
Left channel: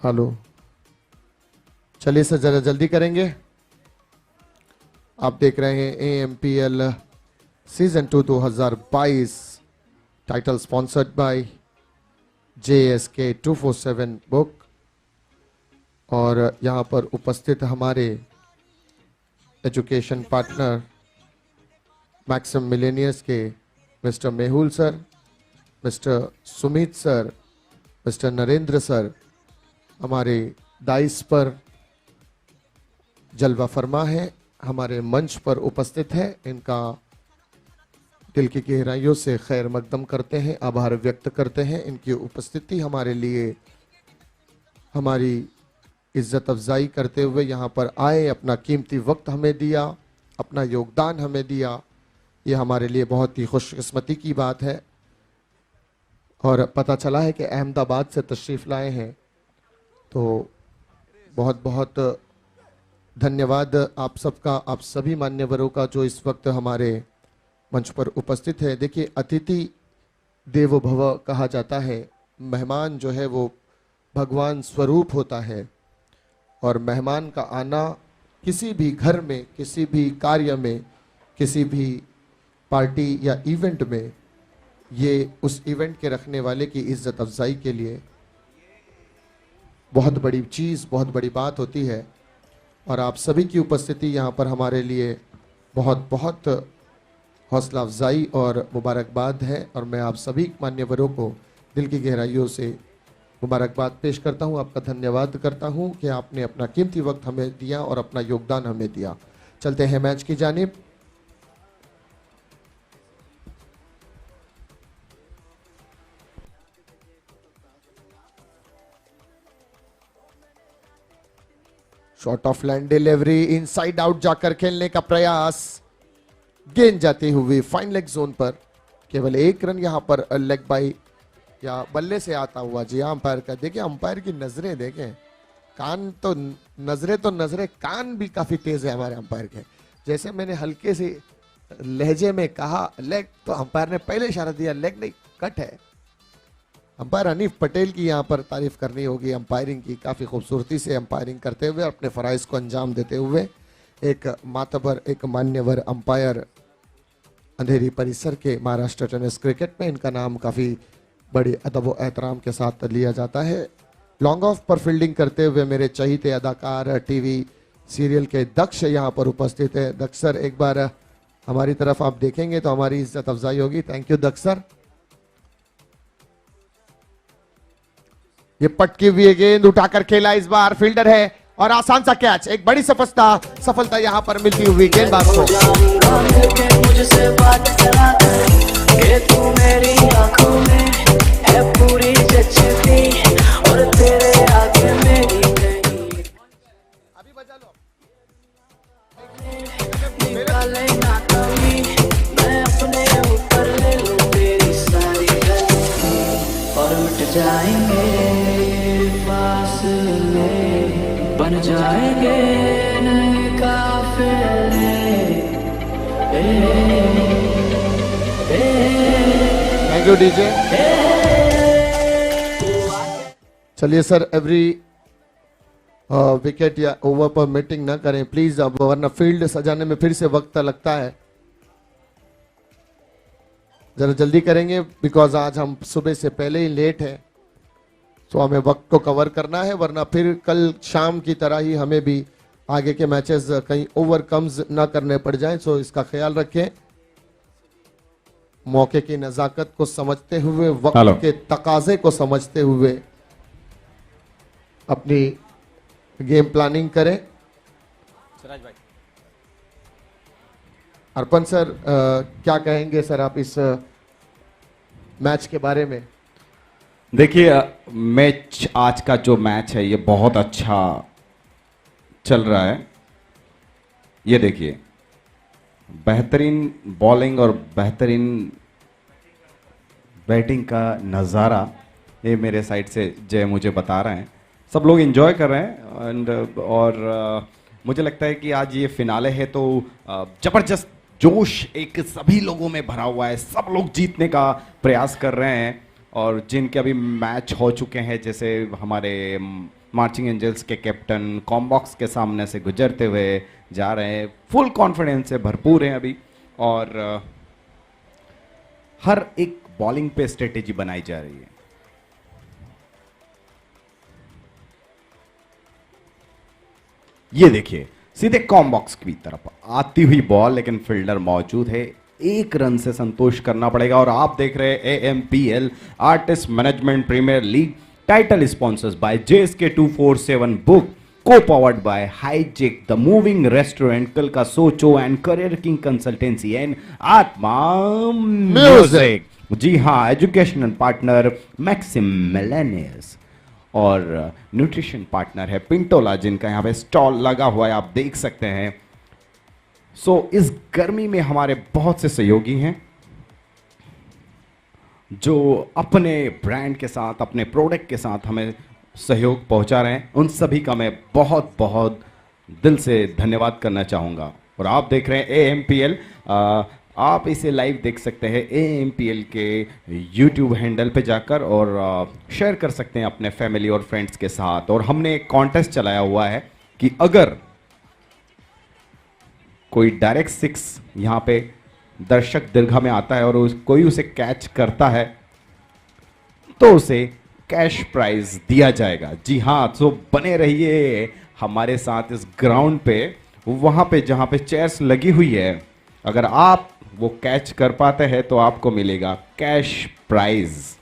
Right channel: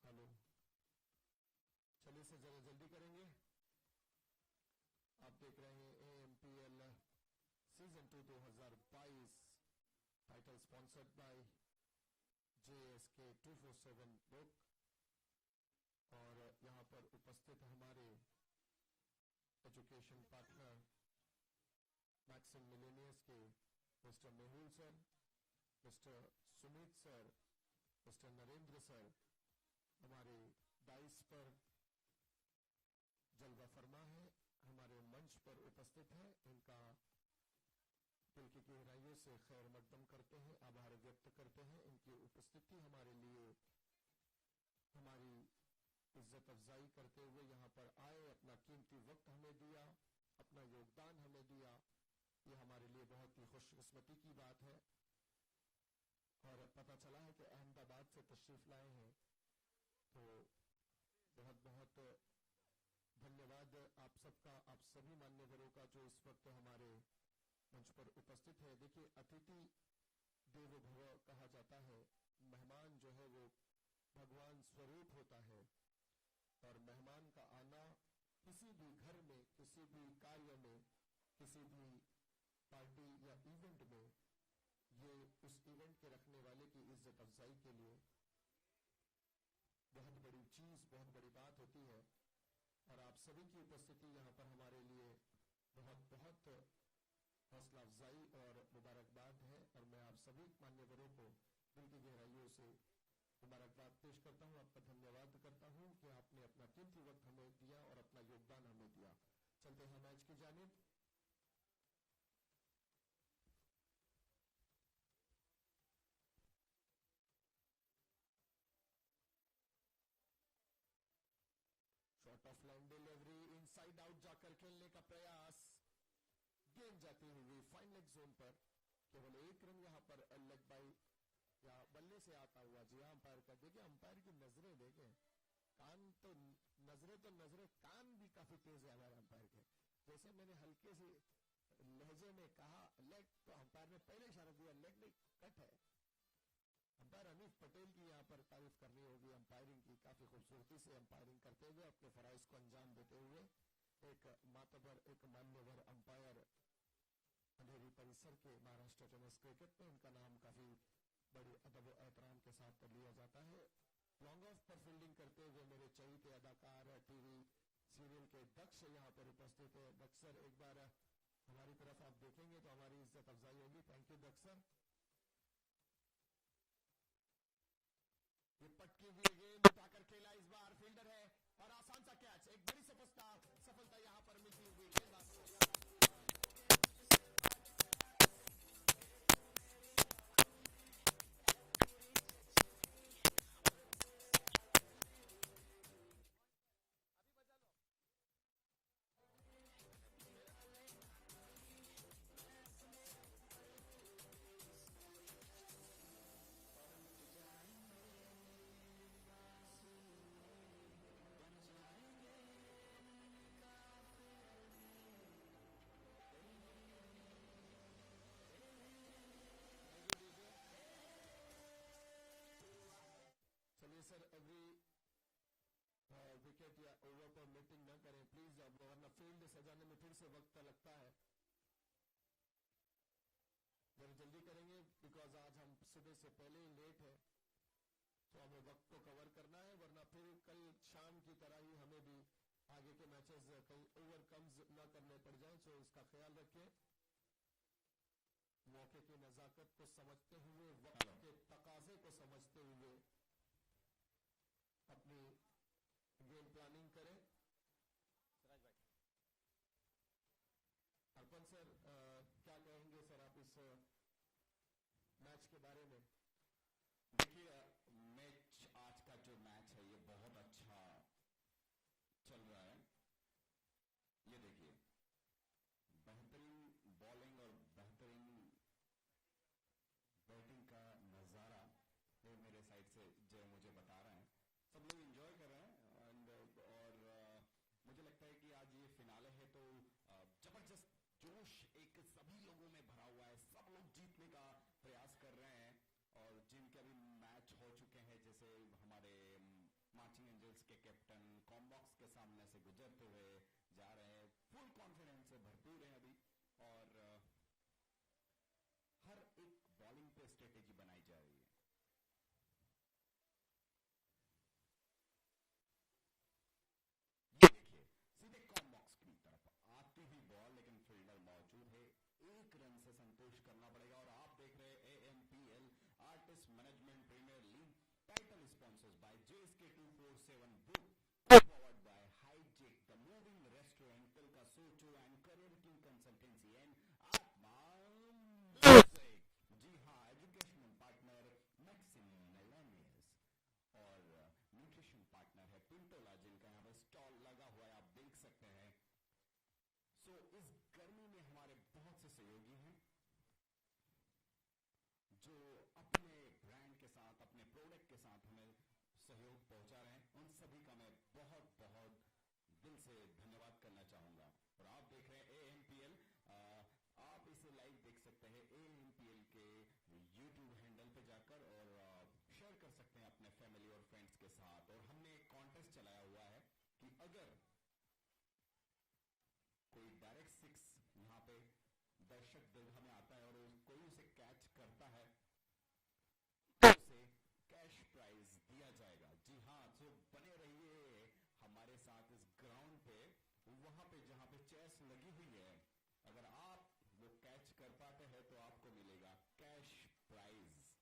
हेलो, चलिए सर जरा जल्दी करेंगे। आप देख रहे हैं AMPL season 2 2022 title sponsored by JSK 247 book. और यहाँ पर उपस्थित हमारे एजुकेशन पार्टनर मैक्सिम मिलेनियर्स के mister Mehul sir, mister Sumit sir, mister Narendra sir हमारे दाइस पर जलवा फरमा है, हमारे मंच पर उपस्थित है। इनका दिल की गहराइयों से खैर मकदम करते हैं, आभार व्यक्त करते हैं। इनकी उपस्थिति हमारे लिए हमारी इज्जत अफजाई करते हुए यहाँ पर आए, अपना कीमती वक्त हमें दिया, अपना योगदान हमें दिया, ये हमारे लिए बहुत ही खुशकिस्मती की बात है। और पता चला है कि अहमदाबाद से तशरीफ़ लाए हैं, तो बहुत बहुत धन्यवाद आप सबका, आप सभी मान्यवरों का जो इस वक्त हमारे मंच पर उपस्थित है। देखिए, अतिथि देवो भव कहा जाता है। मेहमान जो है वो भगवान स्वरूप होता है, और मेहमान का आना किसी भी घर में, किसी भी कार्य में, किसी भी पार्टी या इवेंट में, ये उस इवेंट के रखने वाले की इज्जत अफजाई के लिए बहुत बड़ी चीज़, बहुत बड़ी बात होती है। और आप सभी की उपस्थिति यहाँ पर हमारे लिए बहुत बहुत हौसला अफजाई और मुबारकबाद है। और मैं आप सभी मान्यवरों को दिल की गहराइयों से मुबारकबाद पेश करता हूँ, आपका धन्यवाद करता हूँ कि आपने अपना कीमती वक्त हमें दिया और अपना योगदान हमें दिया। चलते हैं मैच की जानिब। Shot of land delivery, inside out जाकर खेलने का प्रयास, गेंद जाती हुई फाइन लेग जोन पर। केवल एक रन यहाँ पर लेग बाई या बल्ले से आता हुआ। जी अंपायर का देखिए, अंपायर की नजरें देखें, कान तो नजरें कान भी काफी तेज है हमारे अंपायर के। जैसे मैंने हल्के से लहजे में कहा लेग, तो अंपायर ने पहले इशारा दिया लेग नहीं, कट है। अंपायर हनीफ पटेल की यहाँ पर तारीफ करनी होगी, अंपायरिंग की, काफ़ी खूबसूरती से अंपायरिंग करते हुए, अपने फ़राइज़ को अंजाम देते हुए। एक मातबर, एक मान्यवर अंपायर अंधेरी परिसर के महाराष्ट्र टेनिस क्रिकेट में, इनका नाम काफ़ी बड़ी अदब व एहतराम के साथ लिया जाता है। लॉन्ग ऑफ पर फील्डिंग करते हुए मेरे चहीते अदाकार टीवी सीरियल के दक्ष यहाँ पर उपस्थित है। दक्ष सर, एक बार हमारी तरफ आप देखेंगे तो हमारी इज्जत अफजाई होगी। Thank you Daksh sir. ये पटकी हुई गेंद उठाकर खेला, इस बार फील्डर है और आसान सा कैच, एक बड़ी सफलता यहाँ पर मिलती हुई गेंदबाज को। मुझसे बात करा कर तू मेरी आंखों में है पूरी जचती और तेरे आगे मेरी नहीं। अभी बजा लो। निकाले ना कमी मैं अपने ऊपर ले लूं तेरी सारी गलती और मिट जाएंगे फासले बन जाएंगे नए काफिले। Thank you DJ. चलिए सर, एवरी विकेट या ओवर पर मीटिंग ना करें प्लीज, अब वरना फील्ड सजाने में फिर से वक्त लगता है। जरा जल्दी करेंगे बिकॉज आज हम सुबह से पहले ही लेट है, तो हमें वक्त को कवर करना है, वरना फिर कल शाम की तरह ही हमें भी आगे के मैचेस कहीं ओवर कम्स ना करने पड़ जाएं, सो इसका ख्याल रखें। मौके की नजाकत को समझते हुए, वक्त के तकाजे को समझते हुए अपनी गेम प्लानिंग करें। सिराज भाई, अर्पण सर, क्या कहेंगे सर आप इस मैच के बारे में? देखिए, मैच आज का जो मैच है ये बहुत अच्छा चल रहा है। ये देखिए, बेहतरीन बॉलिंग और बेहतरीन बैटिंग का नज़ारा ये मेरे साइड से जय मुझे बता रहे हैं। सब लोग एंजॉय कर रहे हैं और मुझे लगता है कि आज ये फिनाले है तो ज़बरदस्त जोश एक सभी लोगों में भरा हुआ है। सब लोग जीतने का प्रयास कर रहे हैं और जिनके अभी मैच हो चुके हैं, जैसे हमारे मार्चिंग एंजल्स के कैप्टन कॉम्बॉक्स के सामने से गुजरते हुए जा रहे हैं, फुल कॉन्फिडेंस से भरपूर हैं अभी और हर एक बॉलिंग पे स्ट्रेटेजी बनाई जा रही है। ये देखिए, सीधे कॉम्बॉक्स की तरफ आती हुई बॉल, लेकिन फील्डर मौजूद है, एक रन से संतोष करना पड़ेगा। और आप देख रहे हैं AMPL artist management premier league, title sponsors by JSK 247 book, co-powered by Hijack the Moving Restaurant, Kalka Socho and Career King Consultancy and Atma Music। जी हाँ, एजुकेशनल पार्टनर मैक्सिम मिलेनियस और न्यूट्रिशन पार्टनर है पिंटोला, जिनका यहाँ पे स्टॉल लगा हुआ है, आप देख सकते हैं। सो इस गर्मी में हमारे बहुत से सहयोगी हैं जो अपने ब्रांड के साथ, अपने प्रोडक्ट के साथ हमें सहयोग पहुंचा रहे हैं। उन सभी का मैं बहुत बहुत दिल से धन्यवाद करना चाहूँगा। और आप देख रहे हैं AMPL, आप इसे लाइव देख सकते हैं AMPL के YouTube हैंडल पे जाकर और शेयर कर सकते हैं अपने फैमिली और फ्रेंड्स के साथ। और हमने एक कॉन्टेस्ट चलाया हुआ है कि अगर कोई डायरेक्ट 6 यहाँ पे दर्शक दीर्घा में आता है और कोई उसे कैच करता है तो उसे कैश प्राइज दिया जाएगा। जी हाँ, तो बने रहिए हमारे साथ इस ग्राउंड पे, वहां पे जहां पे चेयर्स लगी हुई है। अगर आप वो कैच कर पाते हैं तो आपको मिलेगा कैश प्राइज।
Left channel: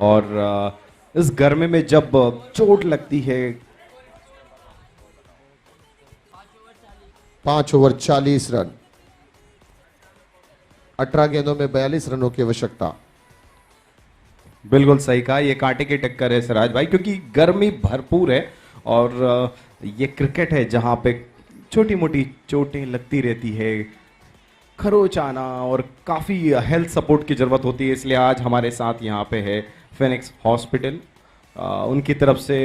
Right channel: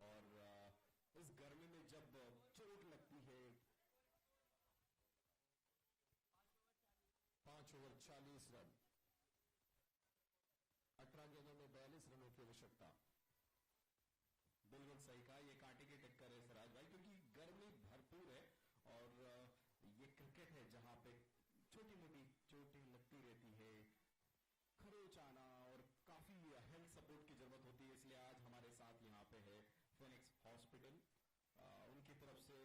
और इस गर्मी में जब चोट लगती है, 5 ओवर 40 रन, 18 गेंदों में 42 रनों की आवश्यकता। बिल्कुल सही कहा, ये कांटे की टक्कर है सिराज भाई, क्योंकि गर्मी भरपूर है और ये क्रिकेट है जहां पे छोटी मोटी चोटें लगती रहती है, खरोच आना और काफ़ी हेल्थ सपोर्ट की ज़रूरत होती है। इसलिए आज हमारे साथ यहाँ पे है फिनिक्स हॉस्पिटल, उनकी तरफ से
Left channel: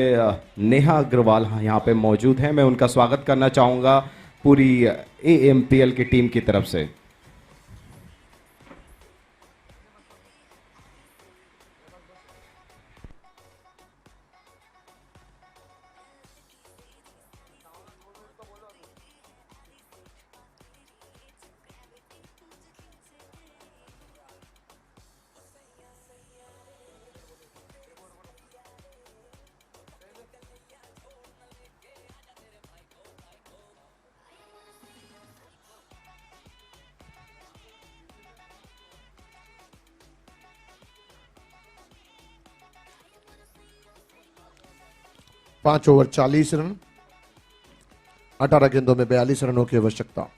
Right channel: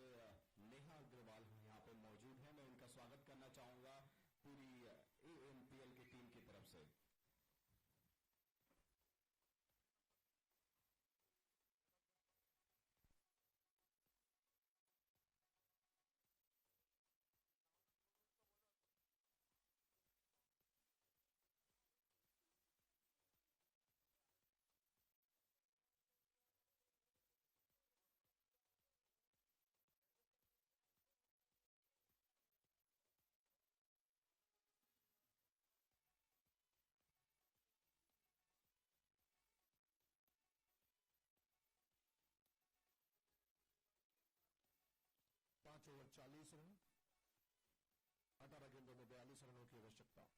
नेहा अग्रवाल यहाँ पे मौजूद हैं। मैं उनका स्वागत करना चाहूँगा पूरी AMPL की टीम की तरफ से। 5 ओवर 40 रन, 18 गेंदों में 42 रनों की आवश्यकता।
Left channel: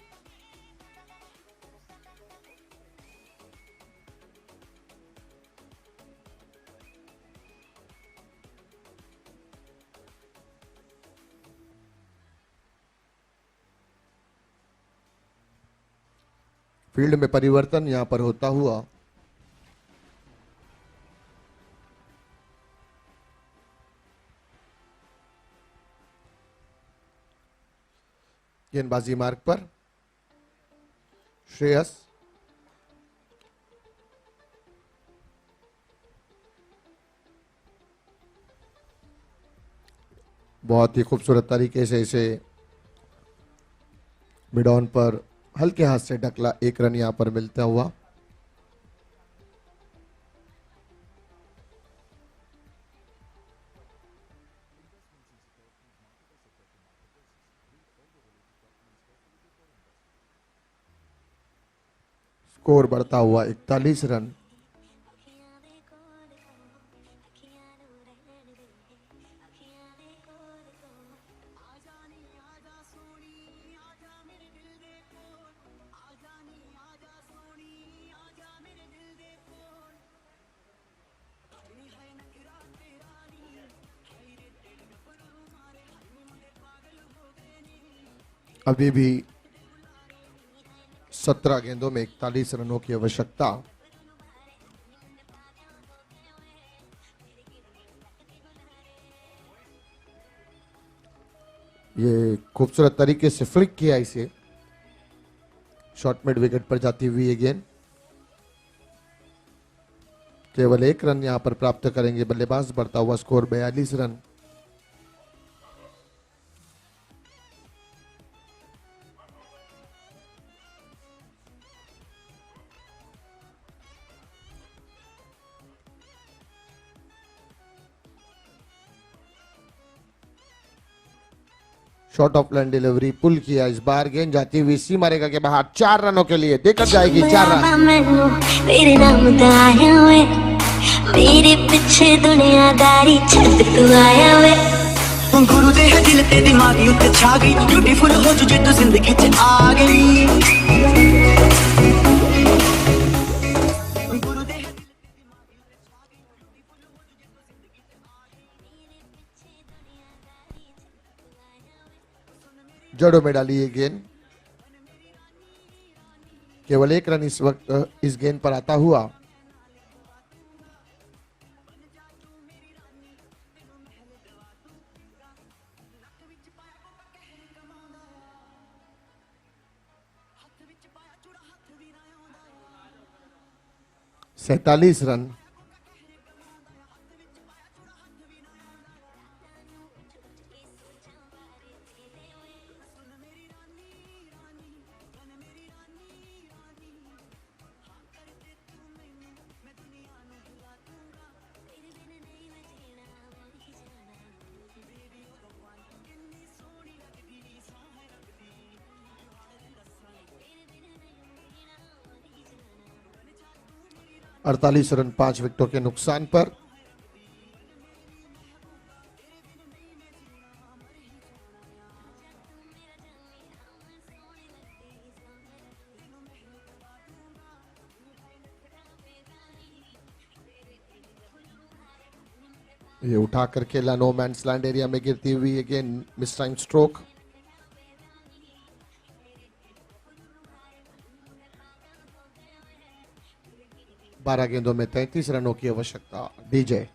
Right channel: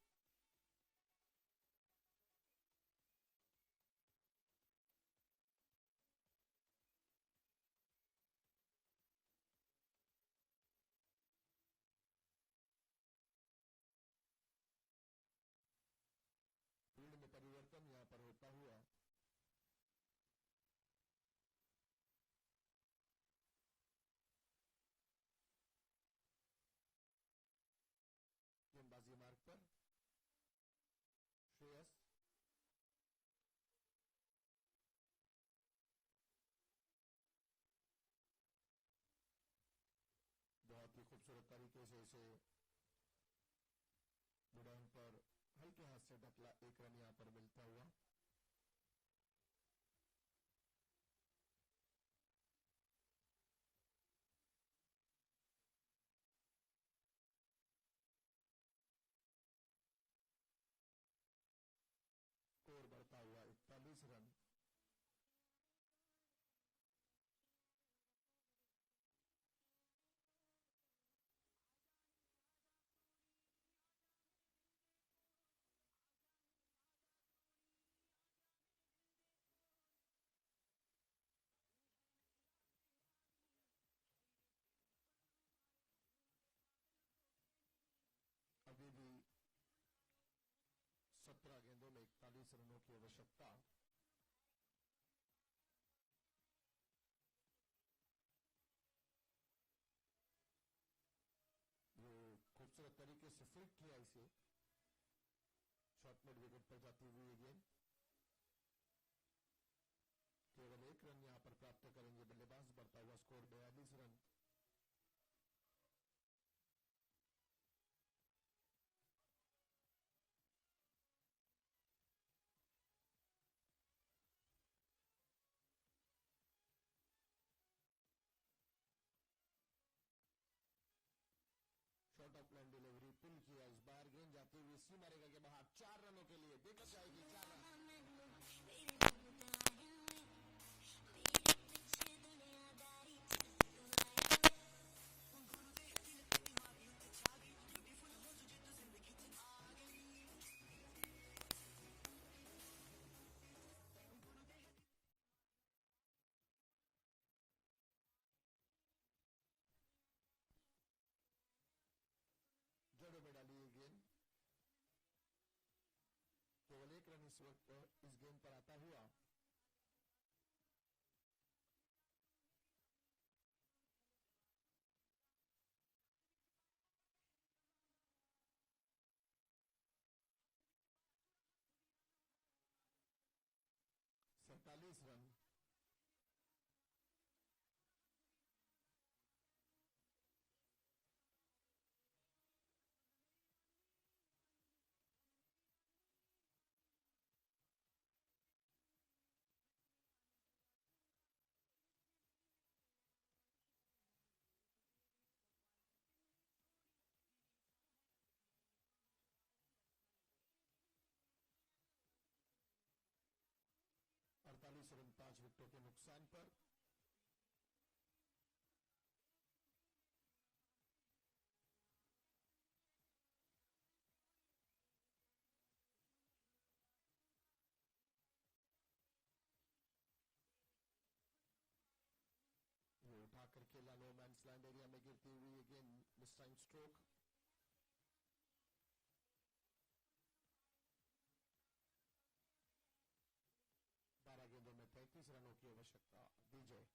फील्ड में परिवर्तन यहां पर होता हुआ गेंदबाजी मार्ग पर श्रेयस, बहुत ही खूबसूरत तरीके से इसे मिड ऑन पर हल्के हाथ से ढकला, 1 रन यहां पर मिलता हुआ। स्कोर बढ़ता हुआ 41 रन। अभी भी 17 गेंदों में 41 रनों की आवश्यकता। ये खूबसूरत तरीके से फ्लिक किया इसे, शॉर्ट मिड विकेट पर जाती हुई ये गेंद। केवल 1 रन यहां पर प्राप्त करेंगे बल्लेबाज, बढ़ता हुआ score 42 run. Short of line delivery pull किया, इस बार गेंद जाती हुई सीमा रेखा के बाहर, 4 रनों के लिए देकर जाएगी 4 रन। मेरे नाम तो आया हुए, मेरे पीछे दुनियादारी छत तू आया हुए। गुरु दे है दिल ते दिमागी उत्ते छा गई, ब्यूटीफुल हो जो तू जिंदगी च आ गई। जड़ों में डाली ये गेंद, केवल 1 रन इस वक्त इस गेंद पर आता हुआ। सैतालीस रन। अड़तालीस रन 5 विकेटों के नुकसान पर। ये उठा करके नो मैंस लैंड एरिया में गिरती हुई अगेन मिस टाइम स्ट्रोक। बारह गेंदों में 33 रनों की आवश्यकता। डीजे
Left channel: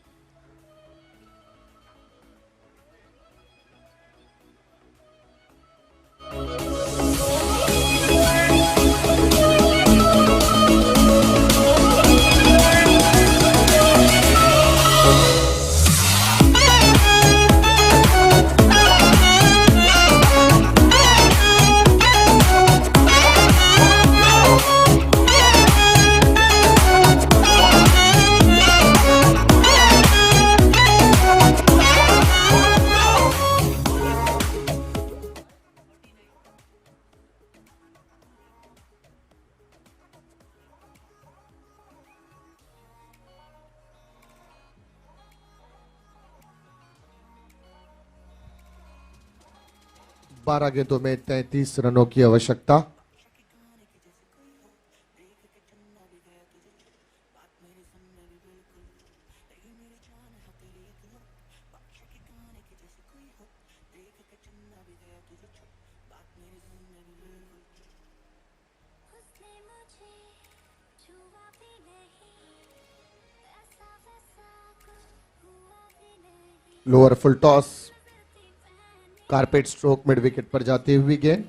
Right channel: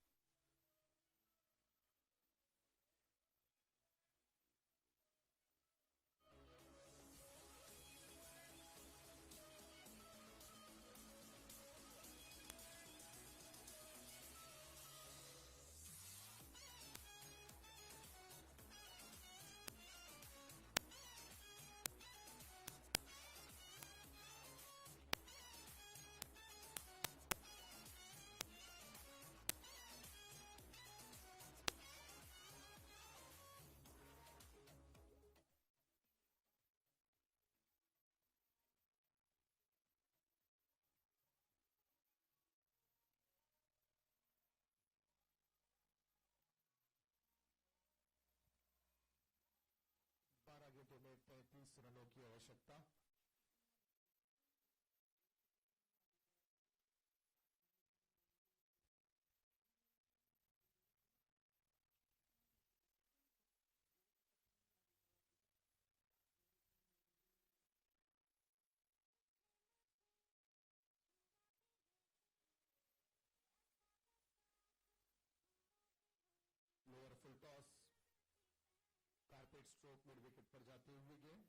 12 गेंदों में 33 रनों की आवश्यकता। Lower full toss, carpet stroke, mid wicket पर जाती हुई गेंद।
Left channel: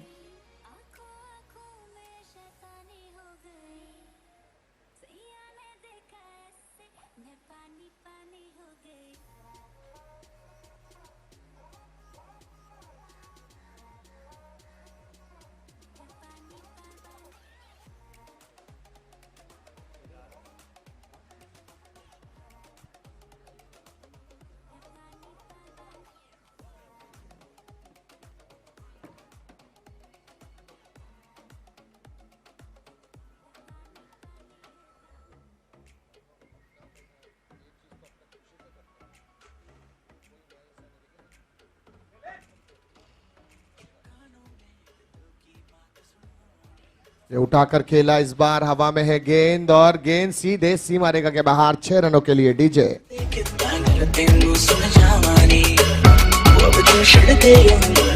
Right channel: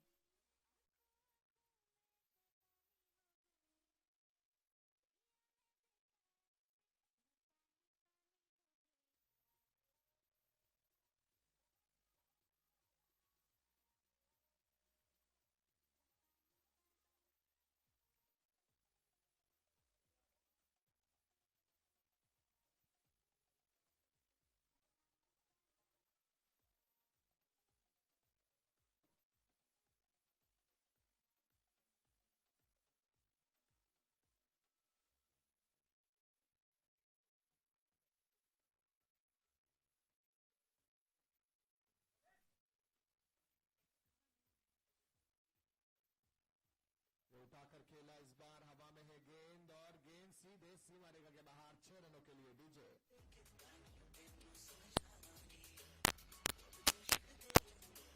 ये उठाकर खेला, इस बार हवा में है गेंद और गेंद सीधे सीमा रेखा के बाहर। 6 रनों के लिए डीजे।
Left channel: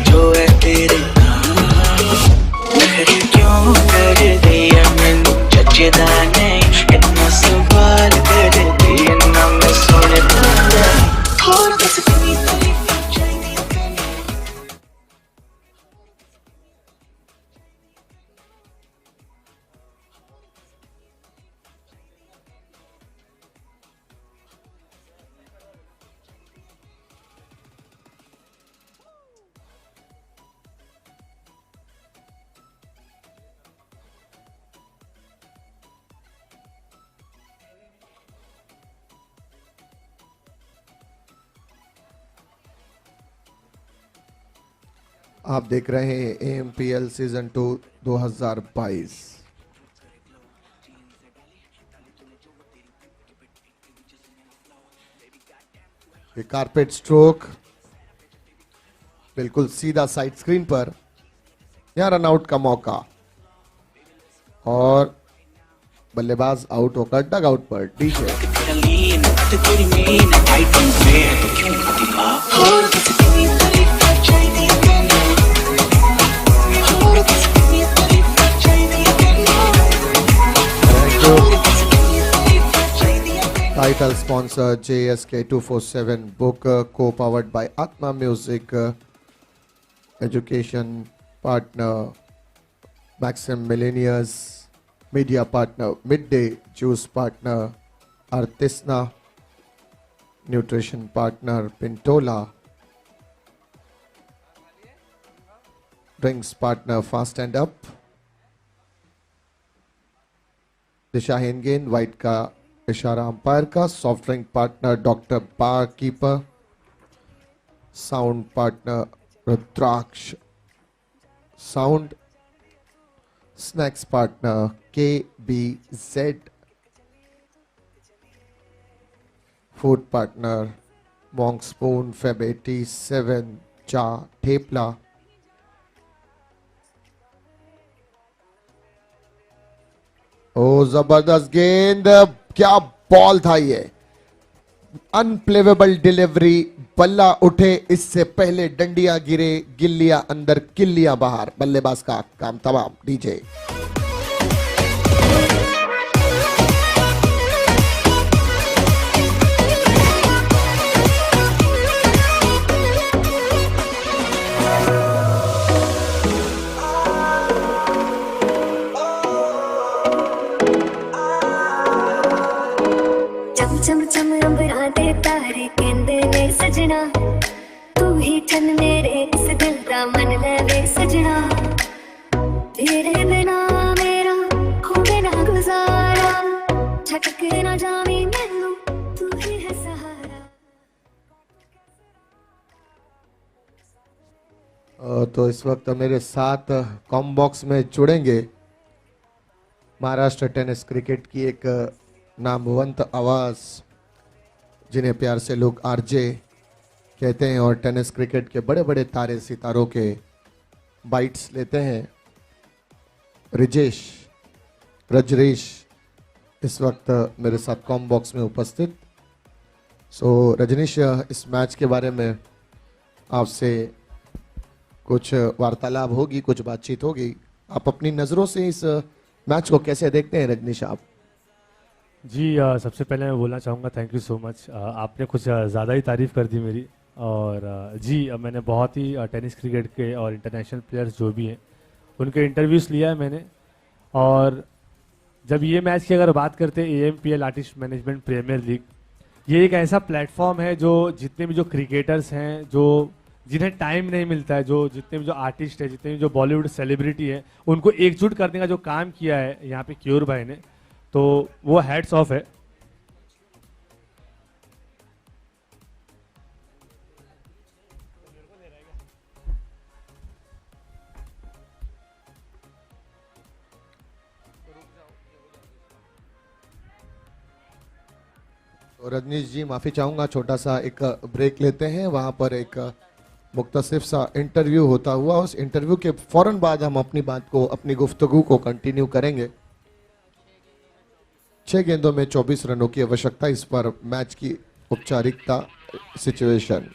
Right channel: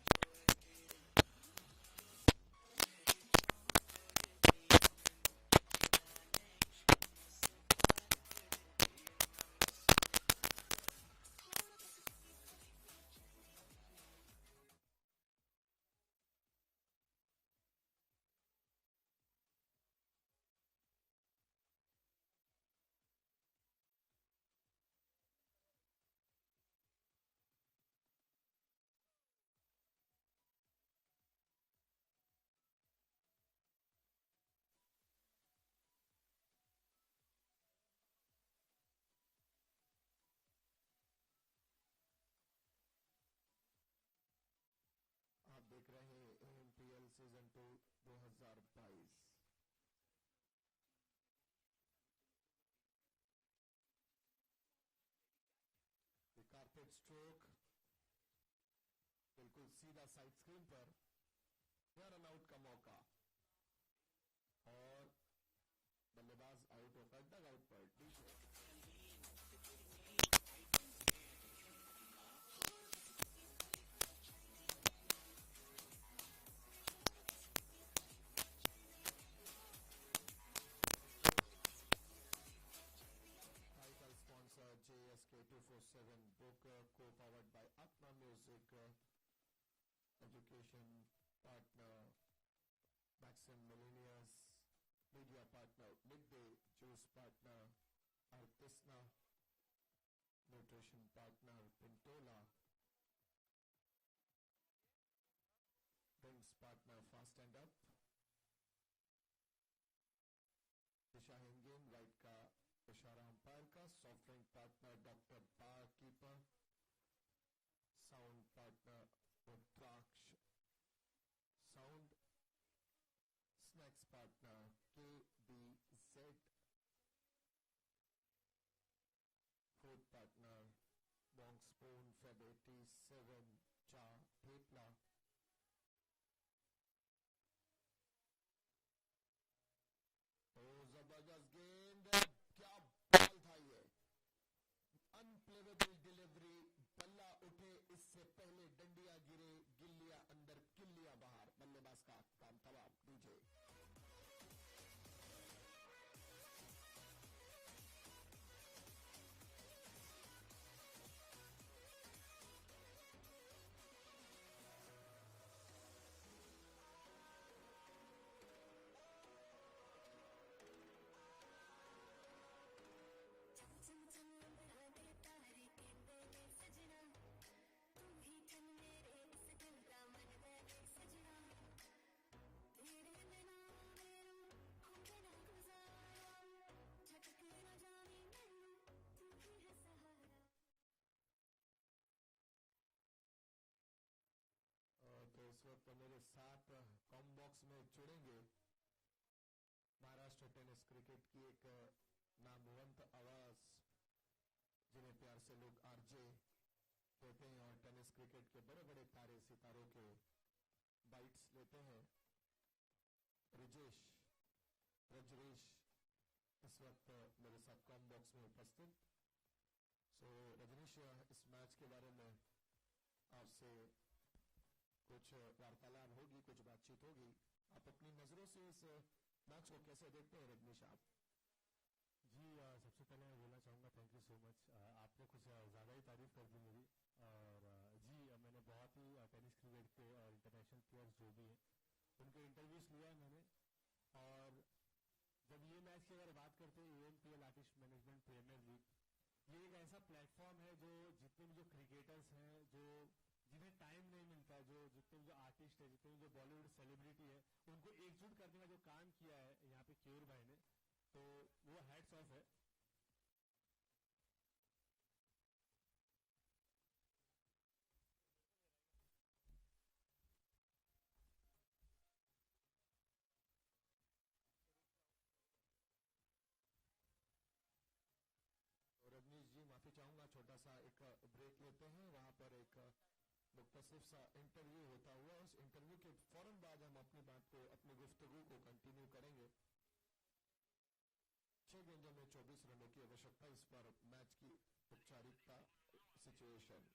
जो है तेरे क्यों कर दिया मैनू जचदा नहीं इतना सवाल कर दिया ना मैं सुनता थोड़ा बस तेरी तारीफ चाहिए आप देख रहे हैं AMPL सीजन 2 2022। ये कारपेट स्ट्रोक बिल्कुल सीधा साइड स्क्रीन पर। यहां रन आउट का मौका और बल्लेबाज आउट होकर डग आउट पर। DJ Title sponsor JSK 247 book, co-powered by Atma Music, education partner Maxim Millennials, media partner Midday, juice partner Artisna, nutrition partner Pintola, drinks partner Fast and Up, दिशाहीन गेंद, white का इशारा अंपायर का, soft drink partner doctor bar keeper, sound partner Rudraksh sound, snacks partner KBZ, food partner monk spoon, fab 87 cha thepla. ओ जबरदस्त गेंद, क्या ball था ये। अनप्लेवेबल डिलीवरी, बल्ला उठे इससे पहले डंडिया गिरे, गिल्लियां अंदर किल्लियां बाहर। बल्लेबाज का काम तमाम। डीजे चम चम अंबरा दे तारे कहंदे ने सजना तू ही चन मेरे इस दिल दा मन ले सजना तेरे बिना मेरा होवे ना गुजारा छटक ना जावे मैनू तू ही है सहारा। तो इस वक्त मेरे साथ कॉम बॉक्स में जुड़ेंगे महाराष्ट्र टेनिस क्रिकेट की एक नामवंत आवाज, जिन्हें प्यार से लोग आरजे कहते हैं, और टेनिस क्रिकेट के बड़े बड़े तारे सितारों के बाइट्स लेते हैं। रजरेश इस वक्त मेरे साथ कॉम बॉक्स में उपस्थित। सो रजनीश, इस मैच के बारे में आपसे कुछ वार्तालाप होगी, कुछ बातचीत होगी। आप अपनी नज़रों से इस मैच को कैसे देखते हैं रजनीश आप? जी सबसे पहले मैं बोलना चाहूँगा थैंक यू सो मच। आपने कुछ ज़्यादा ही तारीफ़ कर दी मेरी। और मैंने बहुत ही टेनिस क्रिकेट के और इंटरनेशनल प्लेयर्स जो भी हैं उनके इंटरव्यूज़ लिया है मैंने। और जब ये मैच की अगर बात करते हैं AMPL artist management premier league, ये एक ऐसा प्लेटफॉर्म है जो जितने भी जो क्रिकेटर्स हैं, जो जिन्हें टाइम नहीं मिलता है, जो जितने भी जो आर्टिस्ट है, जितने भी जो बॉलीवुड सेलिब्रिटी है, उनको एकजुट करने का जो काम किया है यहाँ पे क्यूर भाई ने, तो वो हैट्स ऑफ है। तो रजनीश जी माफ़ी चाहूँगा, छोटा सा एक ब्रेक लेते हैं। वहाँ पर एक मुख्तसिफ सा इंटरव्यू होता हुआ, उस इंटरव्यू के फौरन बाद हम अपनी बात को, अपनी गुफ्तगू को कंटिन्यू करेंगे। 6 गेंदों में 24 रनों की आवश्यकता, इस पर मैच की औपचारिकता सिचुएशन।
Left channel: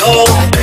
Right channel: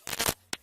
Oh